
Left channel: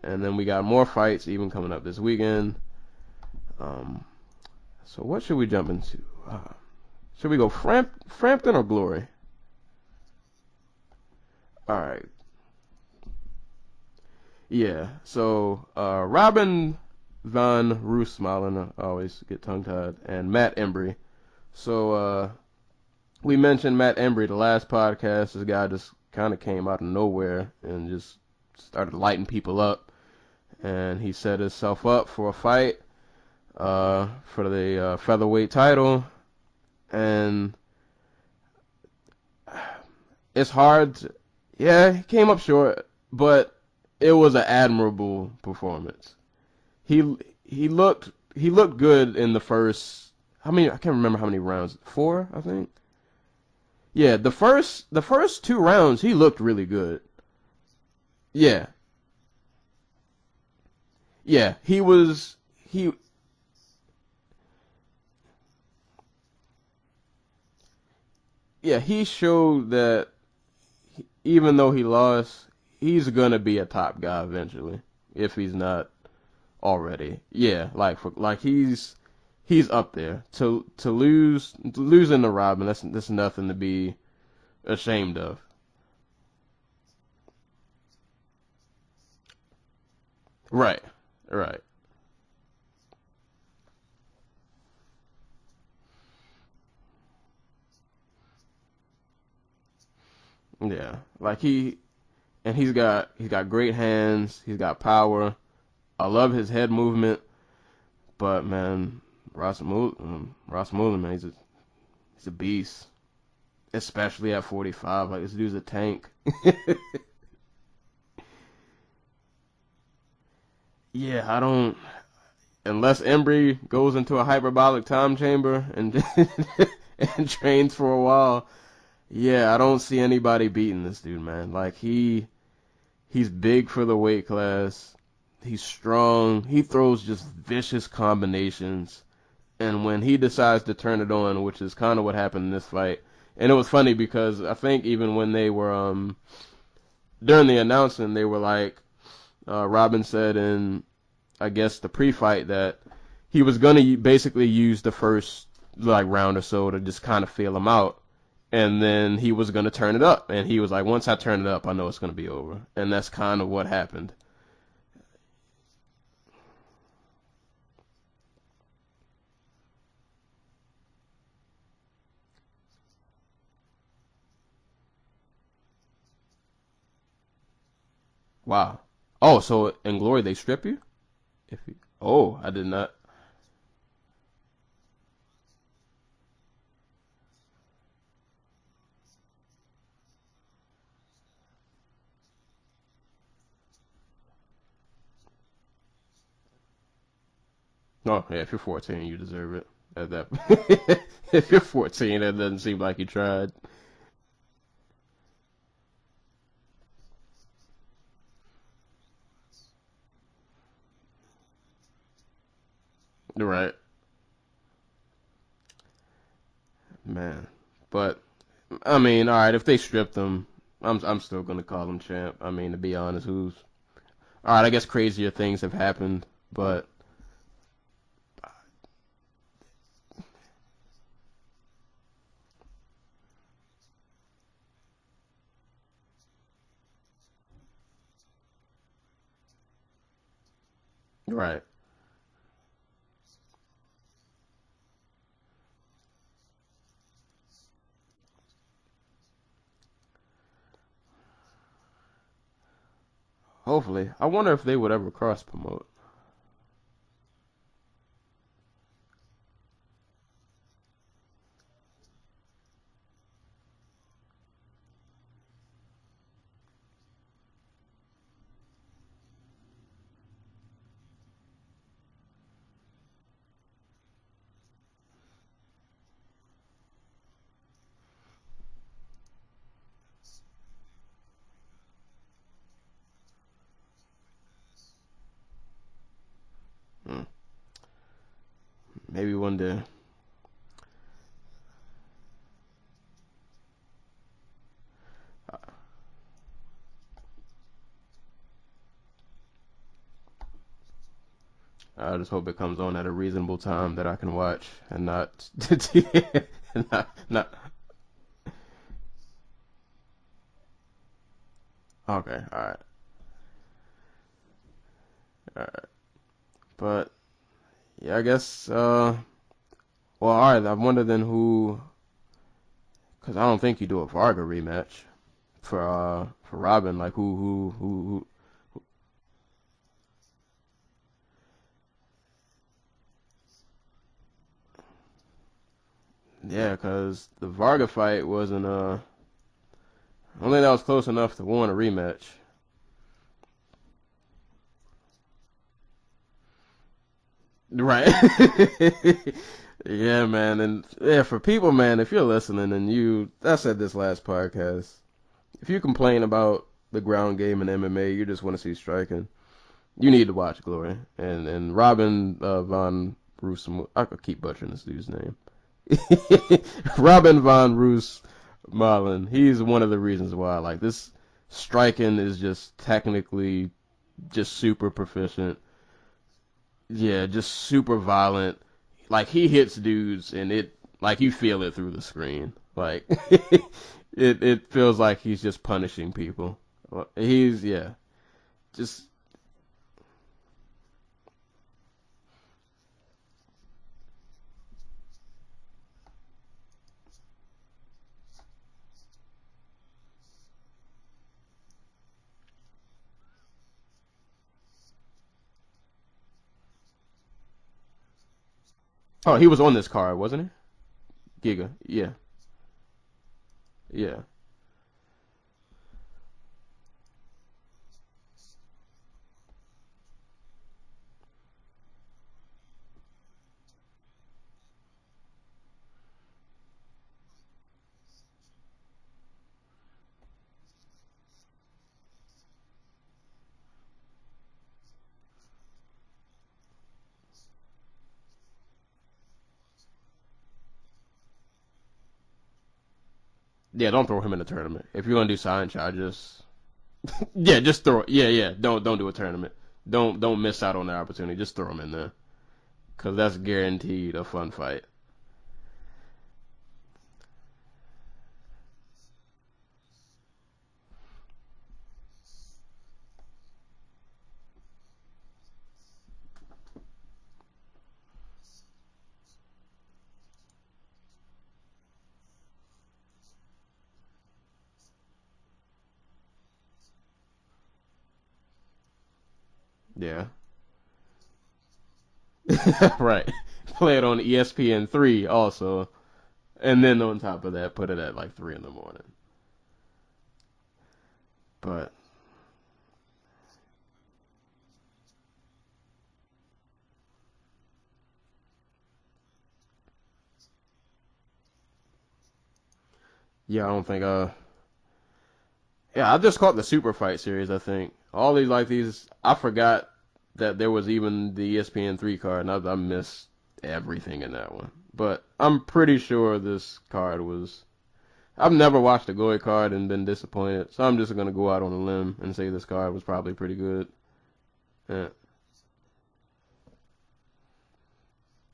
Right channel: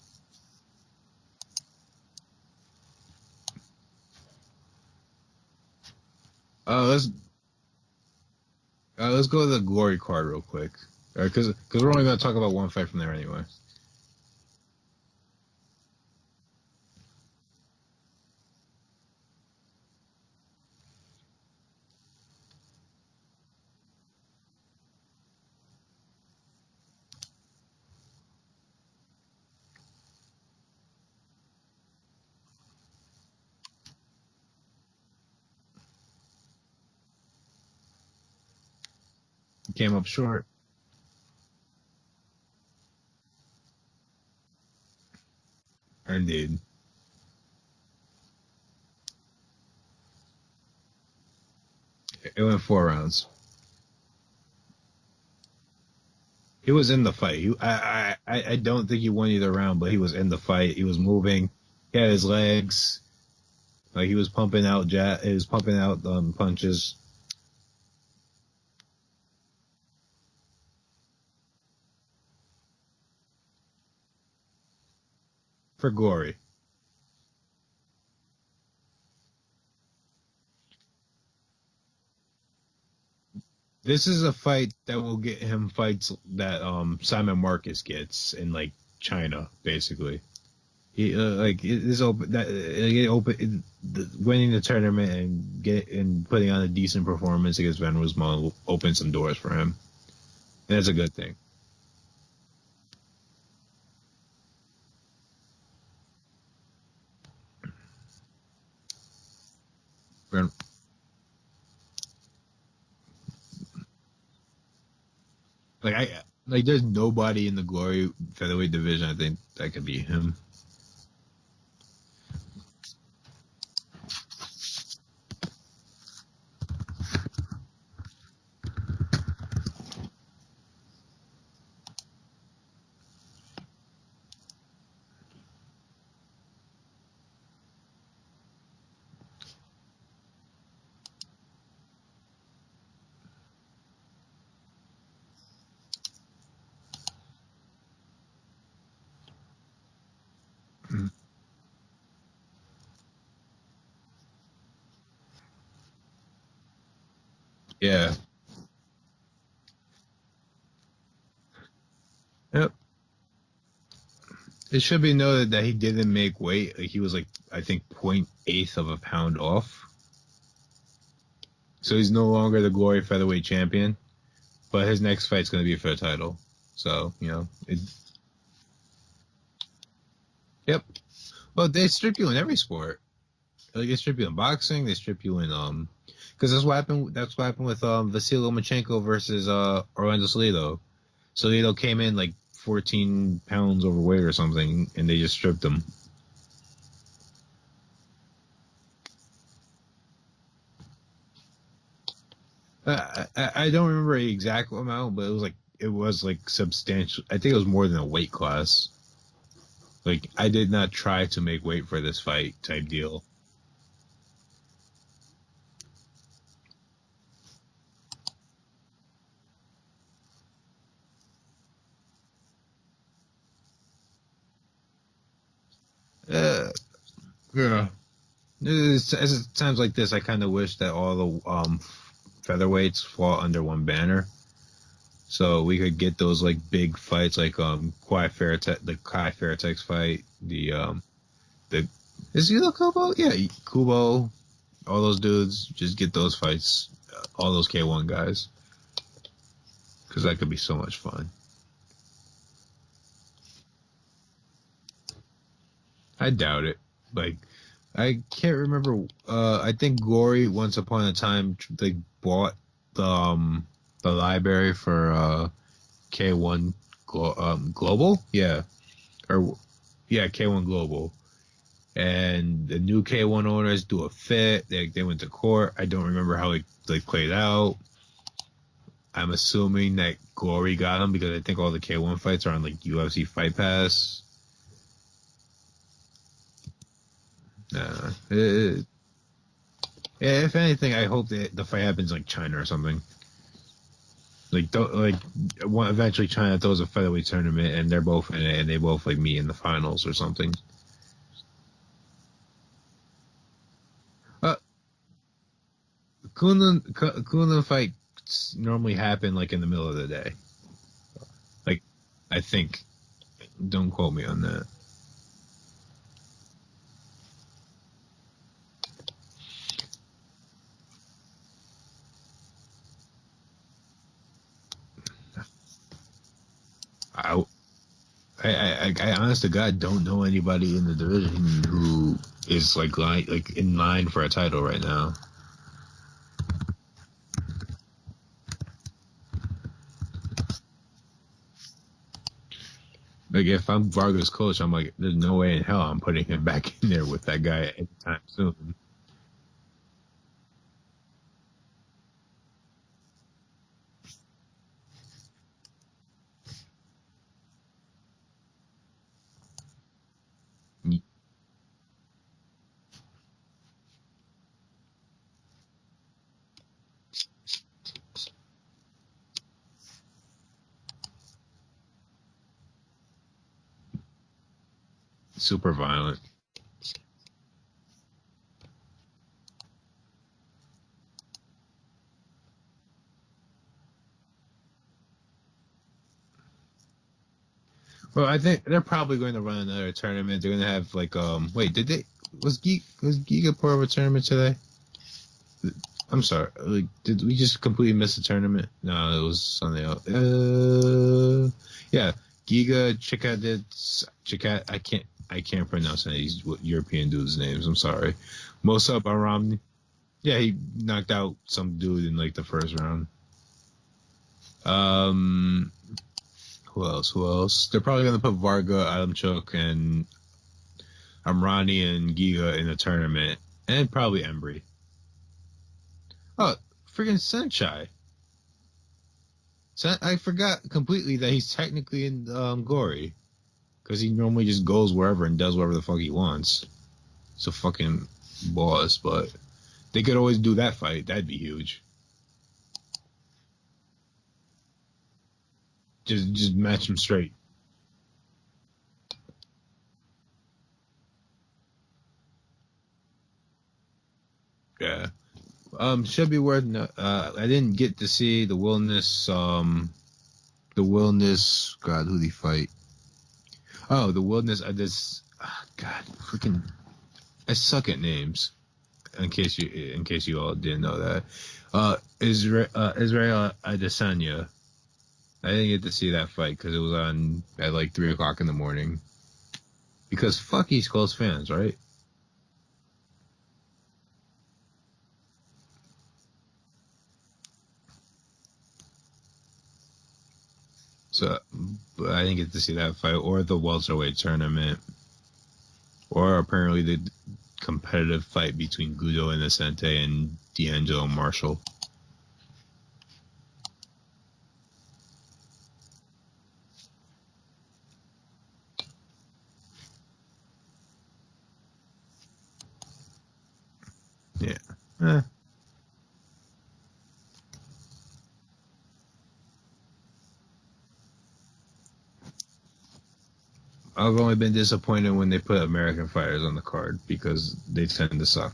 And then we got more fights even coming up this weekend. So what should we jump into? Should we go Frampton or Glory? Let's go to the Glory card real quick. Because we're only going to talk about one fight from there anyway. Yeah. So Robin van Roosmalen, I always get tongue-tied, and Matt Embree. So we mentioned Matt Embree the last podcast. This guy just kind of came out of nowhere and just started lighting people up. And he set himself up for a fight for the featherweight title. And he came up short. It's hard. He came up short, but it was an admirable performance. Indeed. He looked good in the first. I can't remember how many rounds. 4. It went 4 rounds. Yeah, the first 2 rounds he looked really good. He was in the fight. I don't think he won either round, but he was in the fight. He was moving. Yeah, he was. He had his legs. Like he was pumping out punches. Yeah, he showed that even though he lost, he's gonna be a top guy eventually if he's not For Glory. already. Yeah, he's up there. To losing to Robin, that's nothing to be. This is a fight that ashamed will of. get him fights that Simon Marcus gets in like China, basically. Right. He right. like it is open that winning the tournament and putting on a decent performance against Van Roosmalen will open some doors for him. That's a good thing. Like he's got great hands. He's got power. I love his head movement. But man, Roosmalen, man, he's a beast. Especially at 45, like this dude's a tank. There's nobody in the Glory featherweight division I think that could beat him. Yeah, I don't. Unless Embree goes into a hyperbolic time chamber and and trains for a while, yeah, I don't see anybody beating this dude, man. Like he's big for the weight class. He's strong. He throws just vicious combinations, and when he decides to turn it on, which is kind of what happened in this fight. And it was funny because I think even when they were during the announcement, they were like, Robin said in, I guess, the pre-fight that he was going to basically use the first round or so to just kind of feel him out. Yeah. And then he was going to turn it up. And he was like, once I turn it up, I know it's going to be over. Yep. And that's kind of what happened. It should be noted that he didn't make weight. Like he was I think 0.8 of a pound off. So he's no longer the Glory featherweight champion, but his next fight's going to be for the title. So, Wow. Oh, so in Glory they strip you? Yep. Well, they strip you in every Not. sport. Like they strip you in boxing, they strip you in because that's what happened with Vasily Lomachenko versus Orlando Salido. Salido came in like 14 pounds overweight or something, and they just stripped him. Oh, yeah, if you're 14, you deserve it. At that if you're 14, that doesn't seem like you tried. I don't remember the exact amount, but it was substantial. I think it was more than a weight class. Like I did not try to make weight for this fight type deal. Right. Man, but I mean, all right, if they stripped him, I'm still gonna call him champ. I mean, to be honest, all right? I guess crazier things have happened, but yeah. As times like this, I kind of wish that all the featherweights fall under one banner, so we could get those big fights the Kai Fairtex fight, right. Is he the Kubo? Yeah, Kubo, all those dudes. Just get those fights, all those K1 guys, because that could be so much fun. Hopefully, I wonder if they would ever cross promote. I doubt it. I can't remember. I think Glory once upon a time they bought the library for K1 Global. Yeah, K1 Global. And the new K1 owners do a fit. They went to court. I don't remember how they played out. I'm assuming that Glory got them because I think all the K1 fights are on UFC Fight Pass. Maybe one day. Yeah, if anything, I hope that the fight happens China or something. Eventually China throws a featherweight tournament and they're both in it and they both meet in the finals or something. I just hope it comes on at a reasonable time that I can watch and not. Kunlun fights normally happen in the middle of the day. Okay, I think. Right. Don't quote me on that. All right. But yeah, I guess. Well, all right. I wonder then who, because I don't think you do a Varga rematch for Robin. Who? I honest to God don't know anybody in the division who is in line for a title right now. Yeah, because the Varga fight wasn't I don't think that was close enough to warrant a rematch. If I'm Varga's coach, I'm there's no way in hell I'm putting him back in there with that guy. Right. Yeah, man. And yeah, for people, man, if you're listening and I said this last podcast, if you complain about the ground game in MMA, you just want to see striking, you need to watch Glory. And Robin I could keep butchering this dude's name. Robin von Roosmalen. He's one of the reasons why. Like, this striking is just technically just super proficient. Super violent. Yeah, just super violent. Like, he hits dudes, and you feel it through the screen. Like, it feels like he's just punishing people. Well, I think they're probably going to run another tournament. They're going to have, like, wait, was Giga part of a tournament today? I'm sorry. Like, did we just completely miss a tournament? No, it was something else. Yeah, Giga, Chikat. I can't pronounce any of these European dudes' names. I'm sorry. Mosa Baran. Oh, he was on this card, wasn't he? Yeah, he knocked out Giga. some dude in like the first round. Yeah. Who else? They're probably gonna put Varga, Adamchuk, and Amrani and Giga in a tournament, and probably Embree. Oh, freaking Senchai. I forgot completely that he's technically in Gory, because he normally just goes wherever and does whatever the fuck he wants. It's a fucking boss, but they could always do that fight. That'd be huge. Yeah, don't throw him in a tournament. If you're gonna do sign charges, just match him straight. Yeah, just throw. Yeah. Don't do a tournament. Don't miss out on the opportunity. Just throw him in there, cause that's guaranteed a fun fight. Yeah. Should be worth. I didn't get to see the Wilderness. God, who'd he fight? Oh, the Wilderness. God, freaking. I suck at names. In case you all didn't know that. Israel Adesanya. I didn't get to see that fight because it was on at like 3:00 in the morning. Yeah. Because fuck East Coast fans, right? Right. Play it on ESPN3 also, and then on top of that, put it at like 3 in the morning. So, but I didn't get to see that fight or the welterweight tournament, or apparently the competitive fight between Guido Innocente and D'Angelo Marshall. Yeah, I don't think. Yeah, I just caught the super fight series. I think all these I forgot that there was even the ESPN3 card, and I missed everything in that one. But I'm pretty sure this card was. I've never watched a Goy card and been disappointed, so I'm just gonna go out on a limb and say this card was probably pretty good. I've only been disappointed when they put American fighters on the card because they tend to suck.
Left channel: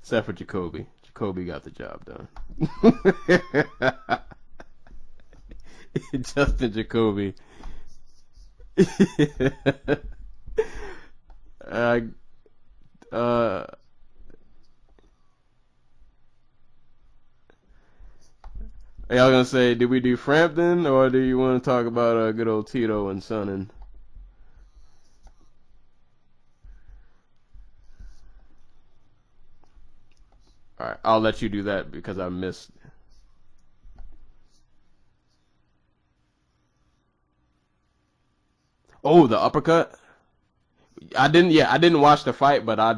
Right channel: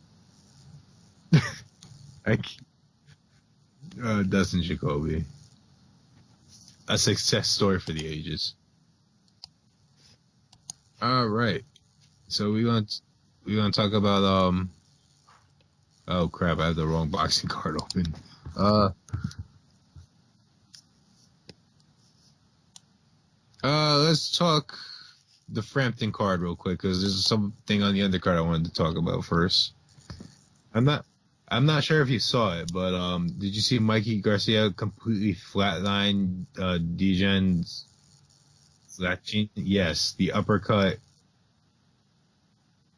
Except for Jacoby. Jacoby got the job done. Dustin Jacoby. Justin Jacoby. A success story for the ages. All right. So we're gonna talk about Oh crap! I have the wrong boxing card open. I was gonna say, did we do Frampton or do you want to talk about good old Tito and Sonnen? Let's talk the Frampton card real quick because there's something on the undercard I wanted to talk about first. I'll let you do that. I'm not sure if you saw it, but did you see Mikey Garcia completely flatline Dijon's? Oh, the uppercut? Yes, the uppercut. I didn't watch the fight, but I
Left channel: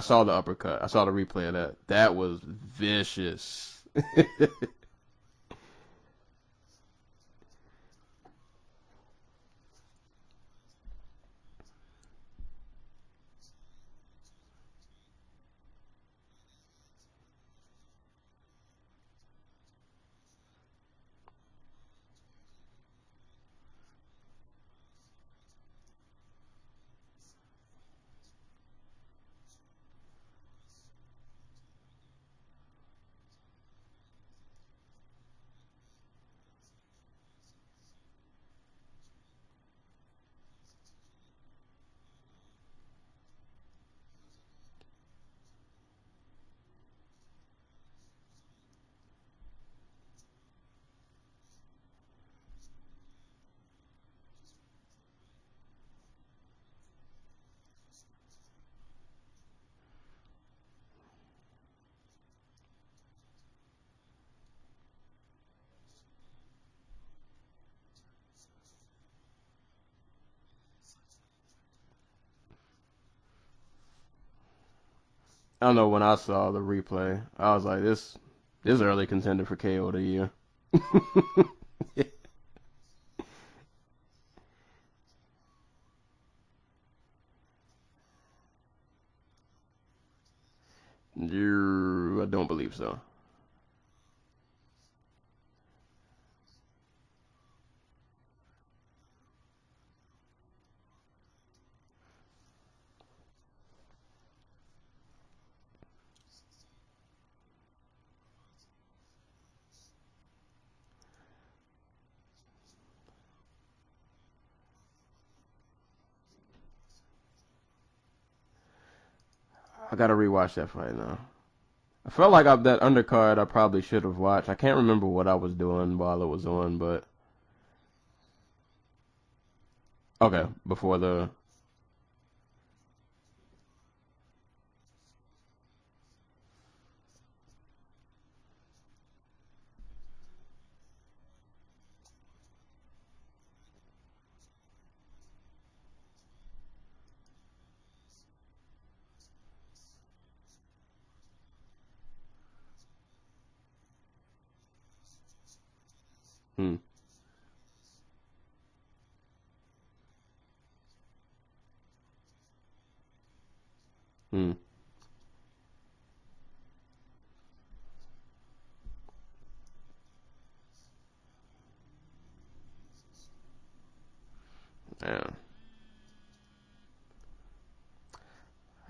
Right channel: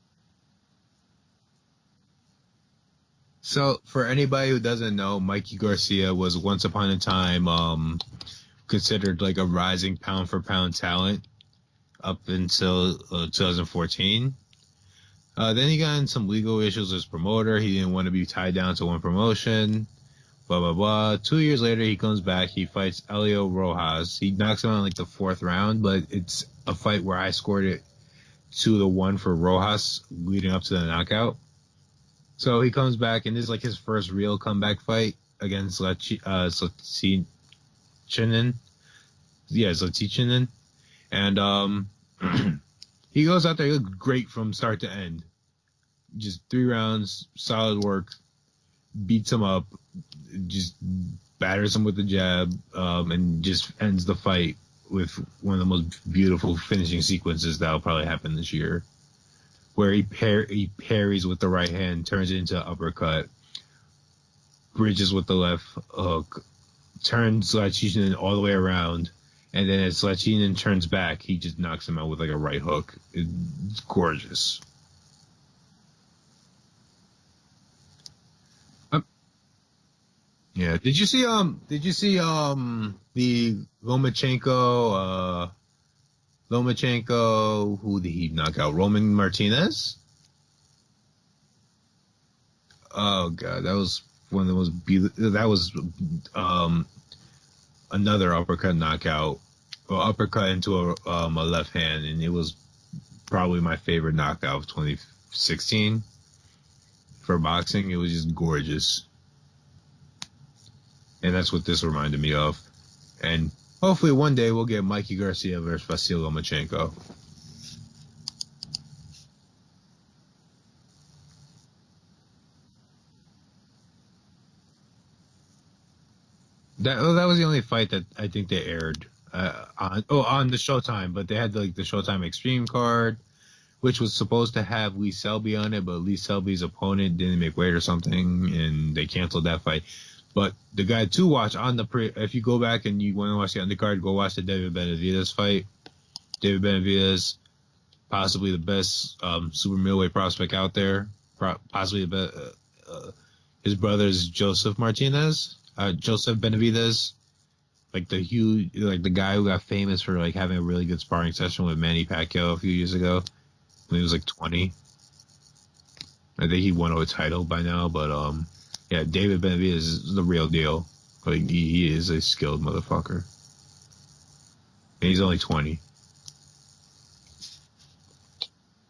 saw the uppercut. I saw the replay of that. That was vicious. So, for anybody who doesn't know, Mikey Garcia was once upon a time considered like a rising pound for pound talent up until 2014. Then he got in some legal issues as promoter. He didn't want to be tied down to one promotion. Blah, blah, blah. 2 years later, he comes back. He fights Elio Rojas. He knocks him out in like the 4th round, but it's a fight where I scored it 2-1 for Rojas leading up to the knockout. So he comes back, and this is like his first real comeback fight against Zlatichinin. Yeah, Zlatichinin. And he goes out there, he looks great from start to end. Just 3 rounds, solid work, beats him up, just batters him with the jab, and just ends the fight with one of the most beautiful finishing sequences that'll probably happen this year, where he parries with the right hand, turns it into an uppercut, bridges with the left hook, turns Zlatichinin all the way around, and then as Zlatichinin turns back, he just knocks him out with like a right hook. It's gorgeous. I don't know, when I saw the replay, I was like, this is early contender for KO of the year. Yeah. Did you see the Lomachenko Lomachenko, who did he knock out? Roman Martinez? I don't believe so. Oh god, that was one of the most that was another uppercut knockout, or uppercut into a left hand, and it was probably my favorite knockout of 2016 for boxing. It was just gorgeous, and that's what this reminded me of. And hopefully one day we'll get Mikey Garcia versus Vasyl Lomachenko. I gotta rewatch that fight now. I felt like that undercard I probably should have watched. I can't remember what I was doing while it was on. But That was the only fight that I think they aired on the Showtime. But they had the Showtime Extreme card, which was supposed to have Lee Selby on it, but Lee Selby's opponent didn't make weight or something, and they canceled that fight. But the guy to watch on the if you go back and you want to watch the undercard, go watch the David Benavidez fight. David Benavidez, possibly the best super middleweight prospect out there. Possibly the best. His brother is Joseph Benavidez, like the guy who got famous for like having a really good sparring session with Manny Pacquiao a few years ago when he was like 20. I think he won a title by now, but yeah, David Benavidez is the real deal. Like he is a skilled motherfucker. And he's only 20.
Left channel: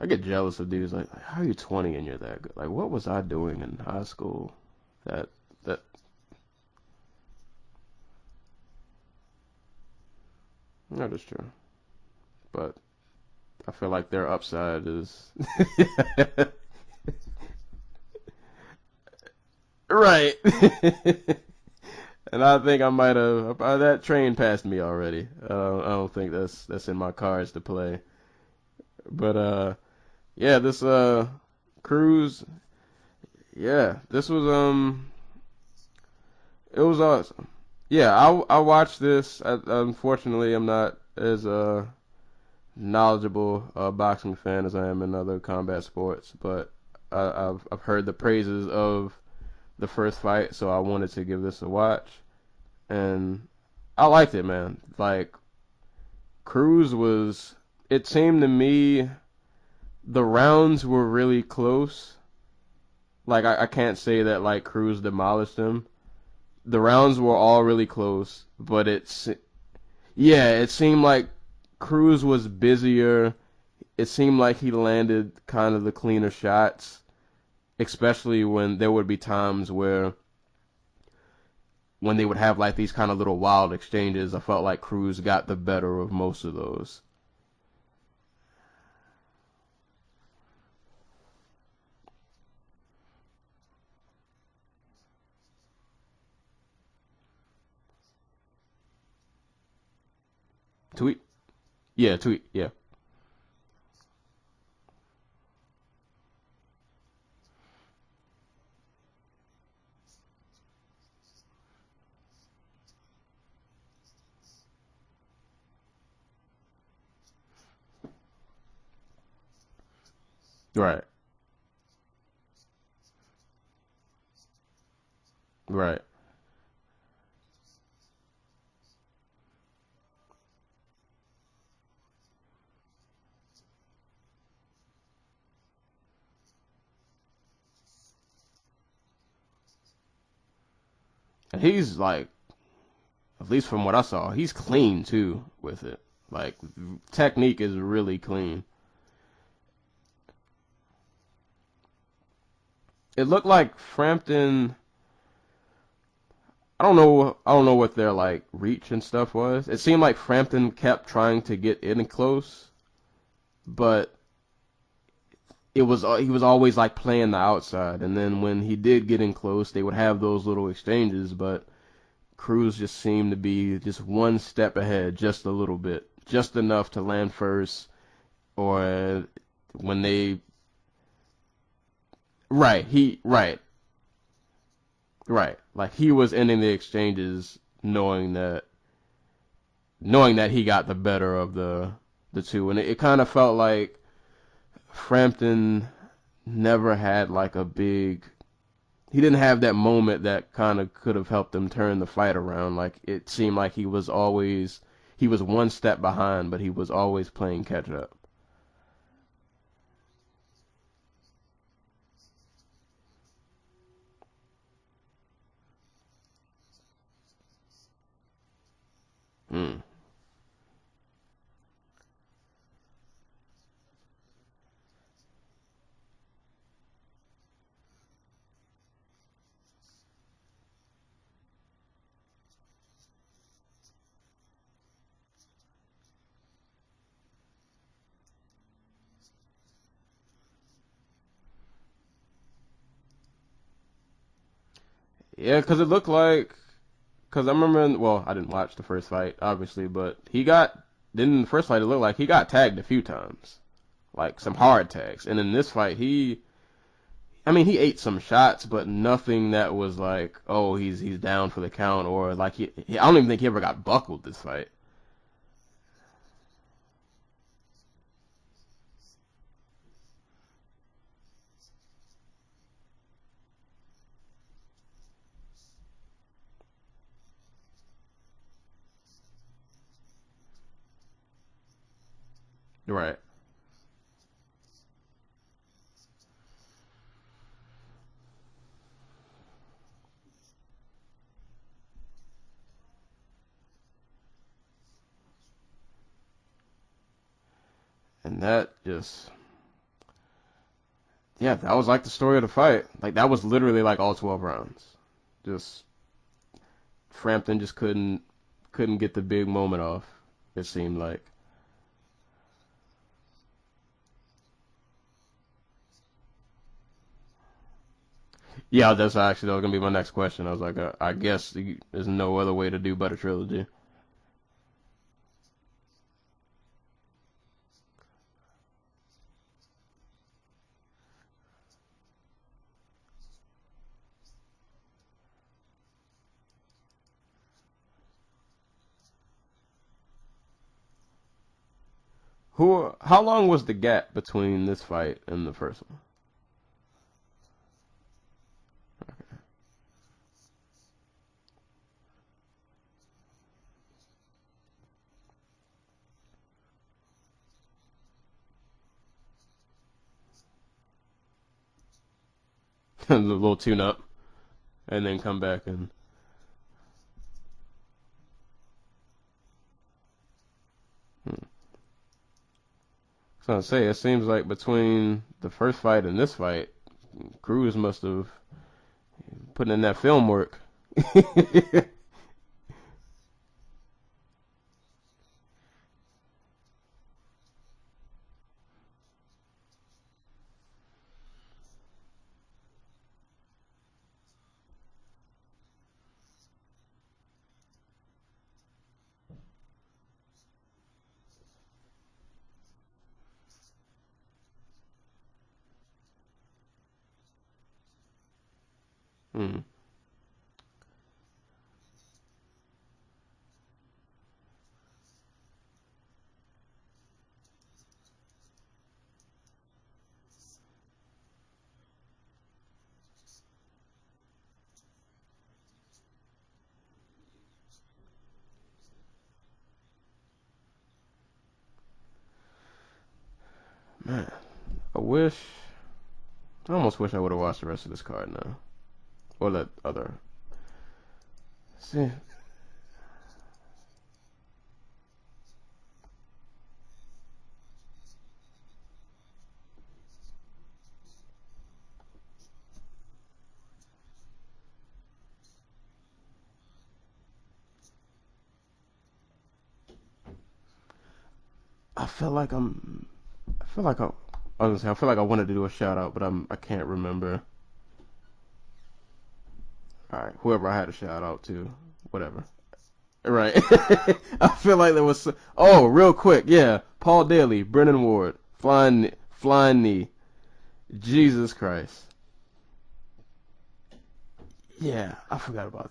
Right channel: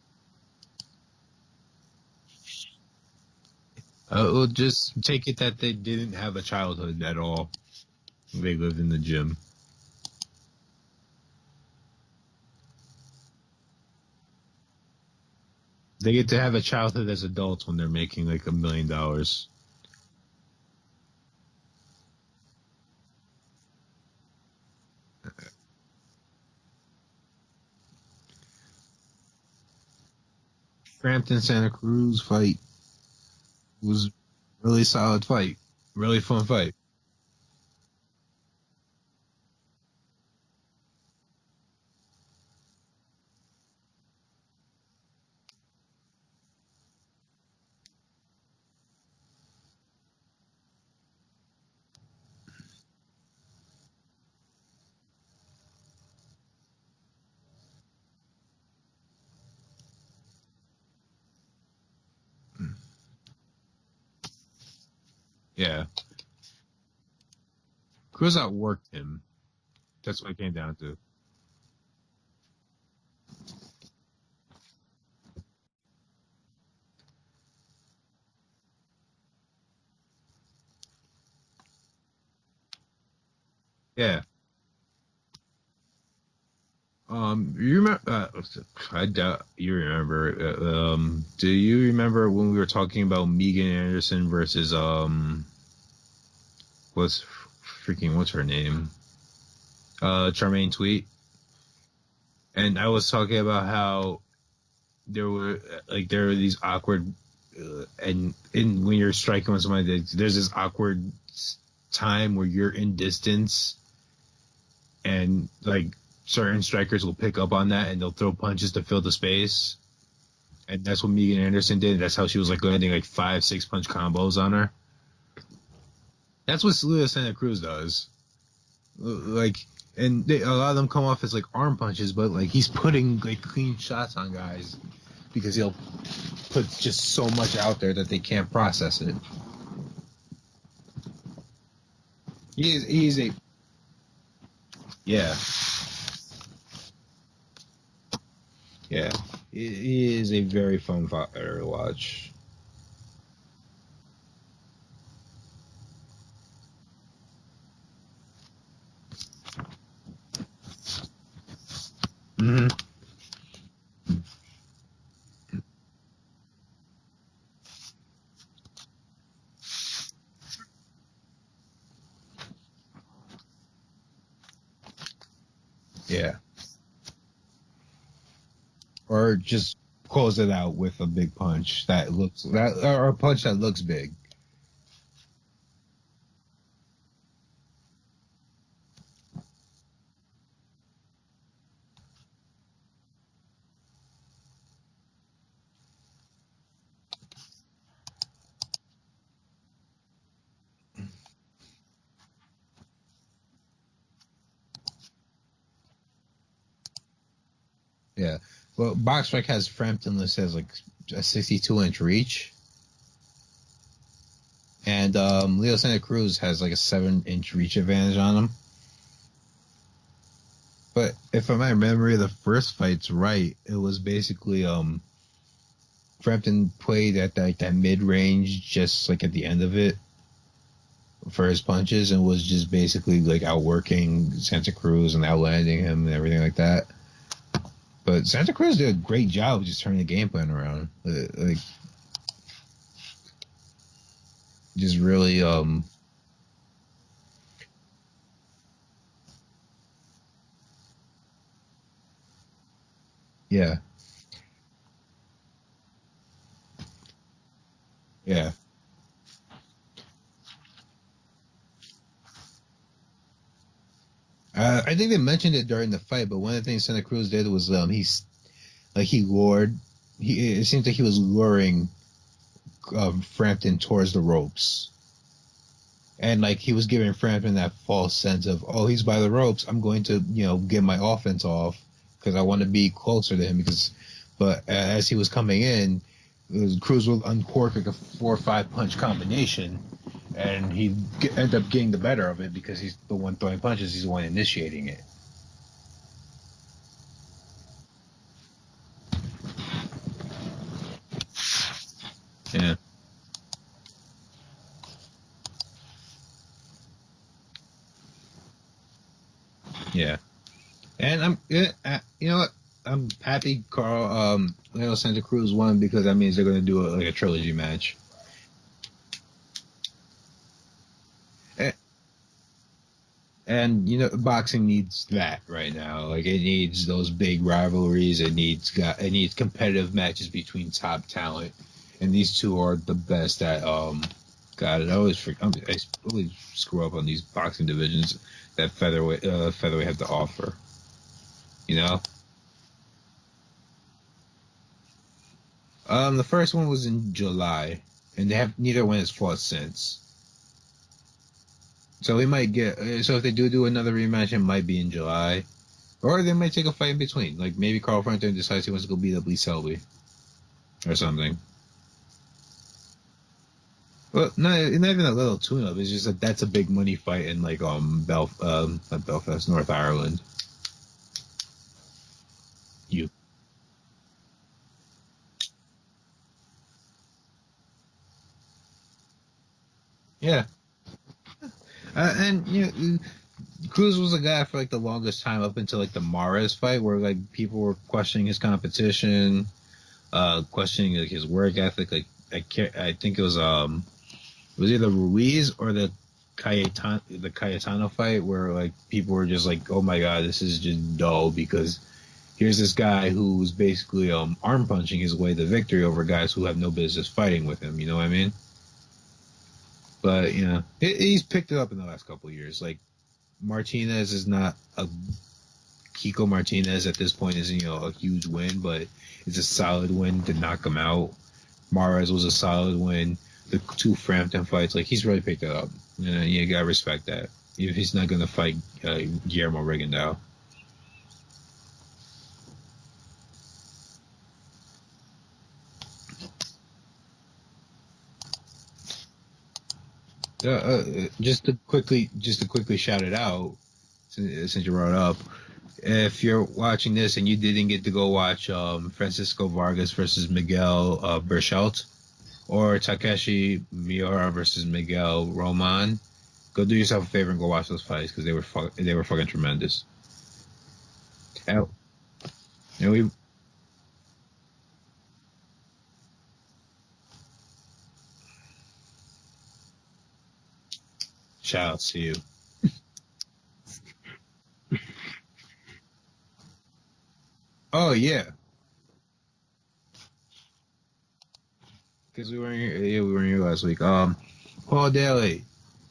I get jealous of dudes like, how are you 20 and you're that good? Like, what was I doing in high school? Just take it that they didn't have a childhood at all. They lived in the gym. That is true. But I feel like their upside is... They get to have a childhood as adults when they're making like $1 million. Right. And I think I might have... that train passed me already. I don't think that's in my cards to play. But, yeah, this Frampton Santa Cruz fight. Yeah, this was really solid fight. Really fun fight. It was awesome. Yeah, I watched this. Unfortunately, I'm not as knowledgeable boxing fan as I am in other combat sports, but I've heard the praises of the first fight, so I wanted to give this a watch, and I liked it, man. Like, Cruz was. It seemed to me the rounds were really close. Like, I can't say that, like, Cruz demolished him. Yeah. The rounds were all really close. Cruz outworked but him. it seemed like Cruz was busier. It seemed like he landed kind of the cleaner shots, especially when there would be times when they would have like these kind of little wild exchanges. I felt like Cruz got the better of most of those. You remember? I doubt you remember. Do you remember when we were talking about Megan Anderson versus what's her name? Charmaine Tweet. Yeah, Tweet. Yeah. And I was talking about how there were these awkward and when you're striking with somebody, there's this awkward time where you're in distance, and like certain strikers will pick up on that and they'll throw punches to fill the space. And that's what Megan Anderson did. That's how she was like landing like 5-6 punch combos on her. Right. That's what Leo Santa Cruz does. Like, and a lot of them come off as like arm punches, but like he's putting like clean shots on guys because he'll put just so much out there that they can't process it. And he's like, he's at least from what I saw, he's clean too. Yeah. With it. Like, technique is really clean. Yeah, he is a very fun fighter to watch. It looked like Frampton. I don't know what their like reach and stuff was. It seemed like Frampton kept trying to get in close, but he was always like playing the outside. And then when he did get in close, they would have those little exchanges. But Cruz just seemed to be just one step ahead, just a little bit, just enough to land first, or just when they close it out with a big punch that looks right, or a punch that looks big. Right, like he was ending the exchanges knowing that he got the better of the two, and it kind of felt like Frampton never had like a big. He didn't have that moment that kind of could have helped him turn the fight around. Like, it seemed like he he was one step behind, but he was always playing catch up. Yeah. Well, BoxRec has Frampton listed as like a 62-inch reach. And Leo Santa Cruz has like a 7-inch reach advantage on him. But if my memory of the first fight's right, it was basically Frampton played at that mid range, just like at the end of it for his punches, and was just basically like outworking Santa Cruz and outlanding him and everything like that. But Santa Cruz did a great job of just turning the game plan around. Like, just really. Yeah, because it looked like. Because I remember, I didn't watch the first fight, obviously, but in the first fight, it looked like he got tagged a few times. Yeah. Like some hard tags. And in this fight, he ate some shots, but nothing that was like, oh, he's down for the count, or like I don't even think he ever got buckled this fight. I think they mentioned it during the fight, but one of the things Santa Cruz did was he lured. It seems like he was luring Frampton towards the ropes. And like he was giving Frampton that false sense of, oh, he's by the ropes, I'm going to, get my offense off because I want to be closer to him. But as he was coming in, Cruz would uncork like a 4 or 5 punch combination, and he end up getting the better of it because he's the one throwing punches, he's the one initiating it. And that just, that was like the story of the fight. Like that was literally like all 12 rounds. Just Frampton just couldn't get the big moment off. Yeah, it seemed like. And you know what? I'm happy Leo Santa Cruz won because that means they're going to do a trilogy match. Yeah, that was going to be my next question. I was like, I guess there's no other way to do but a trilogy. And boxing needs that right now. Like it needs those big rivalries. It needs competitive matches between top talent, and these two are the best at God, I always screw up on these boxing divisions that featherweight have to offer. How long was the gap between this fight and the first one? The first one was in July, and neither one has fought since. So we might so if they do another rematch, it might be in July, or they might take a fight in between. Like maybe Carl Frampton decides he wants to go beat up Lee Selby, or something. A little tune-up. Well, no, not even a little tune-up. It's just that's a big money fight in like not Belfast, North Ireland. I was gonna say, it seems like between the first fight and this fight, Cruz must have put in that film work. And Cruz was a guy for like the longest time up until like the Mares fight, where like people were questioning his competition, questioning like his work ethic. Like I think it was either Ruiz or the Cayetano fight, where like people were just like, oh my god, this is just dull because here's this guy who's basically arm punching his way to victory over guys who have no business fighting with him. You know what I mean? But he's picked it up in the last couple of years. Like Martinez is not Kiko Martinez at this point isn't a huge win, but it's a solid win to knock him out. Mares was a solid win. The two Frampton fights, like he's really picked it up. You gotta respect that. If he's not gonna fight Guillermo Rigondeaux. Man, I almost wish I would have watched the rest of this card now, or that other. Just to quickly shout it out, since you brought it up, if you're watching this and you didn't get to go watch Francisco Vargas versus Miguel Berchelt, or Takeshi Miura versus Miguel Roman, go do yourself a favor and go watch those fights because they were fucking tremendous. I feel like I wanted to do a shout out, but I can't remember. All right, whoever I had to shout out to. Shout out to you. Whatever. Right. I feel like there was. Real quick, yeah. Paul Daly, Brennan Ward, flying knee. Jesus Christ. Because we weren't here last week. Paul Daly. I forgot about that.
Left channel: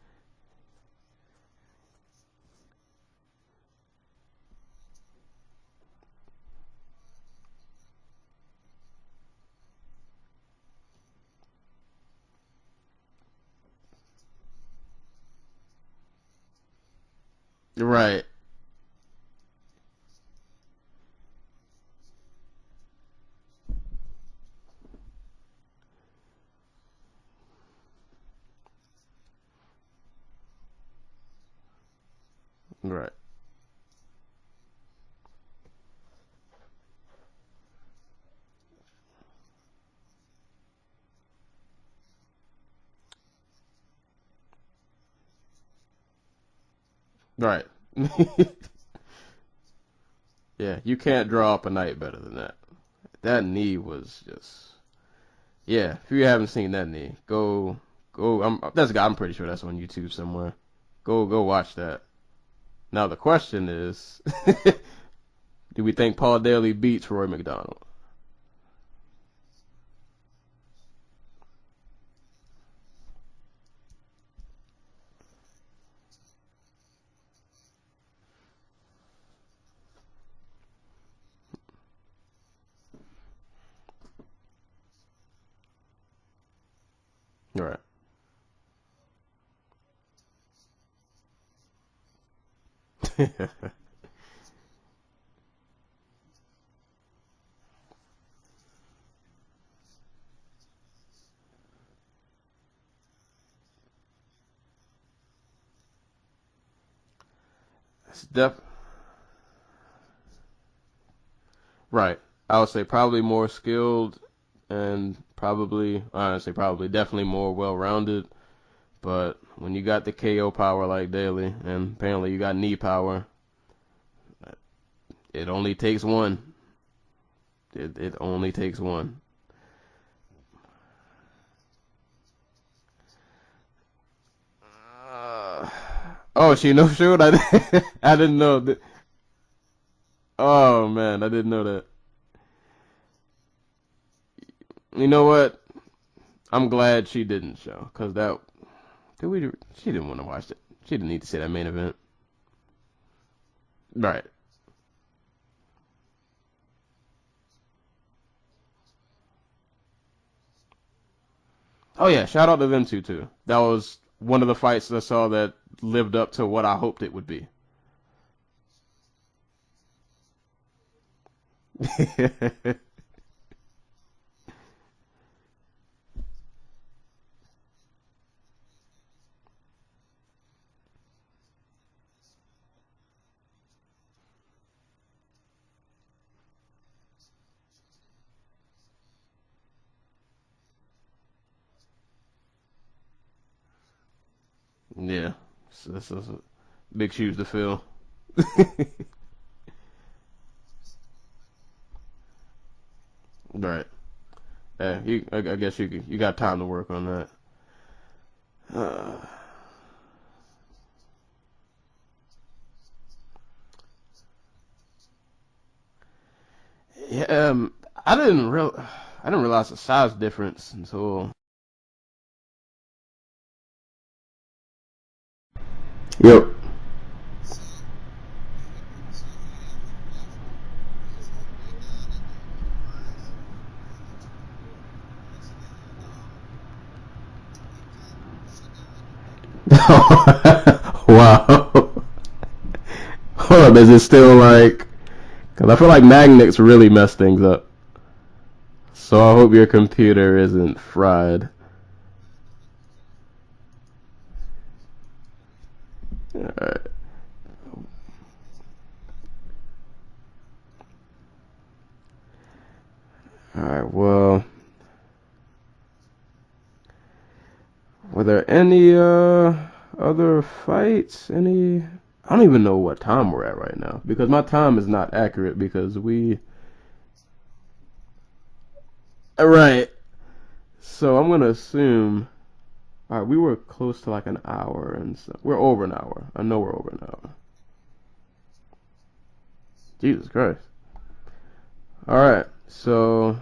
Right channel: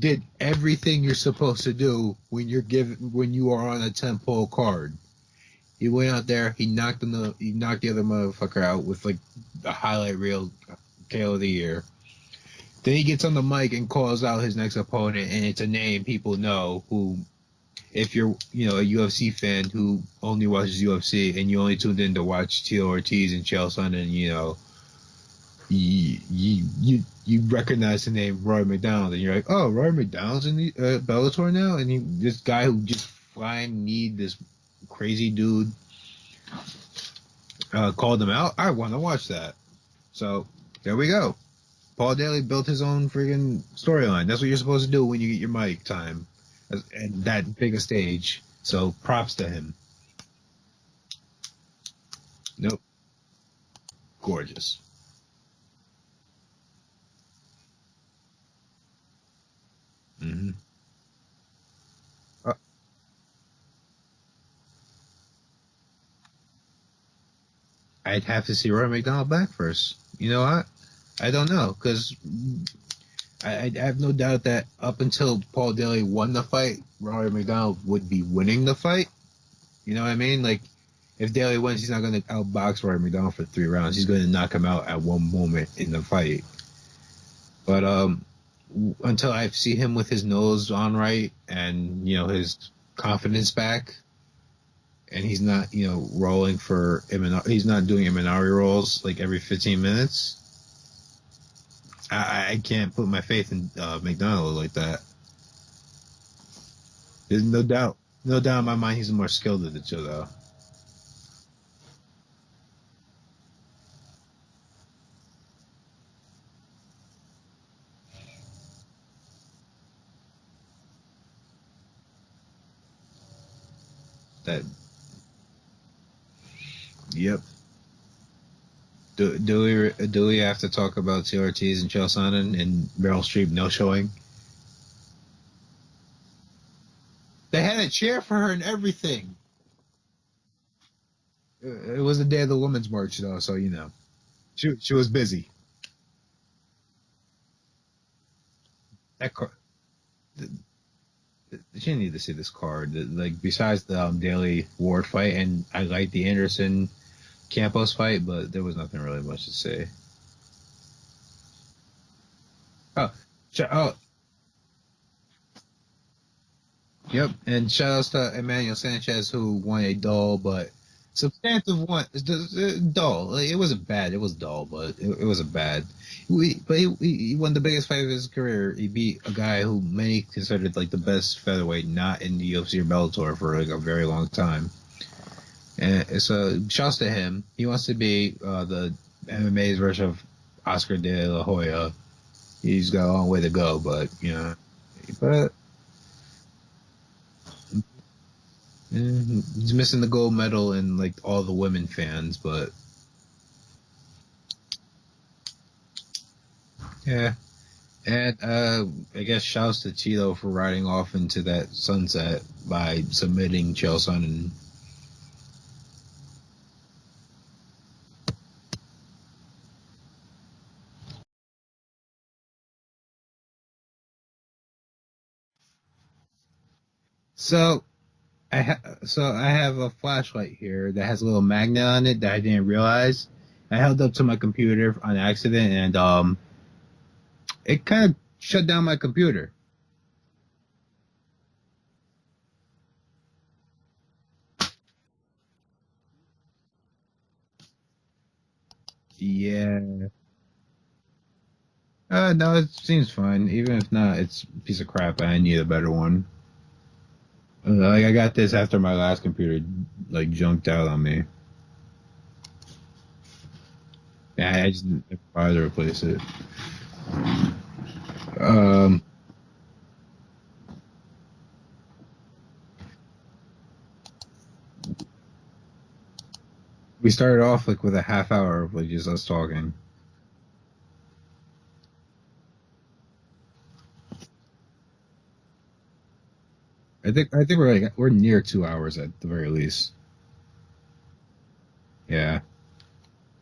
Did everything you're supposed to do when you are on a 10-pole card. He went out there. He knocked the other motherfucker out with like a highlight reel KO of the year. Then he gets on the mic and calls out his next opponent, and it's a name people know who If you're, a UFC fan who only watches UFC and you only tuned in to watch Tito Ortiz and Chael Sonnen, you recognize the name Roy McDonald, and you're like, oh, Roy McDonald's in the Bellator now, and this guy who just flying need this crazy dude called him out. I want to watch that. So there we go. Paul Daly built his own friggin' storyline. That's what you're supposed to do when you get your mic time at that big a stage. So props to him. Yeah, you can't draw up a night better than that. Nope. That knee was gorgeous. Yeah, if you haven't seen that knee, go. I'm pretty sure that's on YouTube somewhere. Mm-hmm. Go watch that. Now the question is, do we think Paul Daly beats Roy McDonald? I'd have to see Roy McDonald back first. You know what? I don't know, because I have no doubt that up until Paul Daly won the fight, Roy McDonald would be winning the fight. You know what I mean? Like, if Daly wins, he's not going to outbox Roy McDonald for 3 rounds. He's going to knock him out at one moment in the fight. Right. But until I see him with his nose on right and, his confidence back, and he's not, rolling for he's not doing Imanari rolls like every 15 minutes, I can't put my faith in McDonald like that. There's no doubt. There's no doubt in my mind he's more skilled than the two, though. Right. I would say probably more skilled and definitely more well-rounded. But when you got the KO power like Daly, and apparently you got knee power, it only takes one. Yep. It only takes one. Do we have to talk about T. Ortiz and Chael Sonnen and Meryl Streep no-showing? She no-showed? I didn't know that. Everything. Oh, man, I didn't know that. It was the day of the Women's March, though, so She was you know busy. What? I'm glad she didn't show, because she didn't want to watch it. She didn't need to see that main event. She didn't need to see this card. Like, besides the Daly Ward fight, and I liked the Anderson Campos fight, but there was nothing really much to say. Oh, yeah, shout out to them too. That was one of the fights I saw that lived up to what I hoped it would be. And shout outs to Emmanuel Sanchez, who won a dull but substantive one. Dull. Like, it wasn't bad. It was dull, but it wasn't bad. He won the biggest fight of his career. He beat a guy who many considered like the best featherweight not in the UFC or Bellator for like a very long time. And so shouts to him. He wants to be the MMA's version of Oscar De La Hoya. He's got a long way to go, but Yeah. This is big shoes to fill. He's missing the gold medal and like all the women fans, but right. Yeah, I guess you got time to work on that. Yeah. And I guess shouts to Tito for riding off into that sunset by submitting Chael Sonnen. Yeah, I didn't realize the size difference until. Yep. So I have a flashlight here that has a little magnet on it that I didn't realize. I held up to my computer on accident, and it kind of shut down my computer. Wow. Hold up, is it still like? Because I feel like magnets really mess things up. So I hope your computer isn't fried. No, it seems fine. Even if not, it's a piece of crap. I need a better one. Alright. Like, I got this after my last computer, like, junked out on me. Alright, well. Yeah, I just didn't bother to replace it. Were there any other fights? Any? I don't even know what time we're at right now, because my time is not accurate because we started off like with a half hour of like just us talking. Right. So I'm gonna assume. All right, we were close to like an hour, and so we're over an hour. I know we're over an hour. I think we're near 2 hours at the very least. Jesus Christ. All right, so.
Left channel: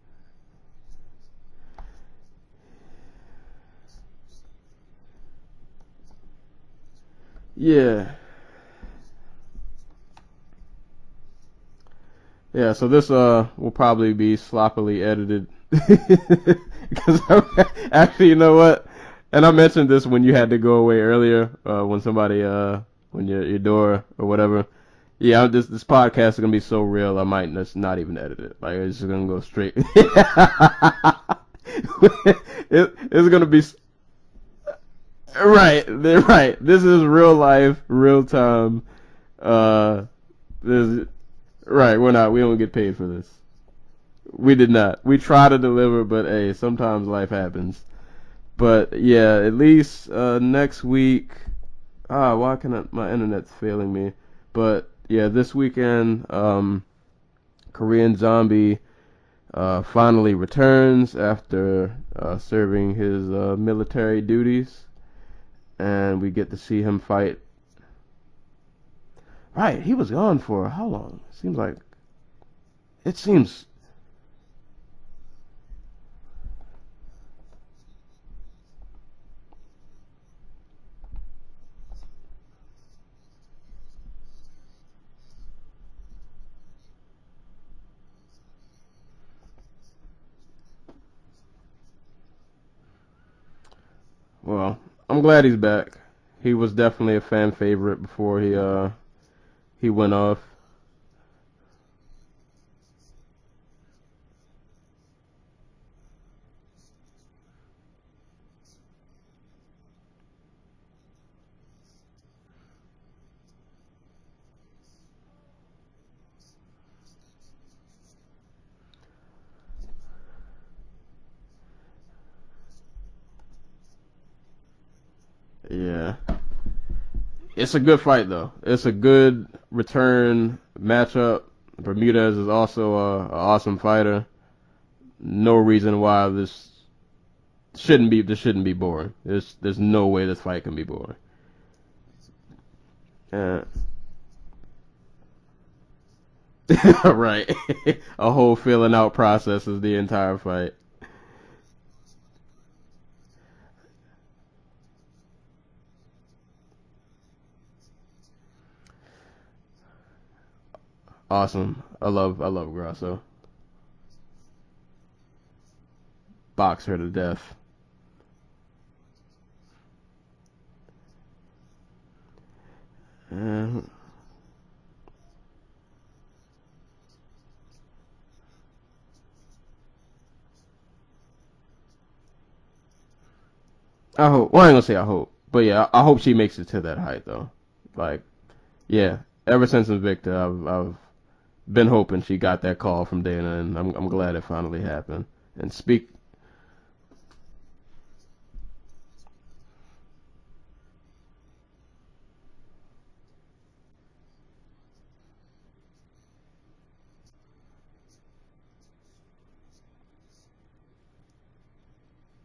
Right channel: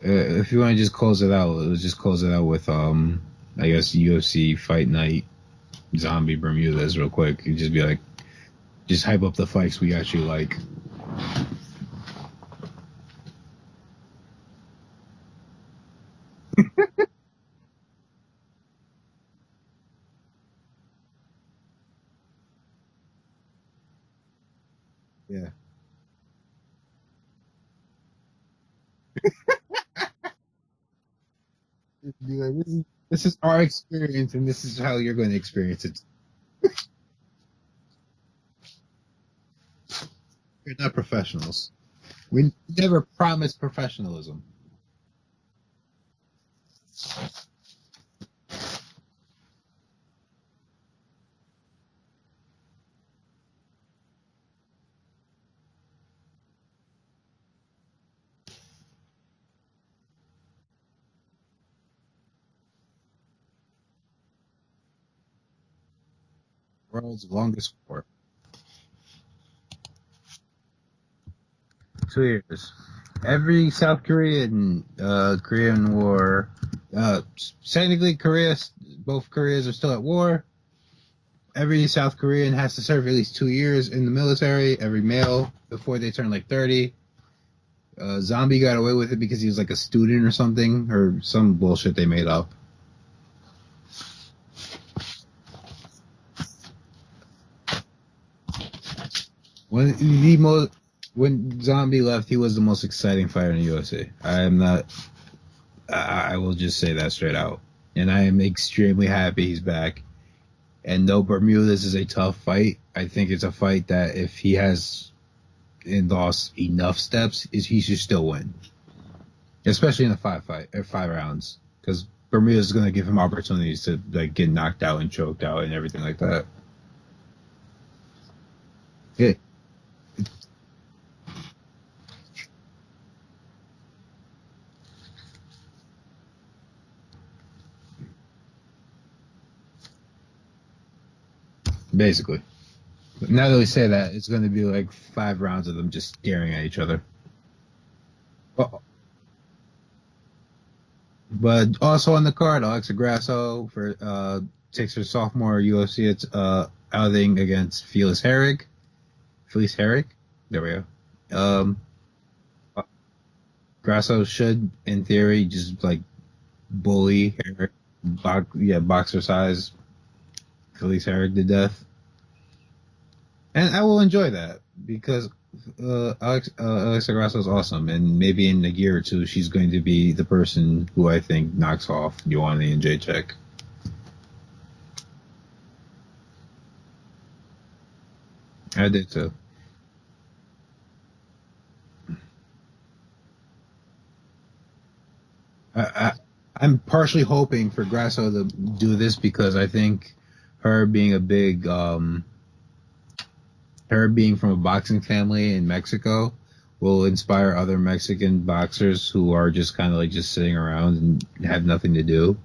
If you want to just close it out, let's just close it out with I guess UFC Fight Night Zombie Bermudez real quick. You just be like, just hype up the fights we actually like. Yeah, so this will probably be sloppily edited. Because actually, you know what? And I mentioned this when you had to go away earlier, when somebody when your door or whatever. Yeah, this podcast is gonna be so real. I might just not even edit it. Like it's just gonna go straight. It's gonna be experience, and this is how you're going to right. experience They're right. This is real life, real time. We're not professionals. Right, we're not. We don't get paid never for this. promised professionalism. We did not. We try to deliver, but hey, sometimes life happens. But yeah, at least next week. Why can my internet's failing me? But yeah, this weekend, Korean Zombie finally returns after serving his military duties, and we get to see him fight. Longest war. Right, he was gone for how long? It seems like 2 years. It's Every South Korean Korean War. Technically, both Koreas are still at war. Every South Korean has to serve at least 2 years in the military. Every male before they turn like 30. Zombie got away with it because he was like a student or something, or some bullshit they made up. Well, I'm glad he's back. He was definitely a fan favorite before he went off. When Zombie left, he was the most exciting fighter in the UFC. I will just say that straight out. And I am extremely happy he's back. And though Bermudez is a tough fight, I think it's a fight that if he has lost enough steps, he should still win. Especially in a 5 rounds. Because Bermudez is going to give him opportunities to like get knocked out and choked out and everything like that. It's a good fight, though. It's a good return matchup. Bermudez is also an awesome fighter. No reason why this shouldn't be boring. There's no way this fight can be boring. Basically. But now that we say that, it's going to be like 5 rounds of them just staring at each other. Right. A whole filling out process is the entire fight. But also on the card, Alexa Grasso takes her sophomore UFC outing against Felice Herrig. There we go. Awesome. I love Grasso. Grasso should, in theory, just like box bully, boxercise Felice Herrig to death. And I will enjoy that because Alexa Grasso is awesome, and maybe in a year or two she's going to be the person who I think knocks off Ioane and Jacek. I hope. Well, I ain't gonna say I hope, but yeah, I hope she makes it to that height though. Like, I do too. Ever since Invicta, I've been hoping she got that call from Dana, and I'm glad it finally happened. And I'm partially hoping for Grasso to do this because I think her being from a boxing family in Mexico will inspire other Mexican boxers who are just kind of like just sitting around and have nothing to do,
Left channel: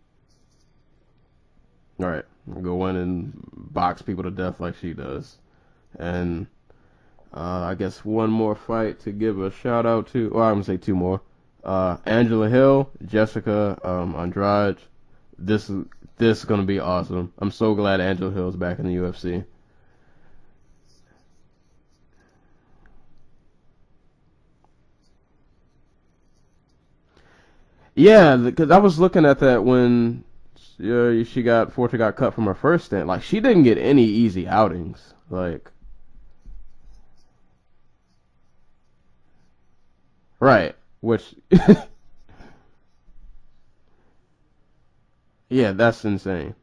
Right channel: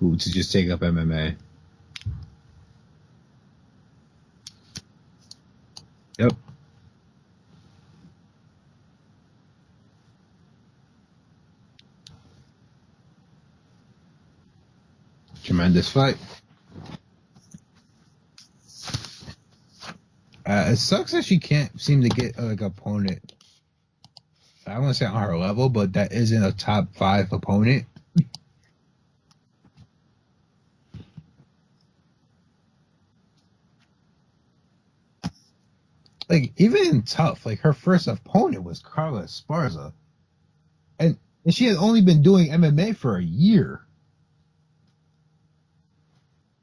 to just take up MMA. All right, go in and box people to death like she does. And I guess one more fight to give a shout out to. Well, I'm gonna say 2 more. Angela Hill, Jessica Andrade. Tremendous fight. This is gonna be awesome. I'm so glad Angela Hill's back in the UFC. It sucks that she can't seem to get like opponent. I don't want to say on her level, but that isn't a top 5 opponent. Yeah, because I was looking at that when Forte got cut from her first stint. Like she didn't get any easy outings. Like even in tough, like her first opponent was Carla Esparza. Right. And she had only been doing MMA for a year. Yeah, that's insane.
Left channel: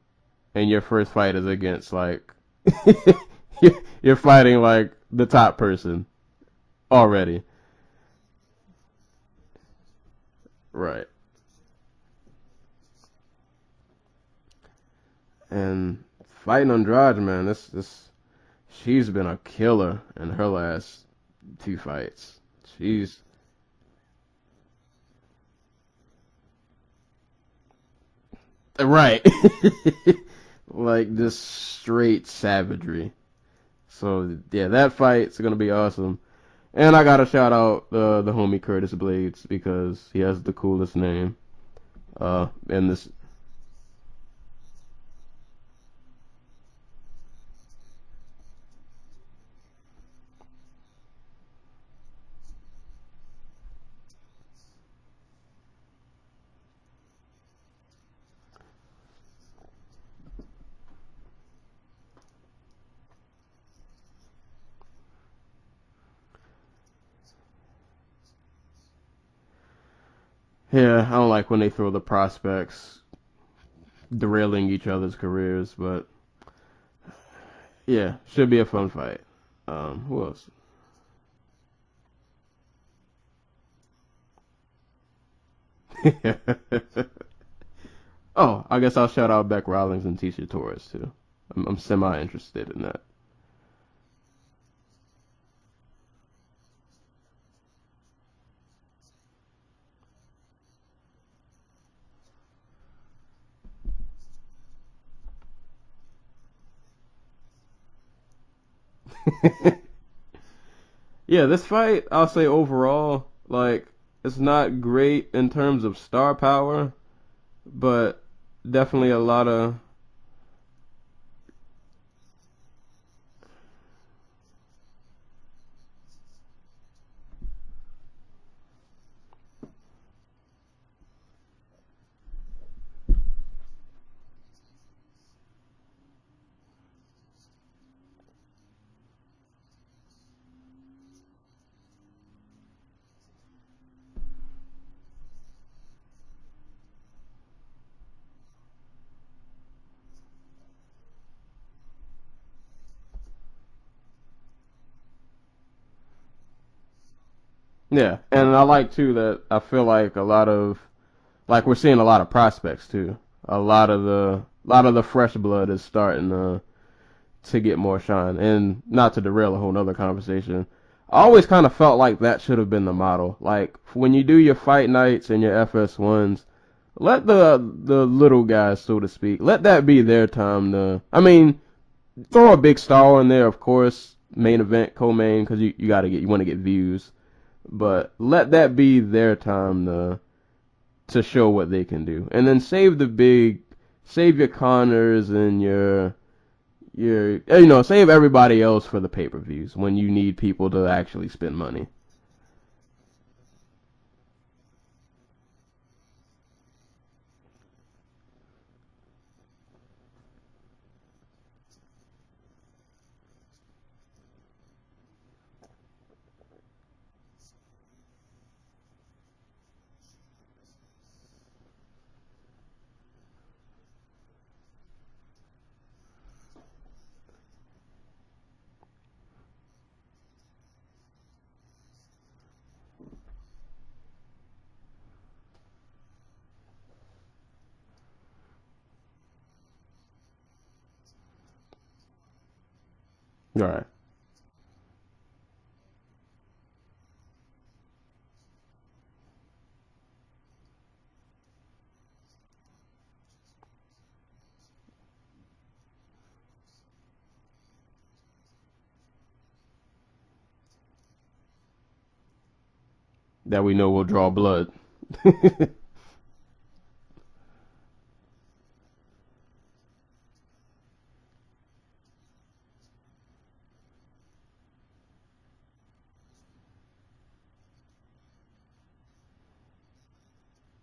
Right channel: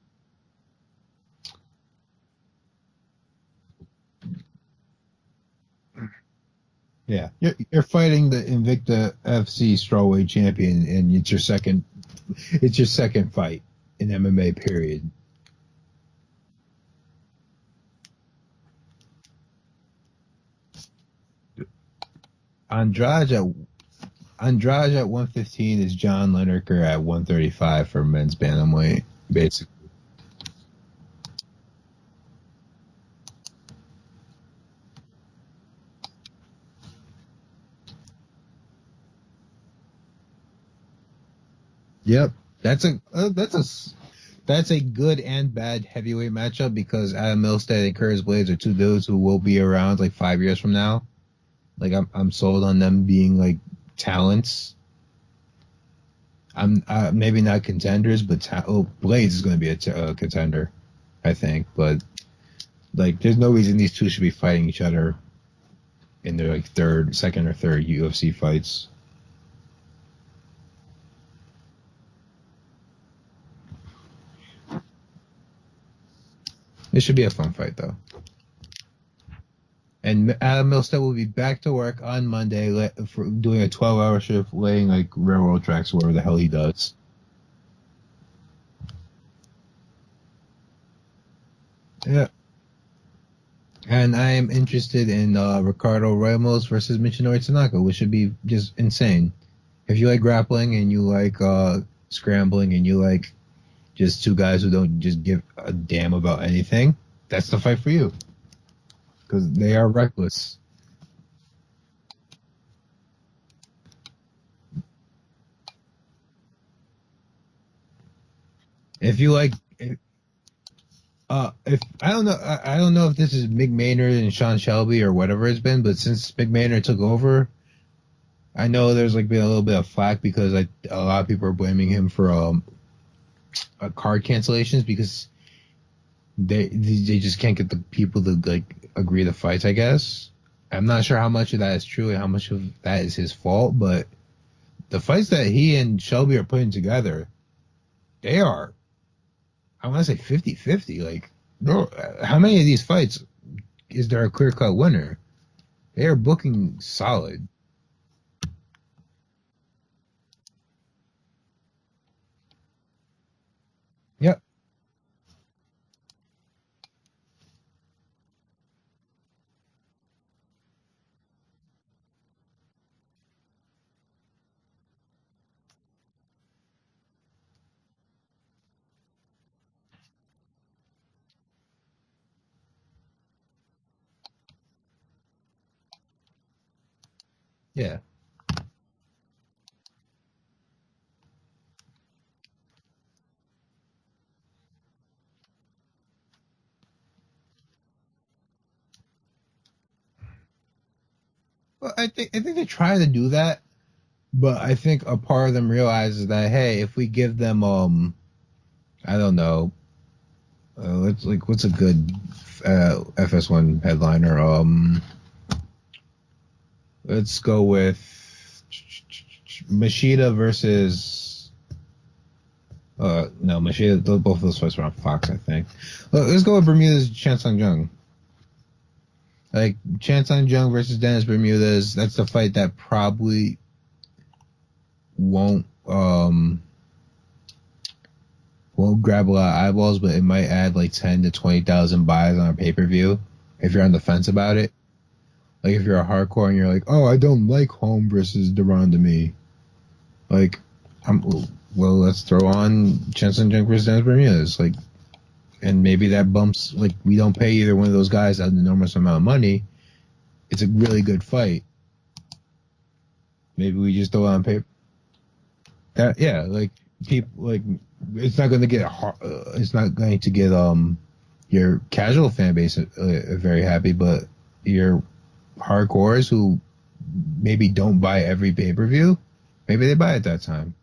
And your first fight is against like you're fighting like the top person already. Yeah, you're fighting the Invicta FC strawweight champion, right. And it's your second fight in MMA. Period. And fighting Andrade, man, she's been a killer in her last 2 fights. Andrade at 115 is John Lineker at 135 for men's bantamweight. Right. Like this straight savagery. So yeah, that fight's gonna be awesome. And I gotta shout out the homie Curtis Blades because he has the coolest name. Yeah, that's a good and bad heavyweight matchup because Adam Milstead and Curtis Blades are 2 dudes who will be around like 5 years from now. Like I'm sold on them being like talents. I'm maybe not contenders, but Blades is going to be a contender, I think. But Like, there's no reason these two should be fighting each other in their like second or third UFC fights. Yeah, I don't like when they throw the prospects derailing each other's careers, but It should be a fun fight though. yeah, should be a fun fight. And Adam Milstead will be back to work on Monday for doing a 12-hour shift laying like railroad tracks, whatever the hell he does. Oh, I guess I'll shout out Beck Rawlings and Tisha Torres too. I'm semi-interested in that. And I am interested in Ricardo Ramos versus Michinori Tanaka, which should be just insane. If you like grappling and you like scrambling and you like just two guys who don't just give a damn about anything, that's the fight for you. Because they are reckless. Yeah, this fight, I'll say overall, like, it's not great in terms of star power, but definitely a lot of. If I don't know if this is Mick Maynard and Sean Shelby or whatever it's been, but since Mick Maynard took over, I know there's like been a little bit of flack because a lot of people are blaming him for card cancellations because they just can't get the people to like agree to fights. I guess I'm not sure how much of that is true and how much of that is his fault, but the fights that he and Shelby are putting together, they are, I want to say 50-50. Like, bro, how many of these fights is there a clear-cut winner? They are booking solid. Yeah, and I like too that I feel like a lot of, like we're seeing a lot of prospects too. A lot of the fresh blood is starting to get more shine. And not to derail a whole nother conversation, I always kind of felt like that should have been the model. Like when you do your fight nights and your FS1s, let the little guys, so to speak, let that be their time to. I mean, throw a big star in there, of course, main event, co-main, because you want to get views. But let that be their time to show what they can do, and then save your Connors and save everybody else for the pay-per-views when you need people to actually spend money. Well, I think they try to do that, but I think a part of them realizes that, hey, if we give them I don't know, what's a good FS1 headliner? Let's go with Machida versus. No, Machida. Both of those fights were on Fox, I think. Let's go with Bermudez Chan Sung Jung. Like Chan Sung Jung versus Dennis Bermudez. That's the fight that probably won't grab a lot of eyeballs, but it might add like 10 to 20,000 buys on a pay-per-view if you're on the fence about it. Like, if you're a hardcore and you're like, oh, I don't like Holm versus Duran to me. Like, let's throw on Chan Jung versus Dennis Bermudez. Like, and maybe that bumps, like, we don't pay either one of those guys an enormous amount of money. It's a really good fight. That maybe we know will draw blood. People, like, it's not going to get, your casual fan base very happy, but your hardcores who maybe don't buy every pay-per-view, maybe they buy at that time.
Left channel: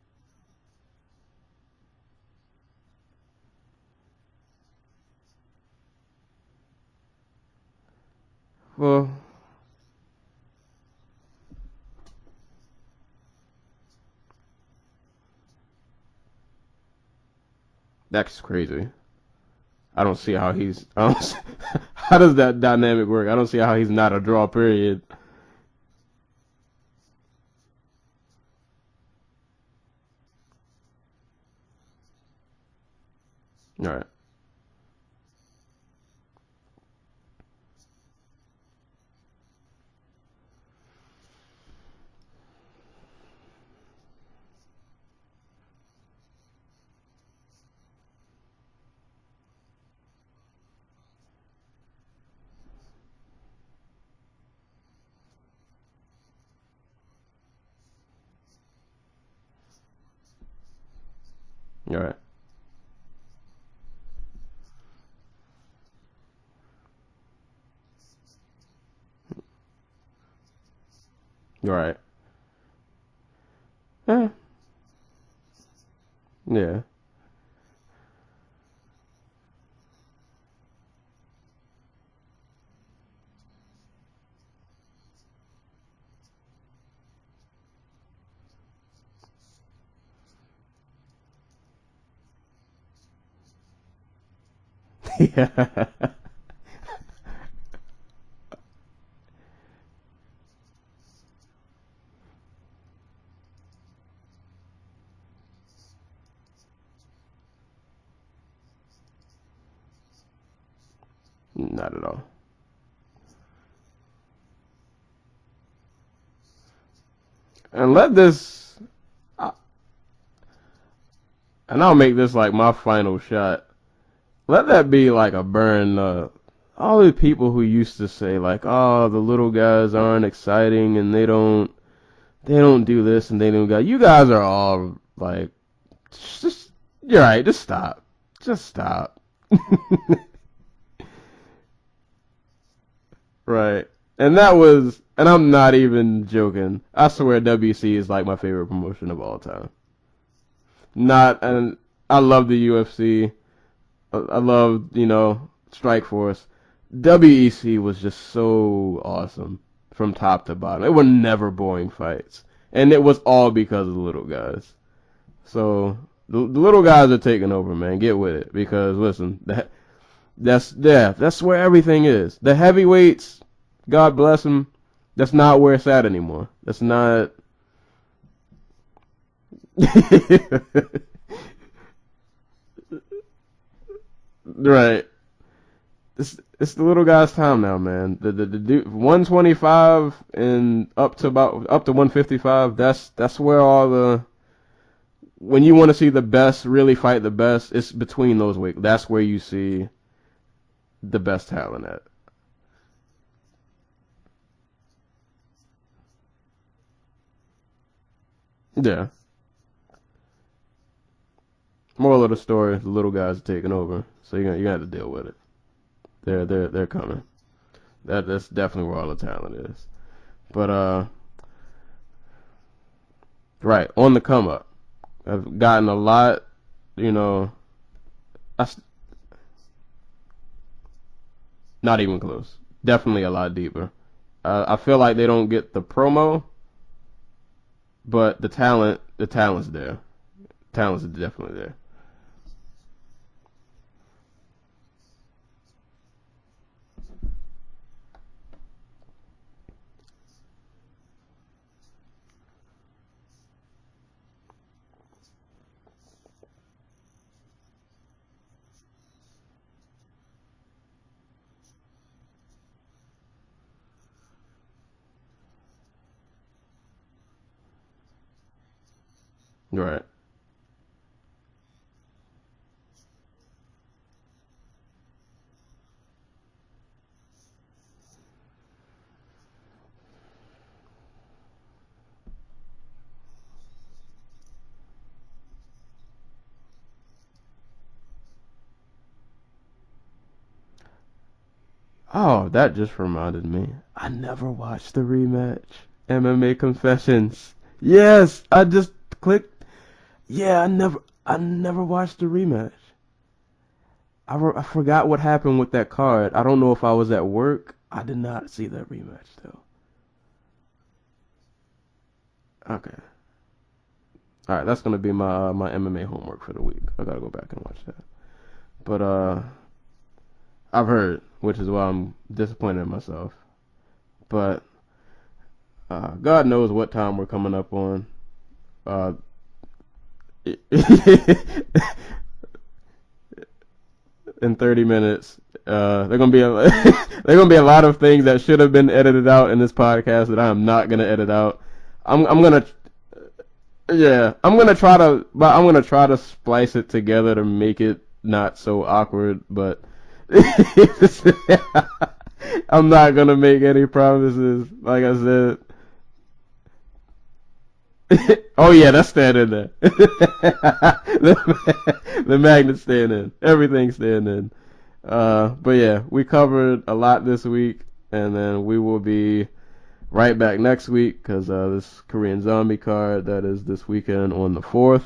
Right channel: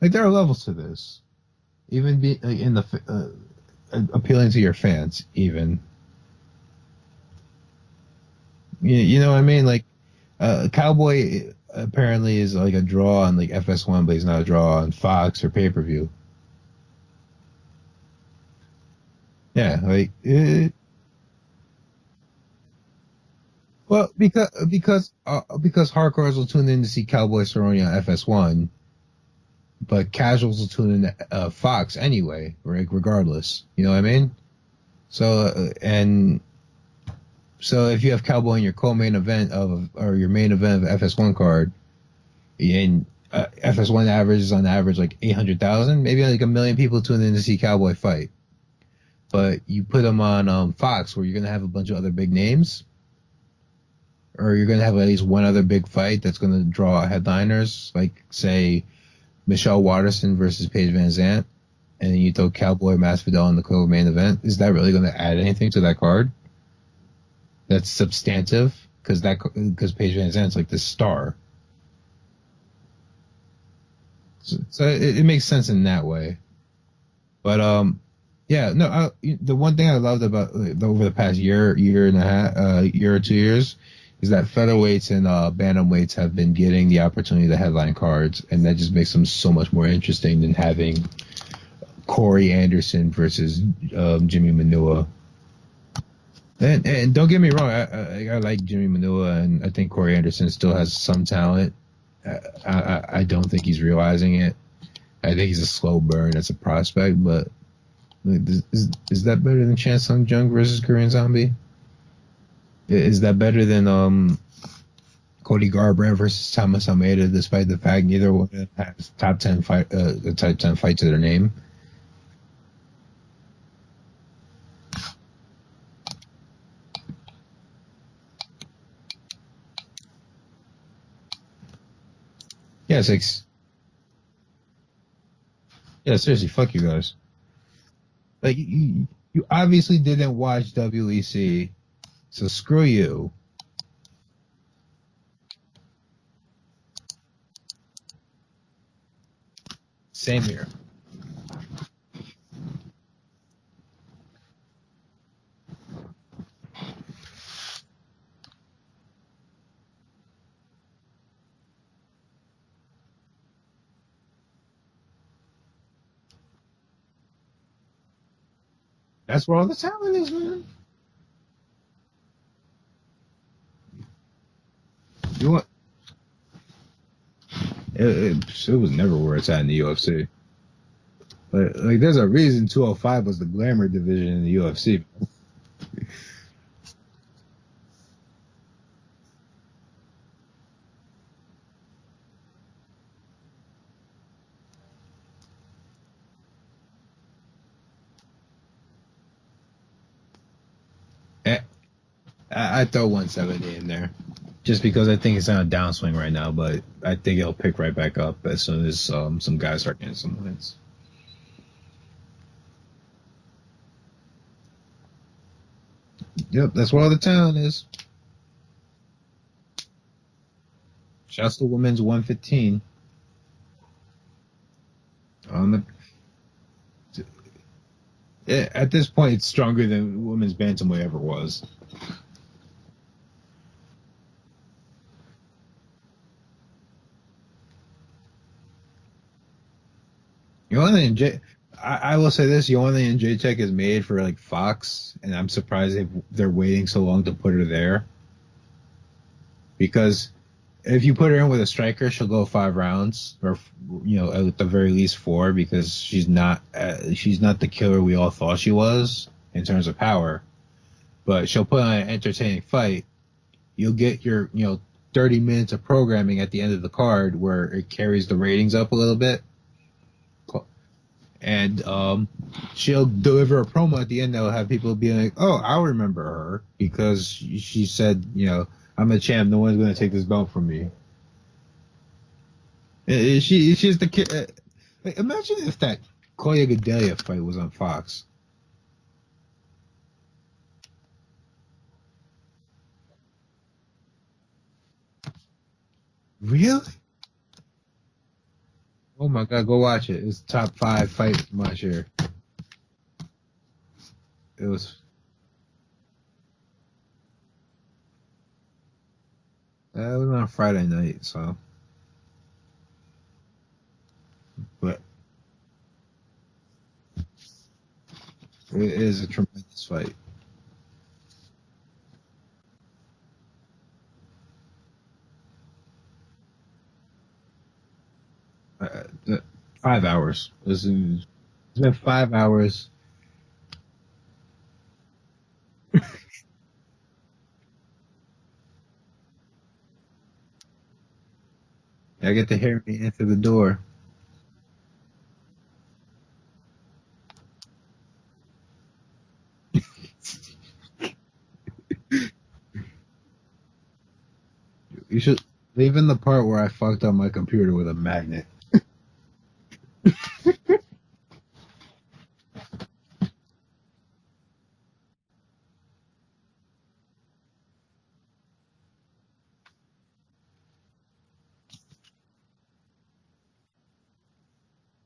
Like, there are levels to this. Even be like, in the appealing to your fans, even. Well, you know what I mean? Like, Cowboy apparently is like a draw on like FS1, but he's not a draw on Fox or pay-per-view. That's crazy. Yeah, like, I don't see how he's. How does that dynamic work? I don't see how he's not a draw. Period. Because hardcores will tune in to see Cowboy Cerrone on FS1, but casuals will tune in to Fox anyway, regardless. You know what I mean? So so if you have Cowboy in your co-main event or your main event of FS1 card, and FS1 averages on average like 800,000, maybe like 1 million people tune in to see Cowboy fight. But you put them on Fox, where you're going to have a bunch of other big names, or you're going to have at least one other big fight that's going to draw headliners, like, say, Michelle Waterson versus Paige Van Zandt, and then you throw Cowboy Masvidal in the co-main event. Is that really going to add anything to that card that's substantive? Because Paige Van Zandt's like the star. Right. So it makes sense in that way. Yeah. But Yeah, no. The one thing I loved about over the past year and a half, year or 2 years, is that featherweights and bantamweights have been getting the opportunity to headline cards, and that just makes them so much more interesting than having Corey Anderson versus Jimmy Manua. Yeah. And don't get me wrong, I like Jimmy Manua, and I think Corey Anderson still has some talent. I don't think he's realizing it. I think he's a slow burn as a prospect, but is that better than Chan Sung Jung versus Korean Zombie? Not at all. Is that better than Cody Garbrandt versus Thomas Almeida, despite the And fact let neither one this, has top 10 fight, the top 10 fight to their name? and I'll make this like my final shot. Let that be like a burn. All the people who used to say like, "Oh, the little guys aren't exciting and they don't do Yeah, this and they don't got." You guys are all like, yeah, seriously, fuck you guys. you're right. Just stop. Like Just stop. you obviously didn't watch WEC, so screw you. Right. And that was, and I'm not even joking. I swear WC is like my favorite promotion of all time. Same here. Not, and I love the UFC. I love, Strikeforce. WEC was just so awesome from top to bottom. It were never boring fights. And it was all because of the little guys. So the little guys are taking over, man. Get with it. Because listen, That's where all the talent is, man. that's where everything is. The heavyweights, God bless them, that's not where it's at anymore. That's not. It was never where it's at in the UFC. like there's a reason 205 was the glamour division in the UFC. Right. It's the little guy's time now, man. The 125 and up to 155. That's where all the, when you want to see the best really fight the best, it's between those weight. That's where you see the best talent at. I throw 170 in there, just because I think it's on a downswing right now, but I think it'll pick right back up as soon as some guys start getting some wins. Moral of the story: the little guys are taking over, so you're gonna have to deal with it. That's where all the talent is. That's definitely where all the talent is. But shouts to women's 115. Right, on the come up. I've gotten a lot, Yeah, at this point, it's stronger than women's bantamweight ever was. Not even close. Definitely a lot deeper. I feel like they don't get the promo, but the talent's there. I will say this: Joanna and Jacek is made for like Fox, and I'm surprised they're waiting so long to put her there. Because if you put her in with a striker, she'll go 5 rounds, or at the very least 4, because she's not the killer we all thought she was in terms of power. But she'll put on an entertaining fight. You'll get your 30 minutes of programming at the end of the card where it carries the ratings up a little bit. Right. And she'll deliver a promo at the end that'll have people be like, "Oh, I'll remember her because she said, I'm a champ. No one's going to take this belt from me." She's the kid. Imagine if that Koya Gadelia fight was on Fox. Oh, that just reminded me. I never watched the rematch. MMA Really? Confessions. Yes, I just clicked. Oh my god, go watch it. It's Yeah, top 5 fight. I never watched the rematch. I forgot what happened with that card. I don't know if I was at work. I did not see that rematch though. It was on Friday night, so. Okay. All right, that's gonna be my MMA homework for the week. I gotta go back and watch that. It is a tremendous fight. I've heard, which is why I'm disappointed in myself. But God knows what time we're coming up on. 5 hours. 5 hours. In 30 minutes. There gonna be a lot of things that should have been edited out in this podcast that I am not gonna edit out. I'm gonna hear me enter the door. Yeah, I'm gonna try to splice it together to make it not so awkward, but I'm not gonna make any promises. Like I said, even the part where I fucked up my computer with a magnet. Oh yeah, that's staying in there. The magnet's staying in. Everything's staying in. But yeah, we covered a lot this week, and then we will be right back next week because this Korean Zombie card that is this weekend on the 4th.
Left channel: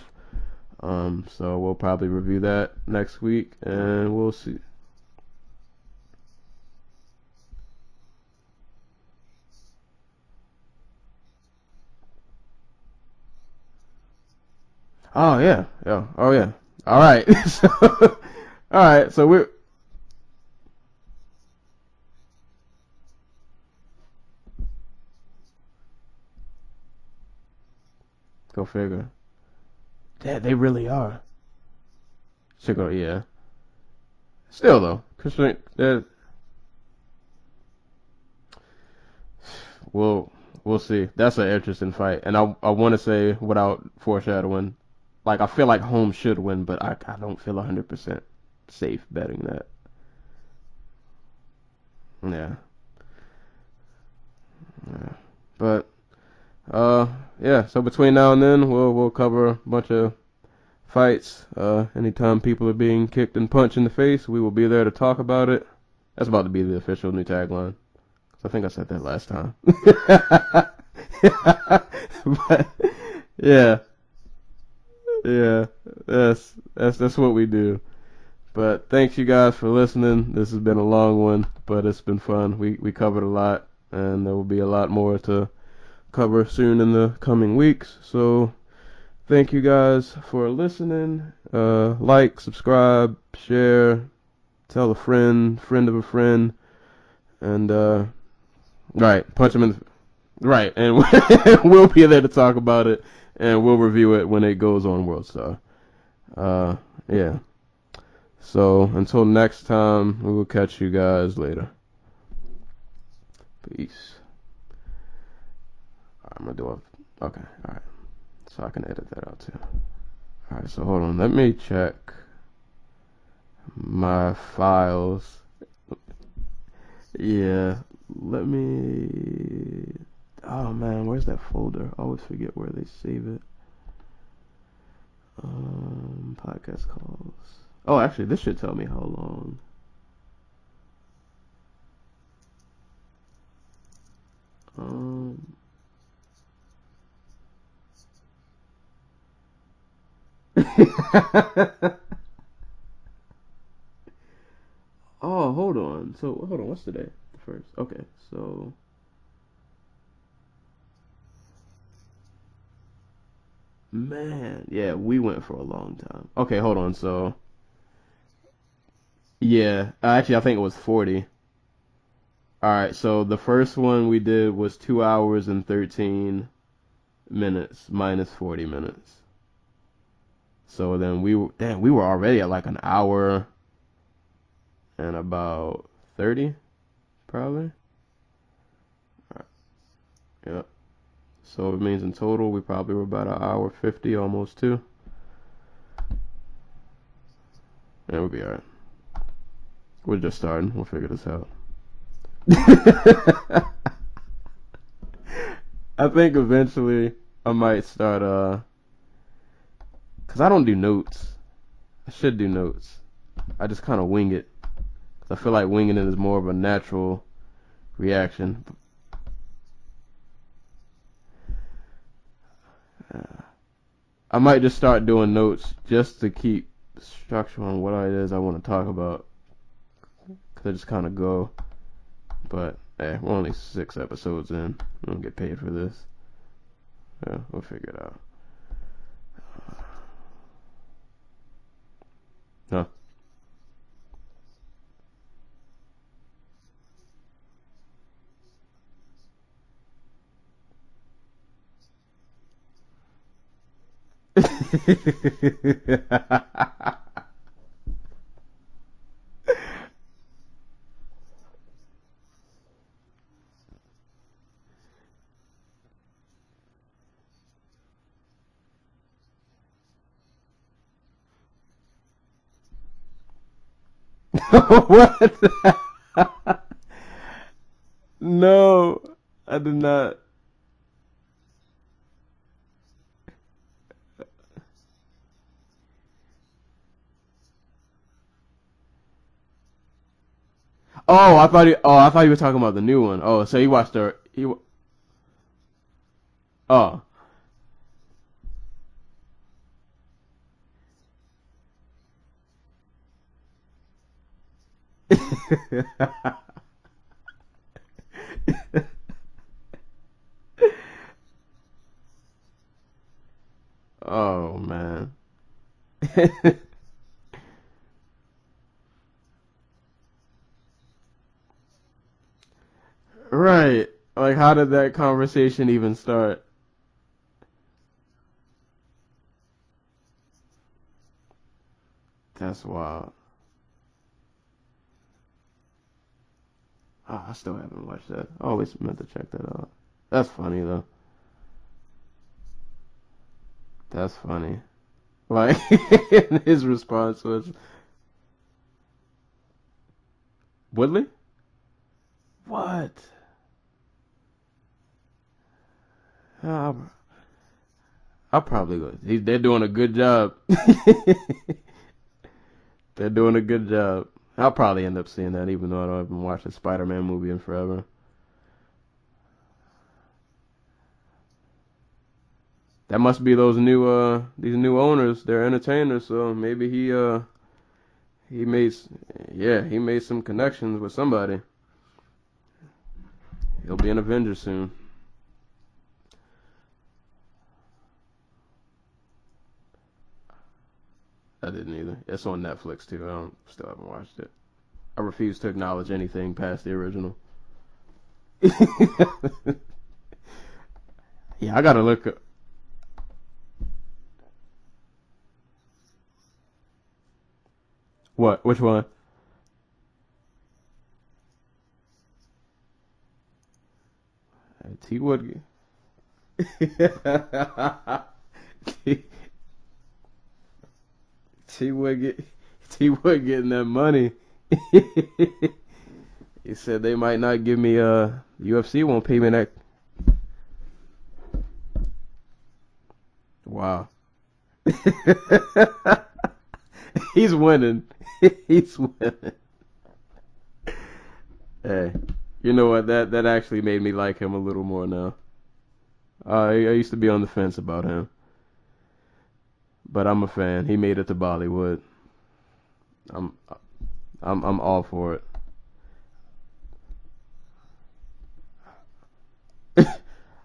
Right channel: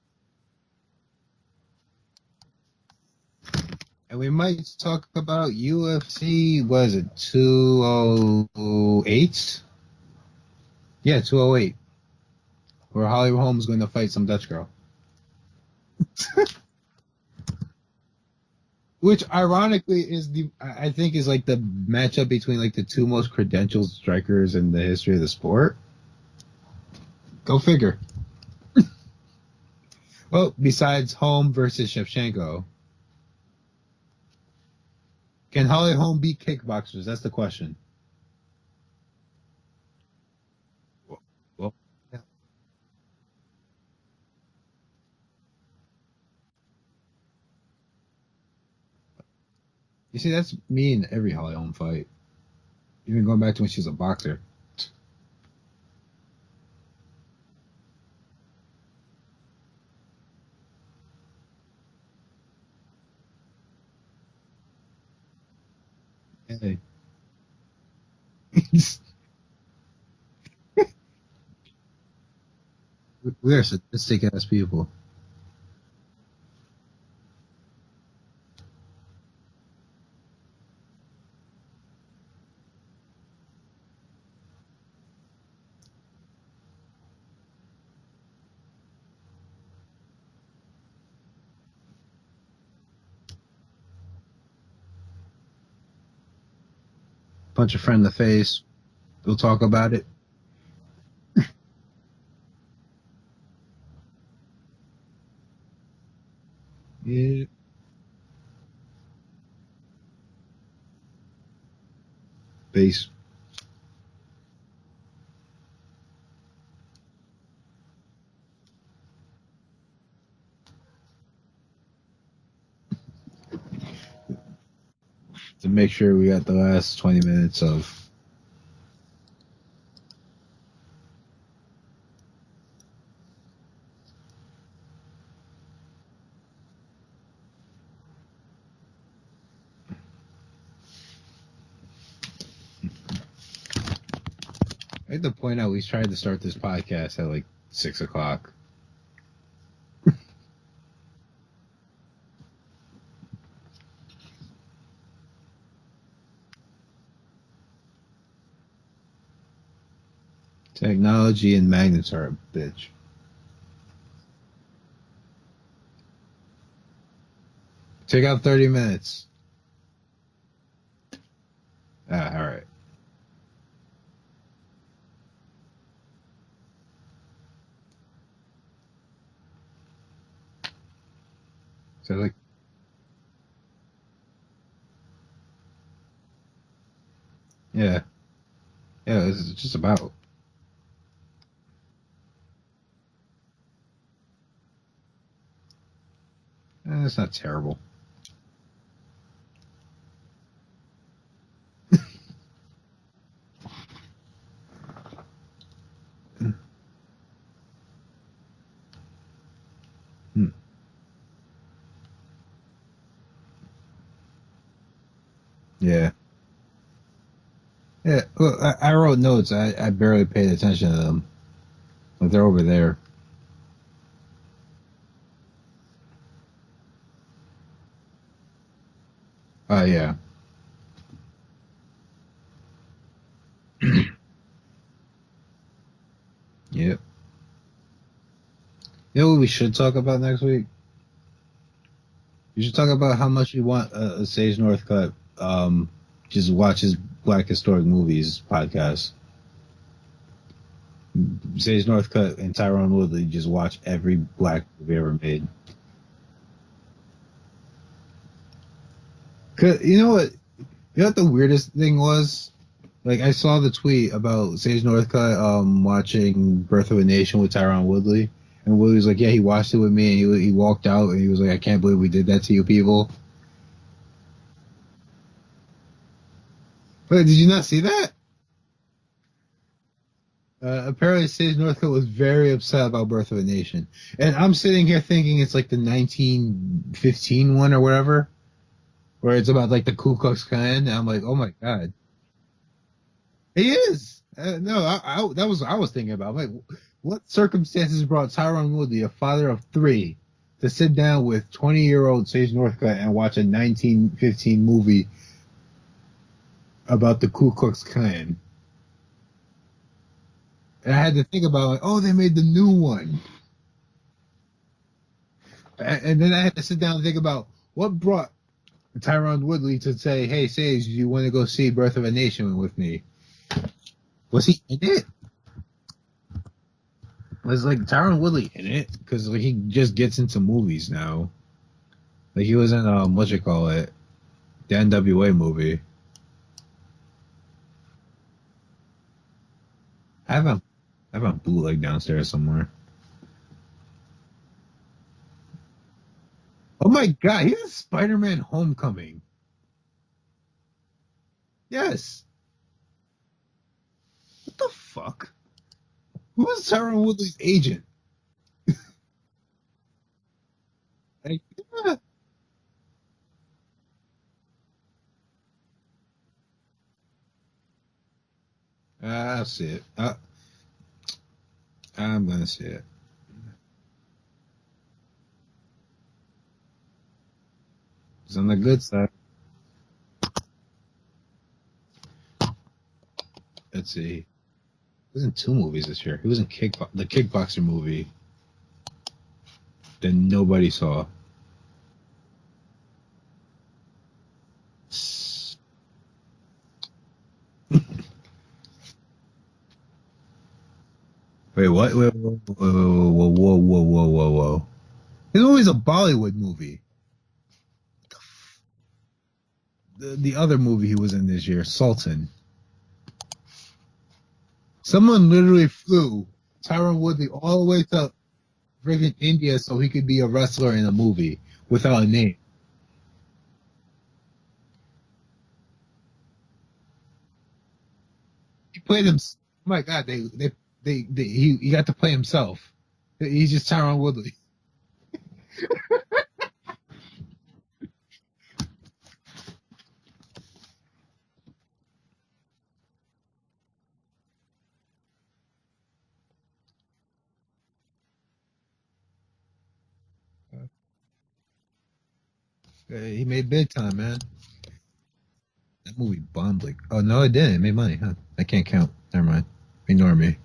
So we'll probably review that next week, and we might talk about UFC. What is it? 208. Yeah, 208. Where Holly Holm's going to fight some Dutch girl. Oh yeah. Oh yeah. All right. All right. Which so ironically is I think is like the matchup between like the two most credentialed strikers in the history of the sport. Go figure. Damn, well, they really besides are. Holm versus Shevchenko. Yeah. Still though, Can Holly Holm beat kickboxers? That's the question. We'll see. That's an interesting fight, and I want to say without foreshadowing, like I feel like Holm should win, but I don't feel 100% safe betting that. You see, that's me in every Holly Holm fight. Yeah. Even going back to when she was a boxer. Yeah. But yeah. So between now and then, we'll cover a bunch of fights. Anytime people are being kicked and punched in the face, we will be there to talk about it. That's about to be the official new tagline. I think I said that last time. But yeah, sick ass people. Yeah, that's what we do. But thanks you guys for listening. This has been a long one, but it's been fun. We covered a lot, and there will be a lot more to cover soon in the coming weeks. So thank you guys for listening. Like, subscribe, share, tell a friend of a friend. And, punch a friend in the face. Right. We'll talk about it. Right. And we'll be there to talk about it, and we'll review it when it goes on World Star. Yeah. So until next time, we will catch you guys later. Peace. I'm going to do it. Okay. All right. So I can edit that out too. All right. So hold on. Let me check my files to make sure we got the last 20 minutes of. Let me. Oh man, where's that folder? I always forget where they save it. Podcast calls. Oh, actually, this should tell me how long. I have to point out we tried to start this podcast at like 6 o'clock. Oh, hold on. What's today? First. Okay, so. Technology and magnets are a bitch. Man, yeah, we went for a long time. Okay, hold on. So. Take out 30 minutes. Yeah, actually, I think it was 40. All right. All right, so the first one we did was 2 hours and 13 minutes minus 40 minutes. So then we were already at like an hour and about 30, probably. Yeah, it's just about. Yeah. So it means in total we probably were about an hour 50, almost 2. That's not terrible. Yeah, we'll be alright. We're just starting. We'll figure this out. I think eventually I might start, because I don't do notes. I should do notes. I just kind of wing it. I feel like winging it is more of a natural reaction. Yeah, well, I wrote notes. I barely paid attention to them. Like they're over there. I might just start doing notes just to keep structure on what it is I want to talk about. Yeah. Because I just kind of go. But, hey, we're only 6 episodes in. We don't get paid for this. Yep. Yeah, we'll figure it out. You know what we should talk about next week? We should talk about how much we want a Sage Northcutt just watch his Black Historic Movies podcast. Sage Northcutt and Tyron Woodley just watch every black movie ever made. You know what? You know what the weirdest thing was? Like, I saw the tweet about Sage Northcutt watching Birth of a Nation with Tyron Woodley. And Woodley was like, yeah, he watched it with me, and he walked out, and he was like, I can't believe we did that to you people. What? Wait, did you not see that? No, I did not. Apparently, Sage Northcutt was very upset about Birth of a Nation. And I'm sitting here thinking it's like the 1915 one or whatever. Where it's about like the Ku Klux Klan. I'm like, I thought you were talking about the new one. Oh, so you watched the. No, that was what I was thinking about. I'm like, oh, what circumstances brought Tyron Woodley, a father of 3, to sit down with 20-year-old Sage Northcutt and watch a 1915 movie about the Ku Klux Klan. And I had to think about, like, oh, they made the new one. Oh, man. And then I had to sit down and think about what brought Tyron Woodley to say, hey, Sage, do you want to go see Birth of a Nation with me? Right. Like, how did that conversation even start? Was like Tyron Woodley in it? Because like, he just gets into movies now. Like, he was in, the NWA movie. Oh, I still haven't watched that. I always meant to check that out. That's funny, though. I have a bootleg downstairs somewhere. That's funny. Like, his response. Oh my god, he's in Spider-Man Homecoming. Woodley? Yes. What? What the fuck? Who is Tyron Woodley's agent? I'll probably go. They're doing a good job. They're doing a good job. I'll probably end up seeing that, even though I haven't watched a Spider-Man movie in forever. I'll see it. I'm gonna see it. That must be these new owners. They're entertainers, so maybe he made some connections with somebody. He'll be an Avenger soon. He was in 2 movies this year. He was in the Kickboxer movie that nobody saw. I didn't either. It's on Netflix too. Still haven't watched it. I refuse to acknowledge anything past the original. Yeah, I gotta look. Whoa. It's always a Bollywood movie. What? Which one? The other movie he was in this year, Sultan. Someone literally flew Tyron Woodley all the way to freaking India so he could be a wrestler in a movie without a name. He was getting that money. He said they might not give me UFC won't keep me that. Oh my god, he got to play himself. He's just Tyron Woodley. He's winning. He's winning. Hey, you know what? That actually made me like him a little more now. I used to be on the fence about him, but I'm a fan. He made it to Bollywood. He made big time, man. I'm all for it. That movie bombed like. Oh no, it didn't. It made money. Huh? I can't count. Never mind. Ignore me.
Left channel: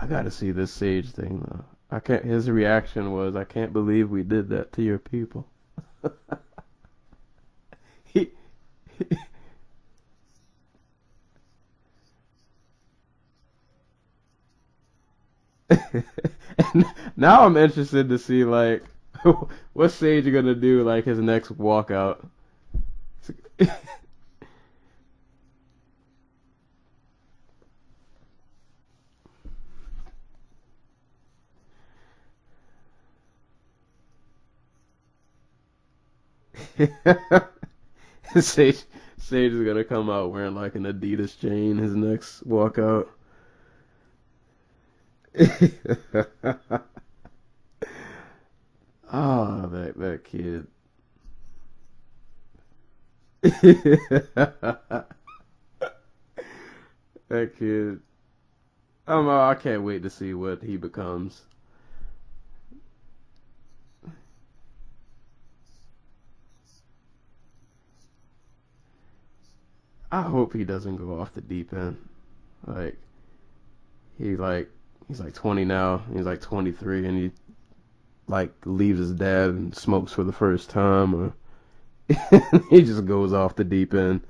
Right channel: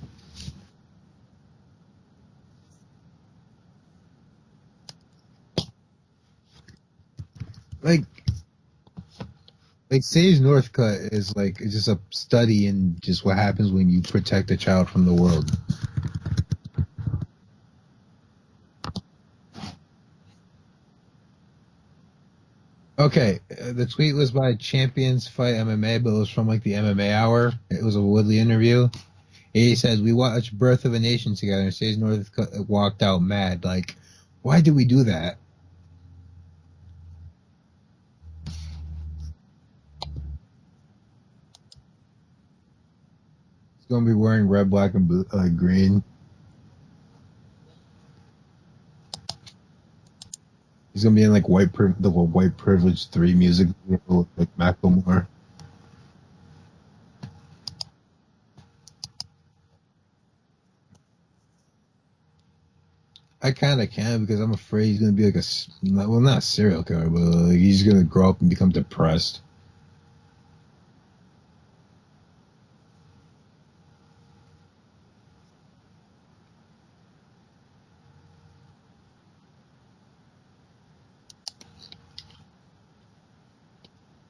I gotta see this Sage thing though. I can't. His reaction was, "I can't believe we did that to your people." Like Sage Northcutt is like it's just a study in just what happens when you protect a child from the world. Now I'm interested to see like what's Sage gonna do like his next walkout. Okay, the tweet was by Champions Fight MMA, but it was from like the MMA Hour. It was a Woodley interview. He says, "We watched Birth of a Nation together," and Sage Northcutt walked out mad. Like, why did we do that? Sage is gonna come out wearing like an Adidas chain his next walkout. He's gonna be wearing red, black, and blue, green. Oh, that kid. He's gonna be in like the White Privilege 3 music. Macklemore. That kid. I can't wait to see what he becomes. I kind of can because I'm afraid he's gonna be like not a serial killer, but like, he's gonna grow up and become depressed. I hope he doesn't go off the deep end. Like he's like 20 now. He's like 23, and he like leaves his dad and smokes for the first time, or he just goes off the deep end.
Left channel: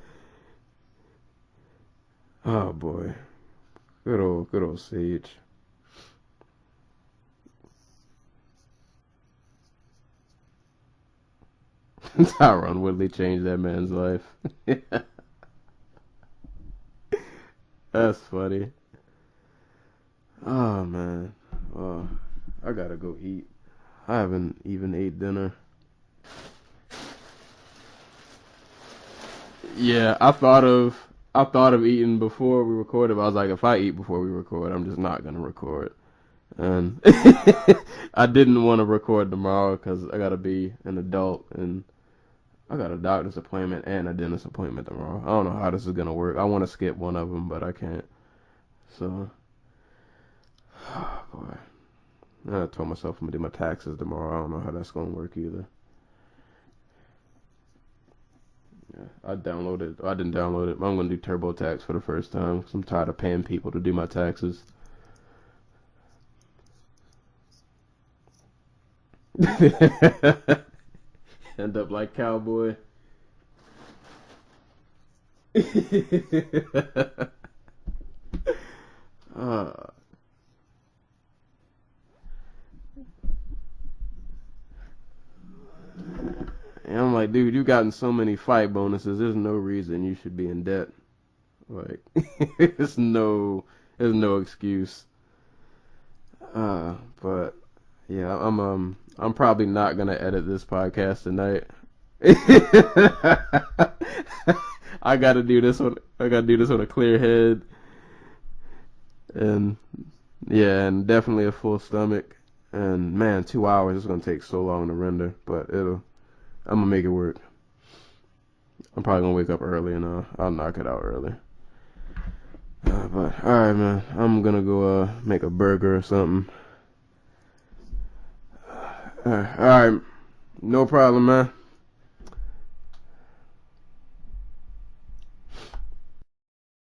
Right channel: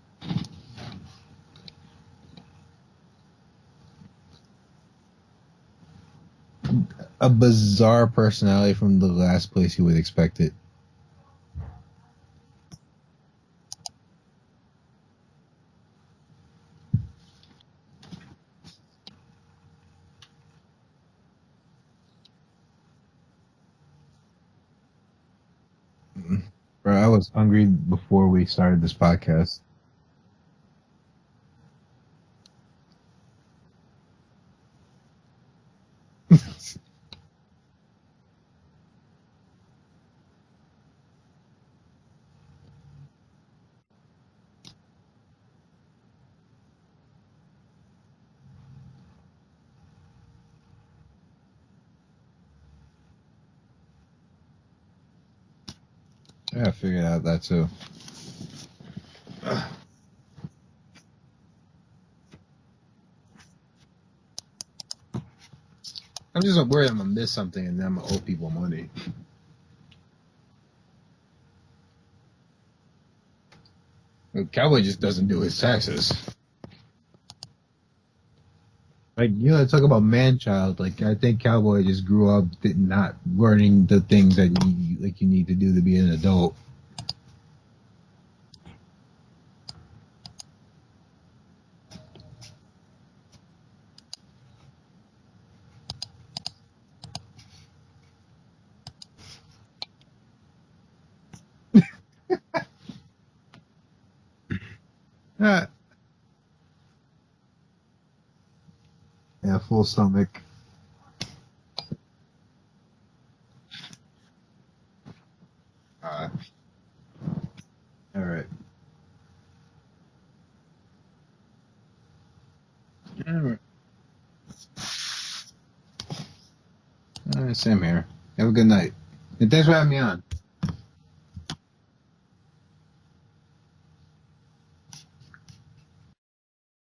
Oh boy, good old Sage. A bizarre personality from the last place you would expect it. Tyron Woodley changed that man's life. That's funny. Oh man, I gotta go eat. I haven't even ate dinner. Bro, I was hungry before we started this podcast. Yeah, I thought of eating before we recorded, but I was like, if I eat before we record, I'm just not gonna record. And I didn't want to record tomorrow because I gotta be an adult and I got a doctor's appointment and a dentist appointment tomorrow. I don't know how this is gonna work. I want to skip one of them, but I can't. So, oh boy. I told myself I'm gonna do my taxes tomorrow. I don't know how that's gonna work either. Yeah, I figured out that too. I downloaded. I didn't download it. I'm gonna do TurboTax for the first time because I'm tired of paying people to do my taxes. I'm just worried I'm gonna miss something and then I'm gonna owe people money. End up like Cowboy. Cowboy just doesn't do his taxes. Like, you know, talk about man-child. Like, I think Cowboy just grew up not learning the things that you need to do to be an adult. And I'm like, dude, you've gotten so many fight bonuses. There's no reason you should be in debt. Like, there's no excuse. But yeah, I'm probably not gonna edit this podcast tonight. I gotta do this on a clear head. And yeah, full stomach. Yeah, and definitely a full stomach. And man, 2 hours is gonna take so long to render, but I'm gonna make it work. All right. I'm probably gonna wake up early and I'll knock it out early. But all right, man, I'm gonna go make a burger or something. All right, same here. Have a good night. All right. And thanks for having me on. No problem, man.